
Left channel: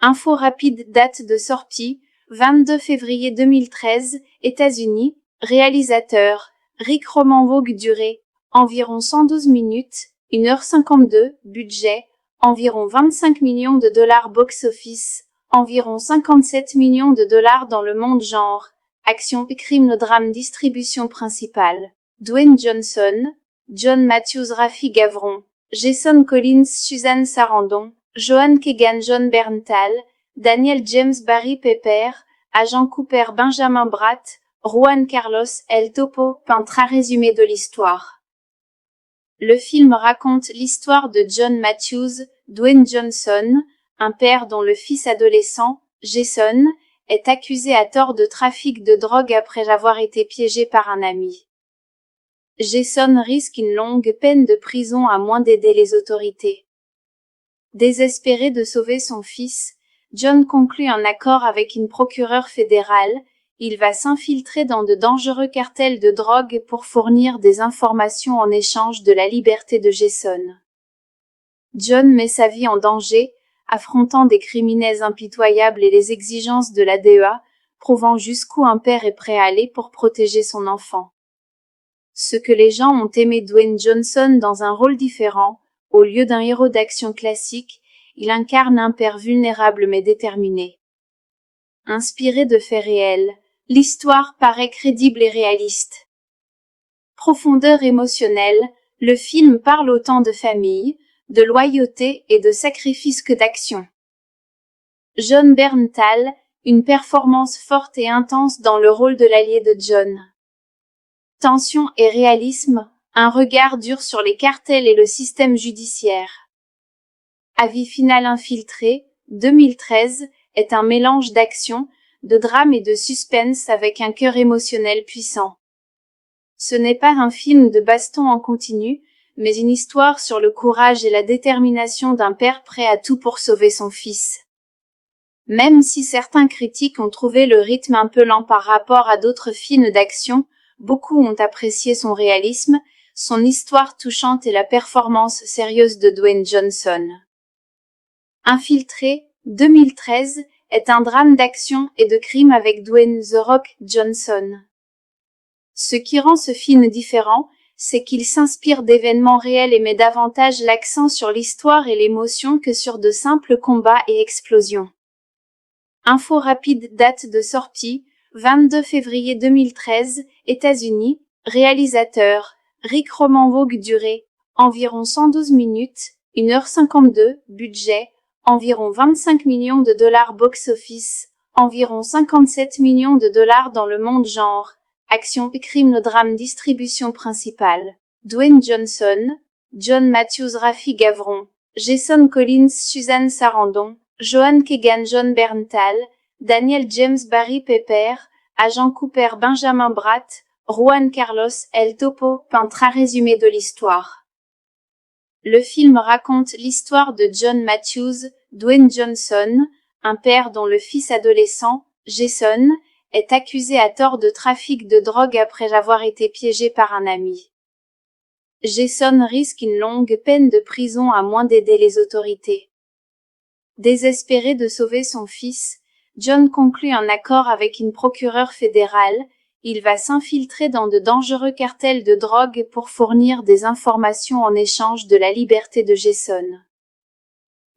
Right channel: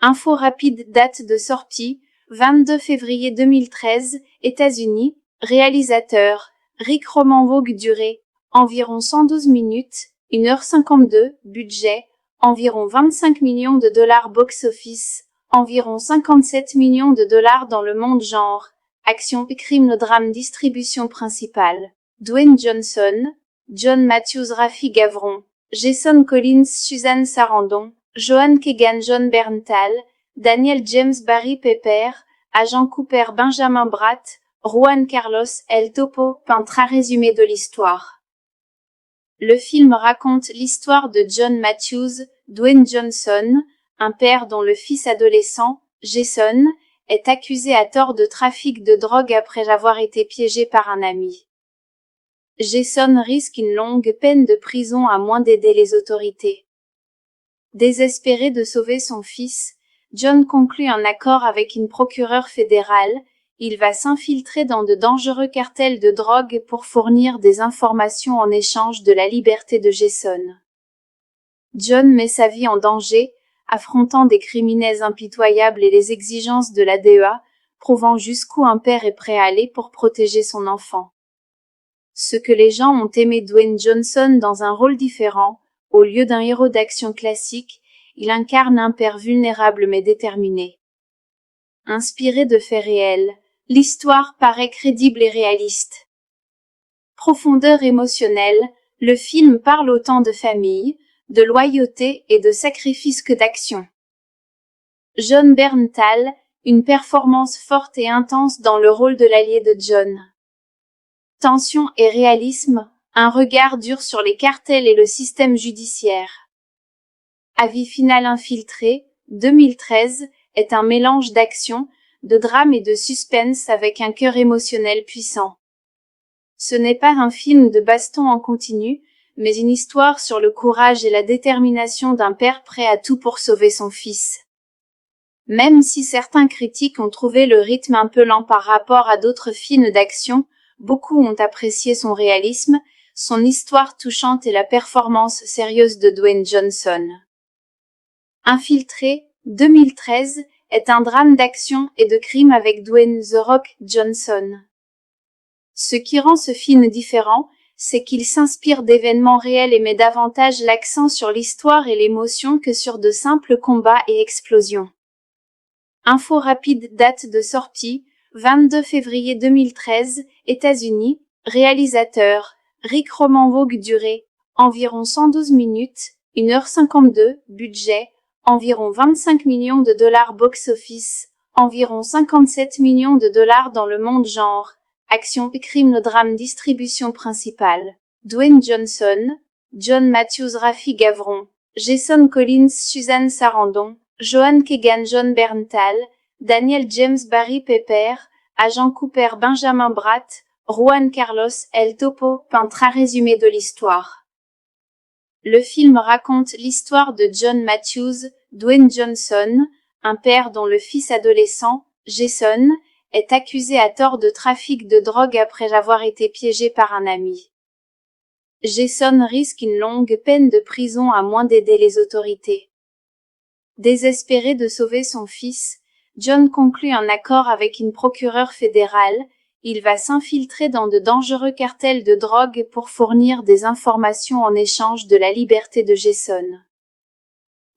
Info rapide, date de sortie, 22 février 2013, États-Unis, réalisateur, Rick Roman Vogue, durée, environ 112 minutes, 1h52, budget, environ 25 millions de dollars box-office, environ 57 millions de dollars dans le monde genre. Action, crime, le drame, distribution principale. Dwayne Johnson, John Matthews, Rafi Gavron, Jason Collins, Suzanne Sarandon, Joan Keegan, John Berntal, Daniel James, Barry Pepper, Agent Cooper, Benjamin Bratt, Juan Carlos, El Topo, peintre résumé de l'histoire. Le film raconte l'histoire de John Matthews, Dwayne Johnson, un père dont le fils adolescent, Jason, est accusé à tort de trafic de drogue après avoir été piégé par un ami. Jason risque une longue peine de prison à moins d'aider les autorités. Désespéré de sauver son fils, John conclut un accord avec une procureure fédérale. Il va s'infiltrer dans de dangereux cartels de drogue pour fournir des informations en échange de la liberté de Jason. John met sa vie en danger, affrontant des criminels impitoyables et les exigences de la DEA, prouvant jusqu'où un père est prêt à aller pour protéger son enfant. Ce que les gens ont aimé Dwayne Johnson dans un rôle différent, au lieu d'un héros d'action classique, il incarne un père vulnérable mais déterminé. Inspiré de faits réels, l'histoire paraît crédible et réaliste. Profondeur émotionnelle, le film parle autant de famille, de loyauté et de sacrifice que d'action. Jon Bernthal, une performance forte et intense dans le rôle de l'allié de John. Tension et réalisme, un regard dur sur les cartels et le système judiciaire. Avis final infiltré, 2013, est un mélange d'action, de drame et de suspense avec un cœur émotionnel puissant. Ce n'est pas un film de baston en continu, mais une histoire sur le courage et la détermination d'un père prêt à tout pour sauver son fils. Même si certains critiques ont trouvé le rythme un peu lent par rapport à d'autres films d'action, beaucoup ont apprécié son réalisme, son histoire touchante et la performance sérieuse de Dwayne Johnson. Infiltré, 2013, est un drame d'action et de crime avec Dwayne The Rock Johnson. Ce qui rend ce film différent, c'est qu'il s'inspire d'événements réels et met davantage l'accent sur l'histoire et l'émotion que sur de simples combats et explosions. Info rapide, date de sortie, 22 février 2013, États-Unis, réalisateur, Rick Roman Vogue, durée, environ 112 minutes, 1h52, budget, environ 25 millions de dollars box-office, environ 57 millions de dollars dans le monde genre, action, crime, le drame, distribution principale, Dwayne Johnson, John Matthews, Rafi Gavron, Jason Collins, Suzanne Sarandon, Joan Keegan, John Berntal, Daniel James, Barry Pepper, Agent Cooper, Benjamin Bratt, Juan Carlos, El Topo, peintre résumé de l'histoire. Le film raconte l'histoire de John Matthews, Dwayne Johnson, un père dont le fils adolescent, Jason, est accusé à tort de trafic de drogue après avoir été piégé par un ami. Jason risque une longue peine de prison à moins d'aider les autorités. Désespéré de sauver son fils, John conclut un accord avec une procureure fédérale. Il va s'infiltrer dans de dangereux cartels de drogue pour fournir des informations en échange de la liberté de Jason.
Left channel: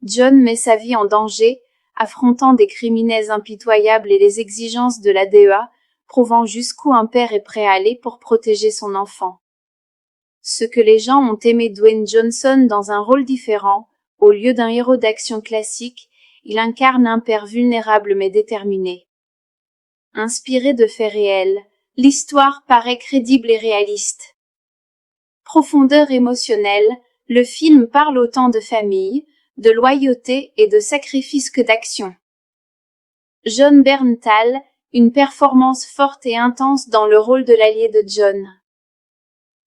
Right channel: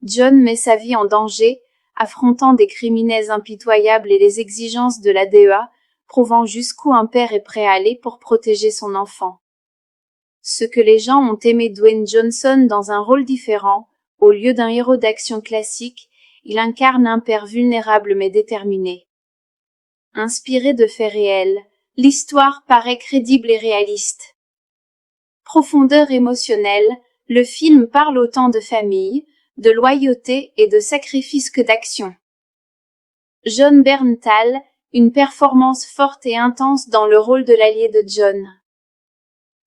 John met sa vie en danger, affrontant des criminels impitoyables et les exigences de la DEA, prouvant jusqu'où un père est prêt à aller pour protéger son enfant. Ce que les gens ont aimé Dwayne Johnson dans un rôle différent, au lieu d'un héros d'action classique, il incarne un père vulnérable mais déterminé. Inspiré de faits réels, l'histoire paraît crédible et réaliste. Profondeur émotionnelle, le film parle autant de famille, de loyauté et de sacrifice que d'action. Jon Bernthal, une performance forte et intense dans le rôle de l'allié de John.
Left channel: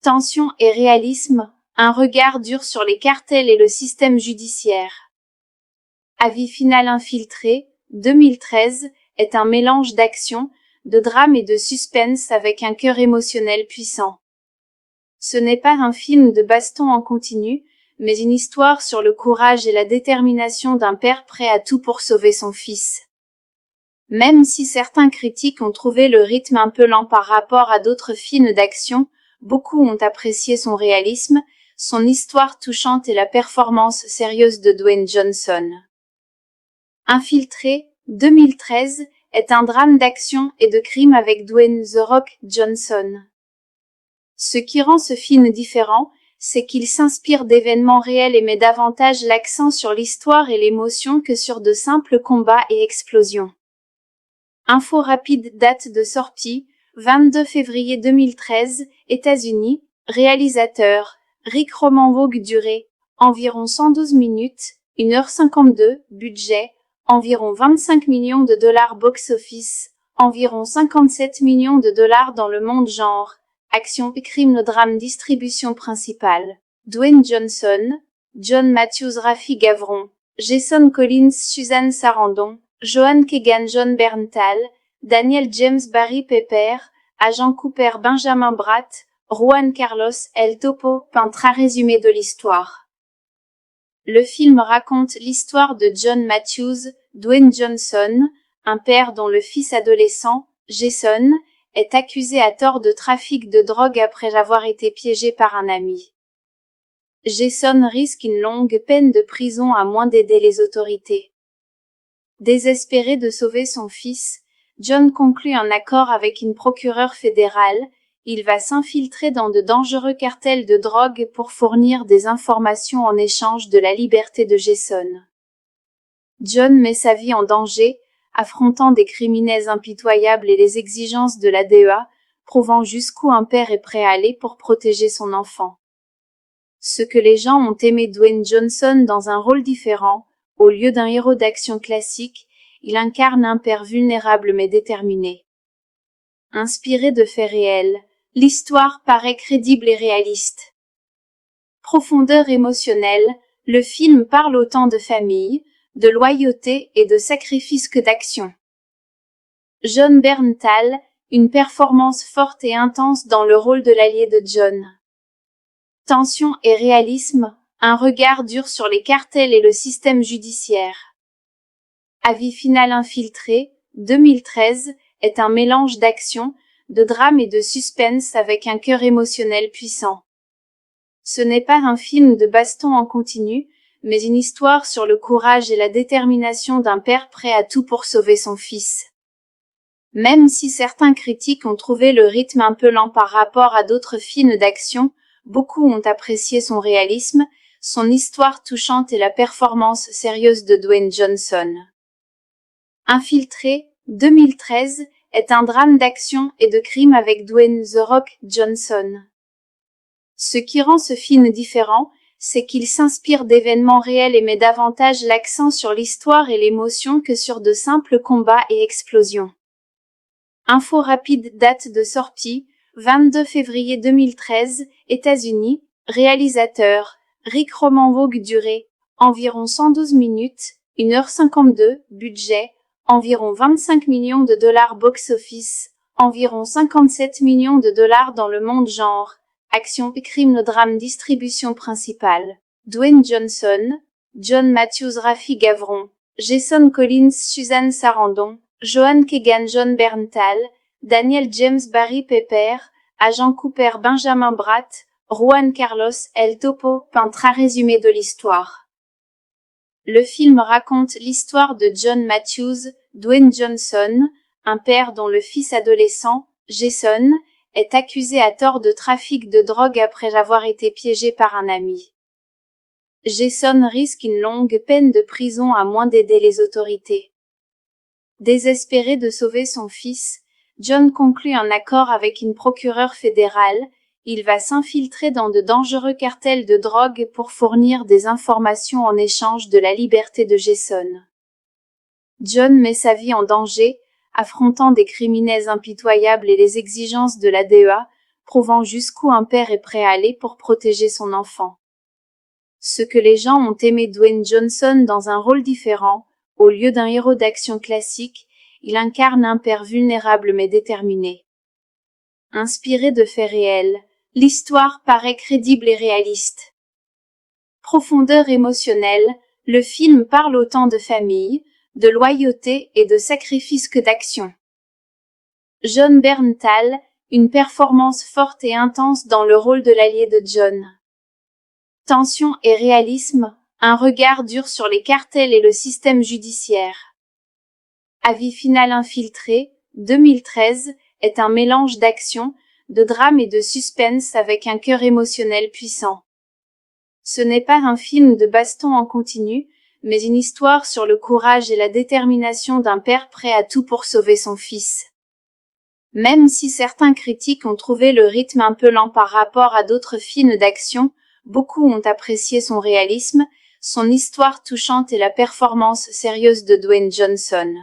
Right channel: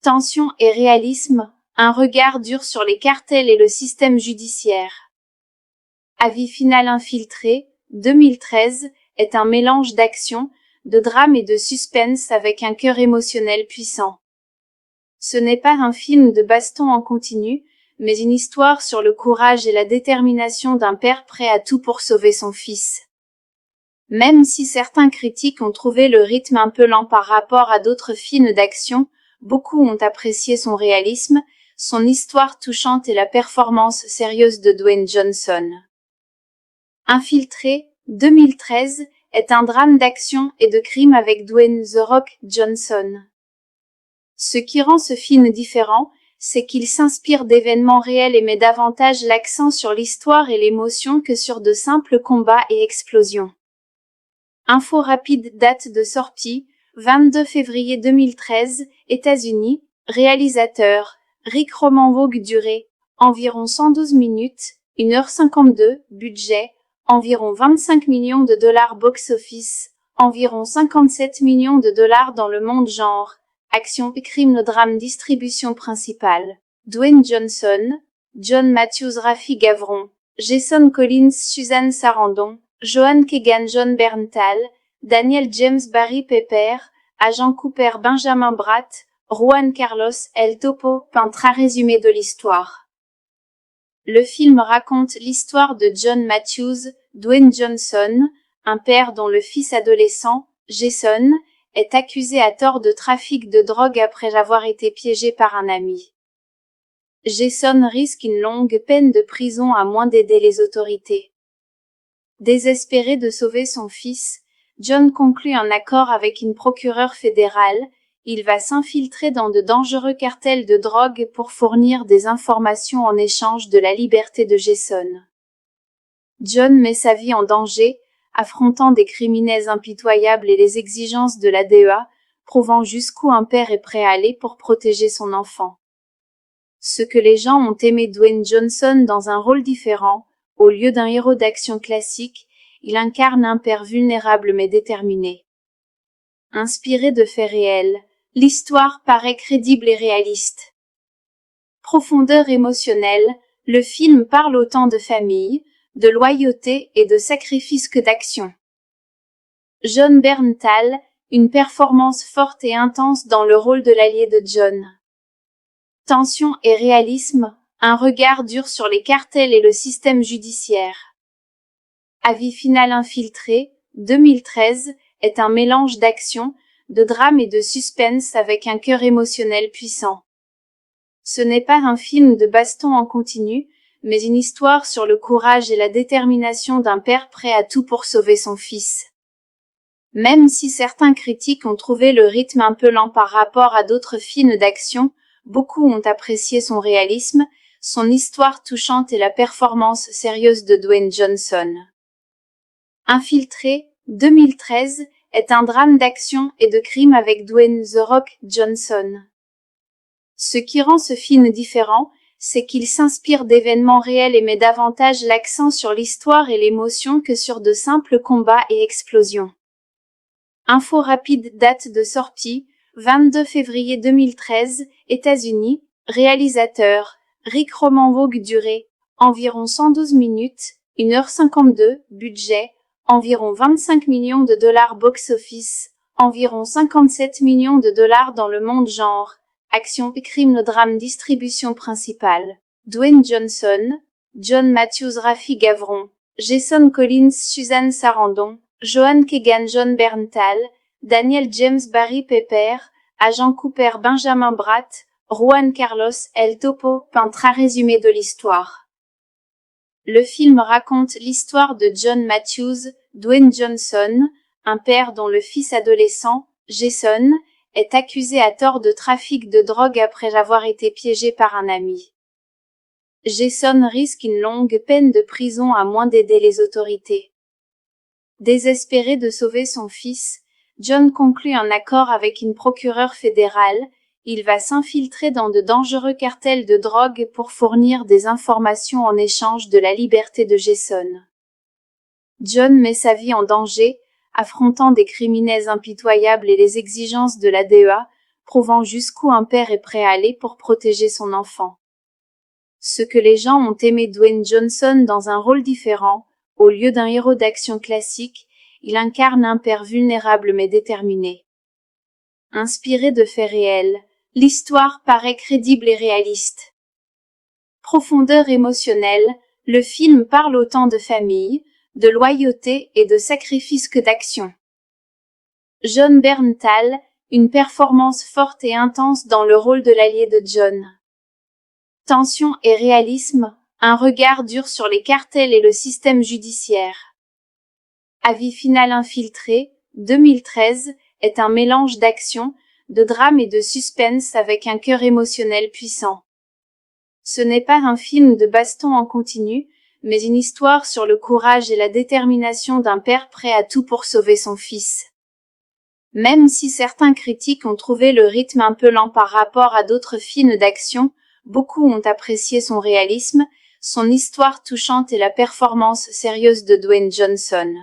Tension et réalisme, un regard dur sur les cartels et le système judiciaire. Avis final infiltré, 2013, est un mélange d'action, de drame et de suspense avec un cœur émotionnel puissant. Ce n'est pas un film de baston en continu, mais une histoire sur le courage et la détermination d'un père prêt à tout pour sauver son fils. Même si certains critiques ont trouvé le rythme un peu lent par rapport à d'autres films d'action, beaucoup ont apprécié son réalisme, son histoire touchante et la performance sérieuse de Dwayne Johnson. Infiltré, 2013, est un drame d'action et de crime avec Dwayne The Rock Johnson. Ce qui rend ce film différent, c'est qu'il s'inspire d'événements réels et met davantage l'accent sur l'histoire et l'émotion que sur de simples combats et explosions. Info rapide, date de sortie, 22 février 2013, États-Unis, réalisateur, Rick Roman Vogue, durée, environ 112 minutes, 1h52, budget, environ 25 millions de dollars box-office, environ 57 millions de dollars dans le monde genre, action, crime, drame, distribution principale. Dwayne Johnson, John Matthews, Rafi Gavron, Jason Collins, Suzanne Sarandon, Joan Keegan, John Berntal, Daniel James, Barry Pepper, Agent Cooper, Benjamin Bratt, Juan Carlos, El Topo, peintre à résumé de l'histoire. Le film raconte l'histoire de John Matthews, Dwayne Johnson, un père dont le fils adolescent, Jason, est accusé à tort de trafic de drogue après avoir été piégé par un ami. Jason risque une longue peine de prison à moins d'aider les autorités. Désespéré de sauver son fils, John conclut un accord avec une procureure fédérale. Il va s'infiltrer dans de dangereux cartels de drogue pour fournir des informations en échange de la liberté de Jason. John met sa vie en danger, affrontant des criminels impitoyables et les exigences de la DEA, prouvant jusqu'où un père est prêt à aller pour protéger son enfant. Ce que les gens ont aimé Dwayne Johnson dans un rôle différent, au lieu d'un héros d'action classique, il incarne un père vulnérable mais déterminé. Inspiré de faits réels, l'histoire paraît crédible et réaliste. Profondeur émotionnelle, le film parle autant de famille, de loyauté et de sacrifice que d'action. John Berntal, une performance forte et intense dans le rôle de l'allié de John. Tension et réalisme, un regard dur sur les cartels et le système judiciaire. Avis final, Infiltré, 2013, est un mélange d'action, de drame et de suspense avec un cœur émotionnel puissant. Ce n'est pas un film de baston en continu, mais une histoire sur le courage et la détermination d'un père prêt à tout pour sauver son fils. Même si certains critiques ont trouvé le rythme un peu lent par rapport à d'autres films d'action, beaucoup ont apprécié son réalisme, son histoire touchante et la performance sérieuse de Dwayne Johnson. Infiltré, 2013, est un drame d'action et de crime avec Dwayne The Rock Johnson. Ce qui rend ce film différent, c'est qu'il s'inspire d'événements réels et met davantage l'accent sur l'histoire et l'émotion que sur de simples combats et explosions. Info rapide, date de sortie, 22 février 2013, États-Unis, réalisateur, Rick Roman Vogue, durée, environ 112 minutes, 1h52, budget, environ 25 millions de dollars box-office, environ 57 millions de dollars dans le monde genre, action, crime, drame, distribution principale. Dwayne Johnson, John Matthews, Rafi Gavron, Jason Collins, Suzanne Sarandon, Joan Keegan, John Berntal, Daniel James, Barry Pepper, Agent Cooper, Benjamin Bratt, Juan Carlos, El Topo, peintre à résumé de l'histoire. Le film raconte l'histoire de John Matthews, Dwayne Johnson, un père dont le fils adolescent, Jason, est accusé à tort de trafic de drogue après avoir été piégé par un ami. Jason risque une longue peine de prison à moins d'aider les autorités. Désespéré de sauver son fils, John conclut un accord avec une procureure fédérale. Il va s'infiltrer dans de dangereux cartels de drogue pour fournir des informations en échange de la liberté de Jason. John met sa vie en danger, affrontant des criminels impitoyables et les exigences de la DEA, prouvant jusqu'où un père est prêt à aller pour protéger son enfant. Ce que les gens ont aimé Dwayne Johnson dans un rôle différent, au lieu d'un héros d'action classique, il incarne un père vulnérable mais déterminé. Inspiré de faits réels, l'histoire paraît crédible et réaliste. Profondeur émotionnelle, le film parle autant de famille, de loyauté et de sacrifice que d'action. John Berntal, une performance forte et intense dans le rôle de l'allié de John. Tension et réalisme, un regard dur sur les cartels et le système judiciaire. Avis final infiltré, 2013, est un mélange d'action, de drame et de suspense avec un cœur émotionnel puissant. Ce n'est pas un film de baston en continu, mais une histoire sur le courage et la détermination d'un père prêt à tout pour sauver son fils. Même si certains critiques ont trouvé le rythme un peu lent par rapport à d'autres films d'action, beaucoup ont apprécié son réalisme, son histoire touchante et la performance sérieuse de Dwayne Johnson.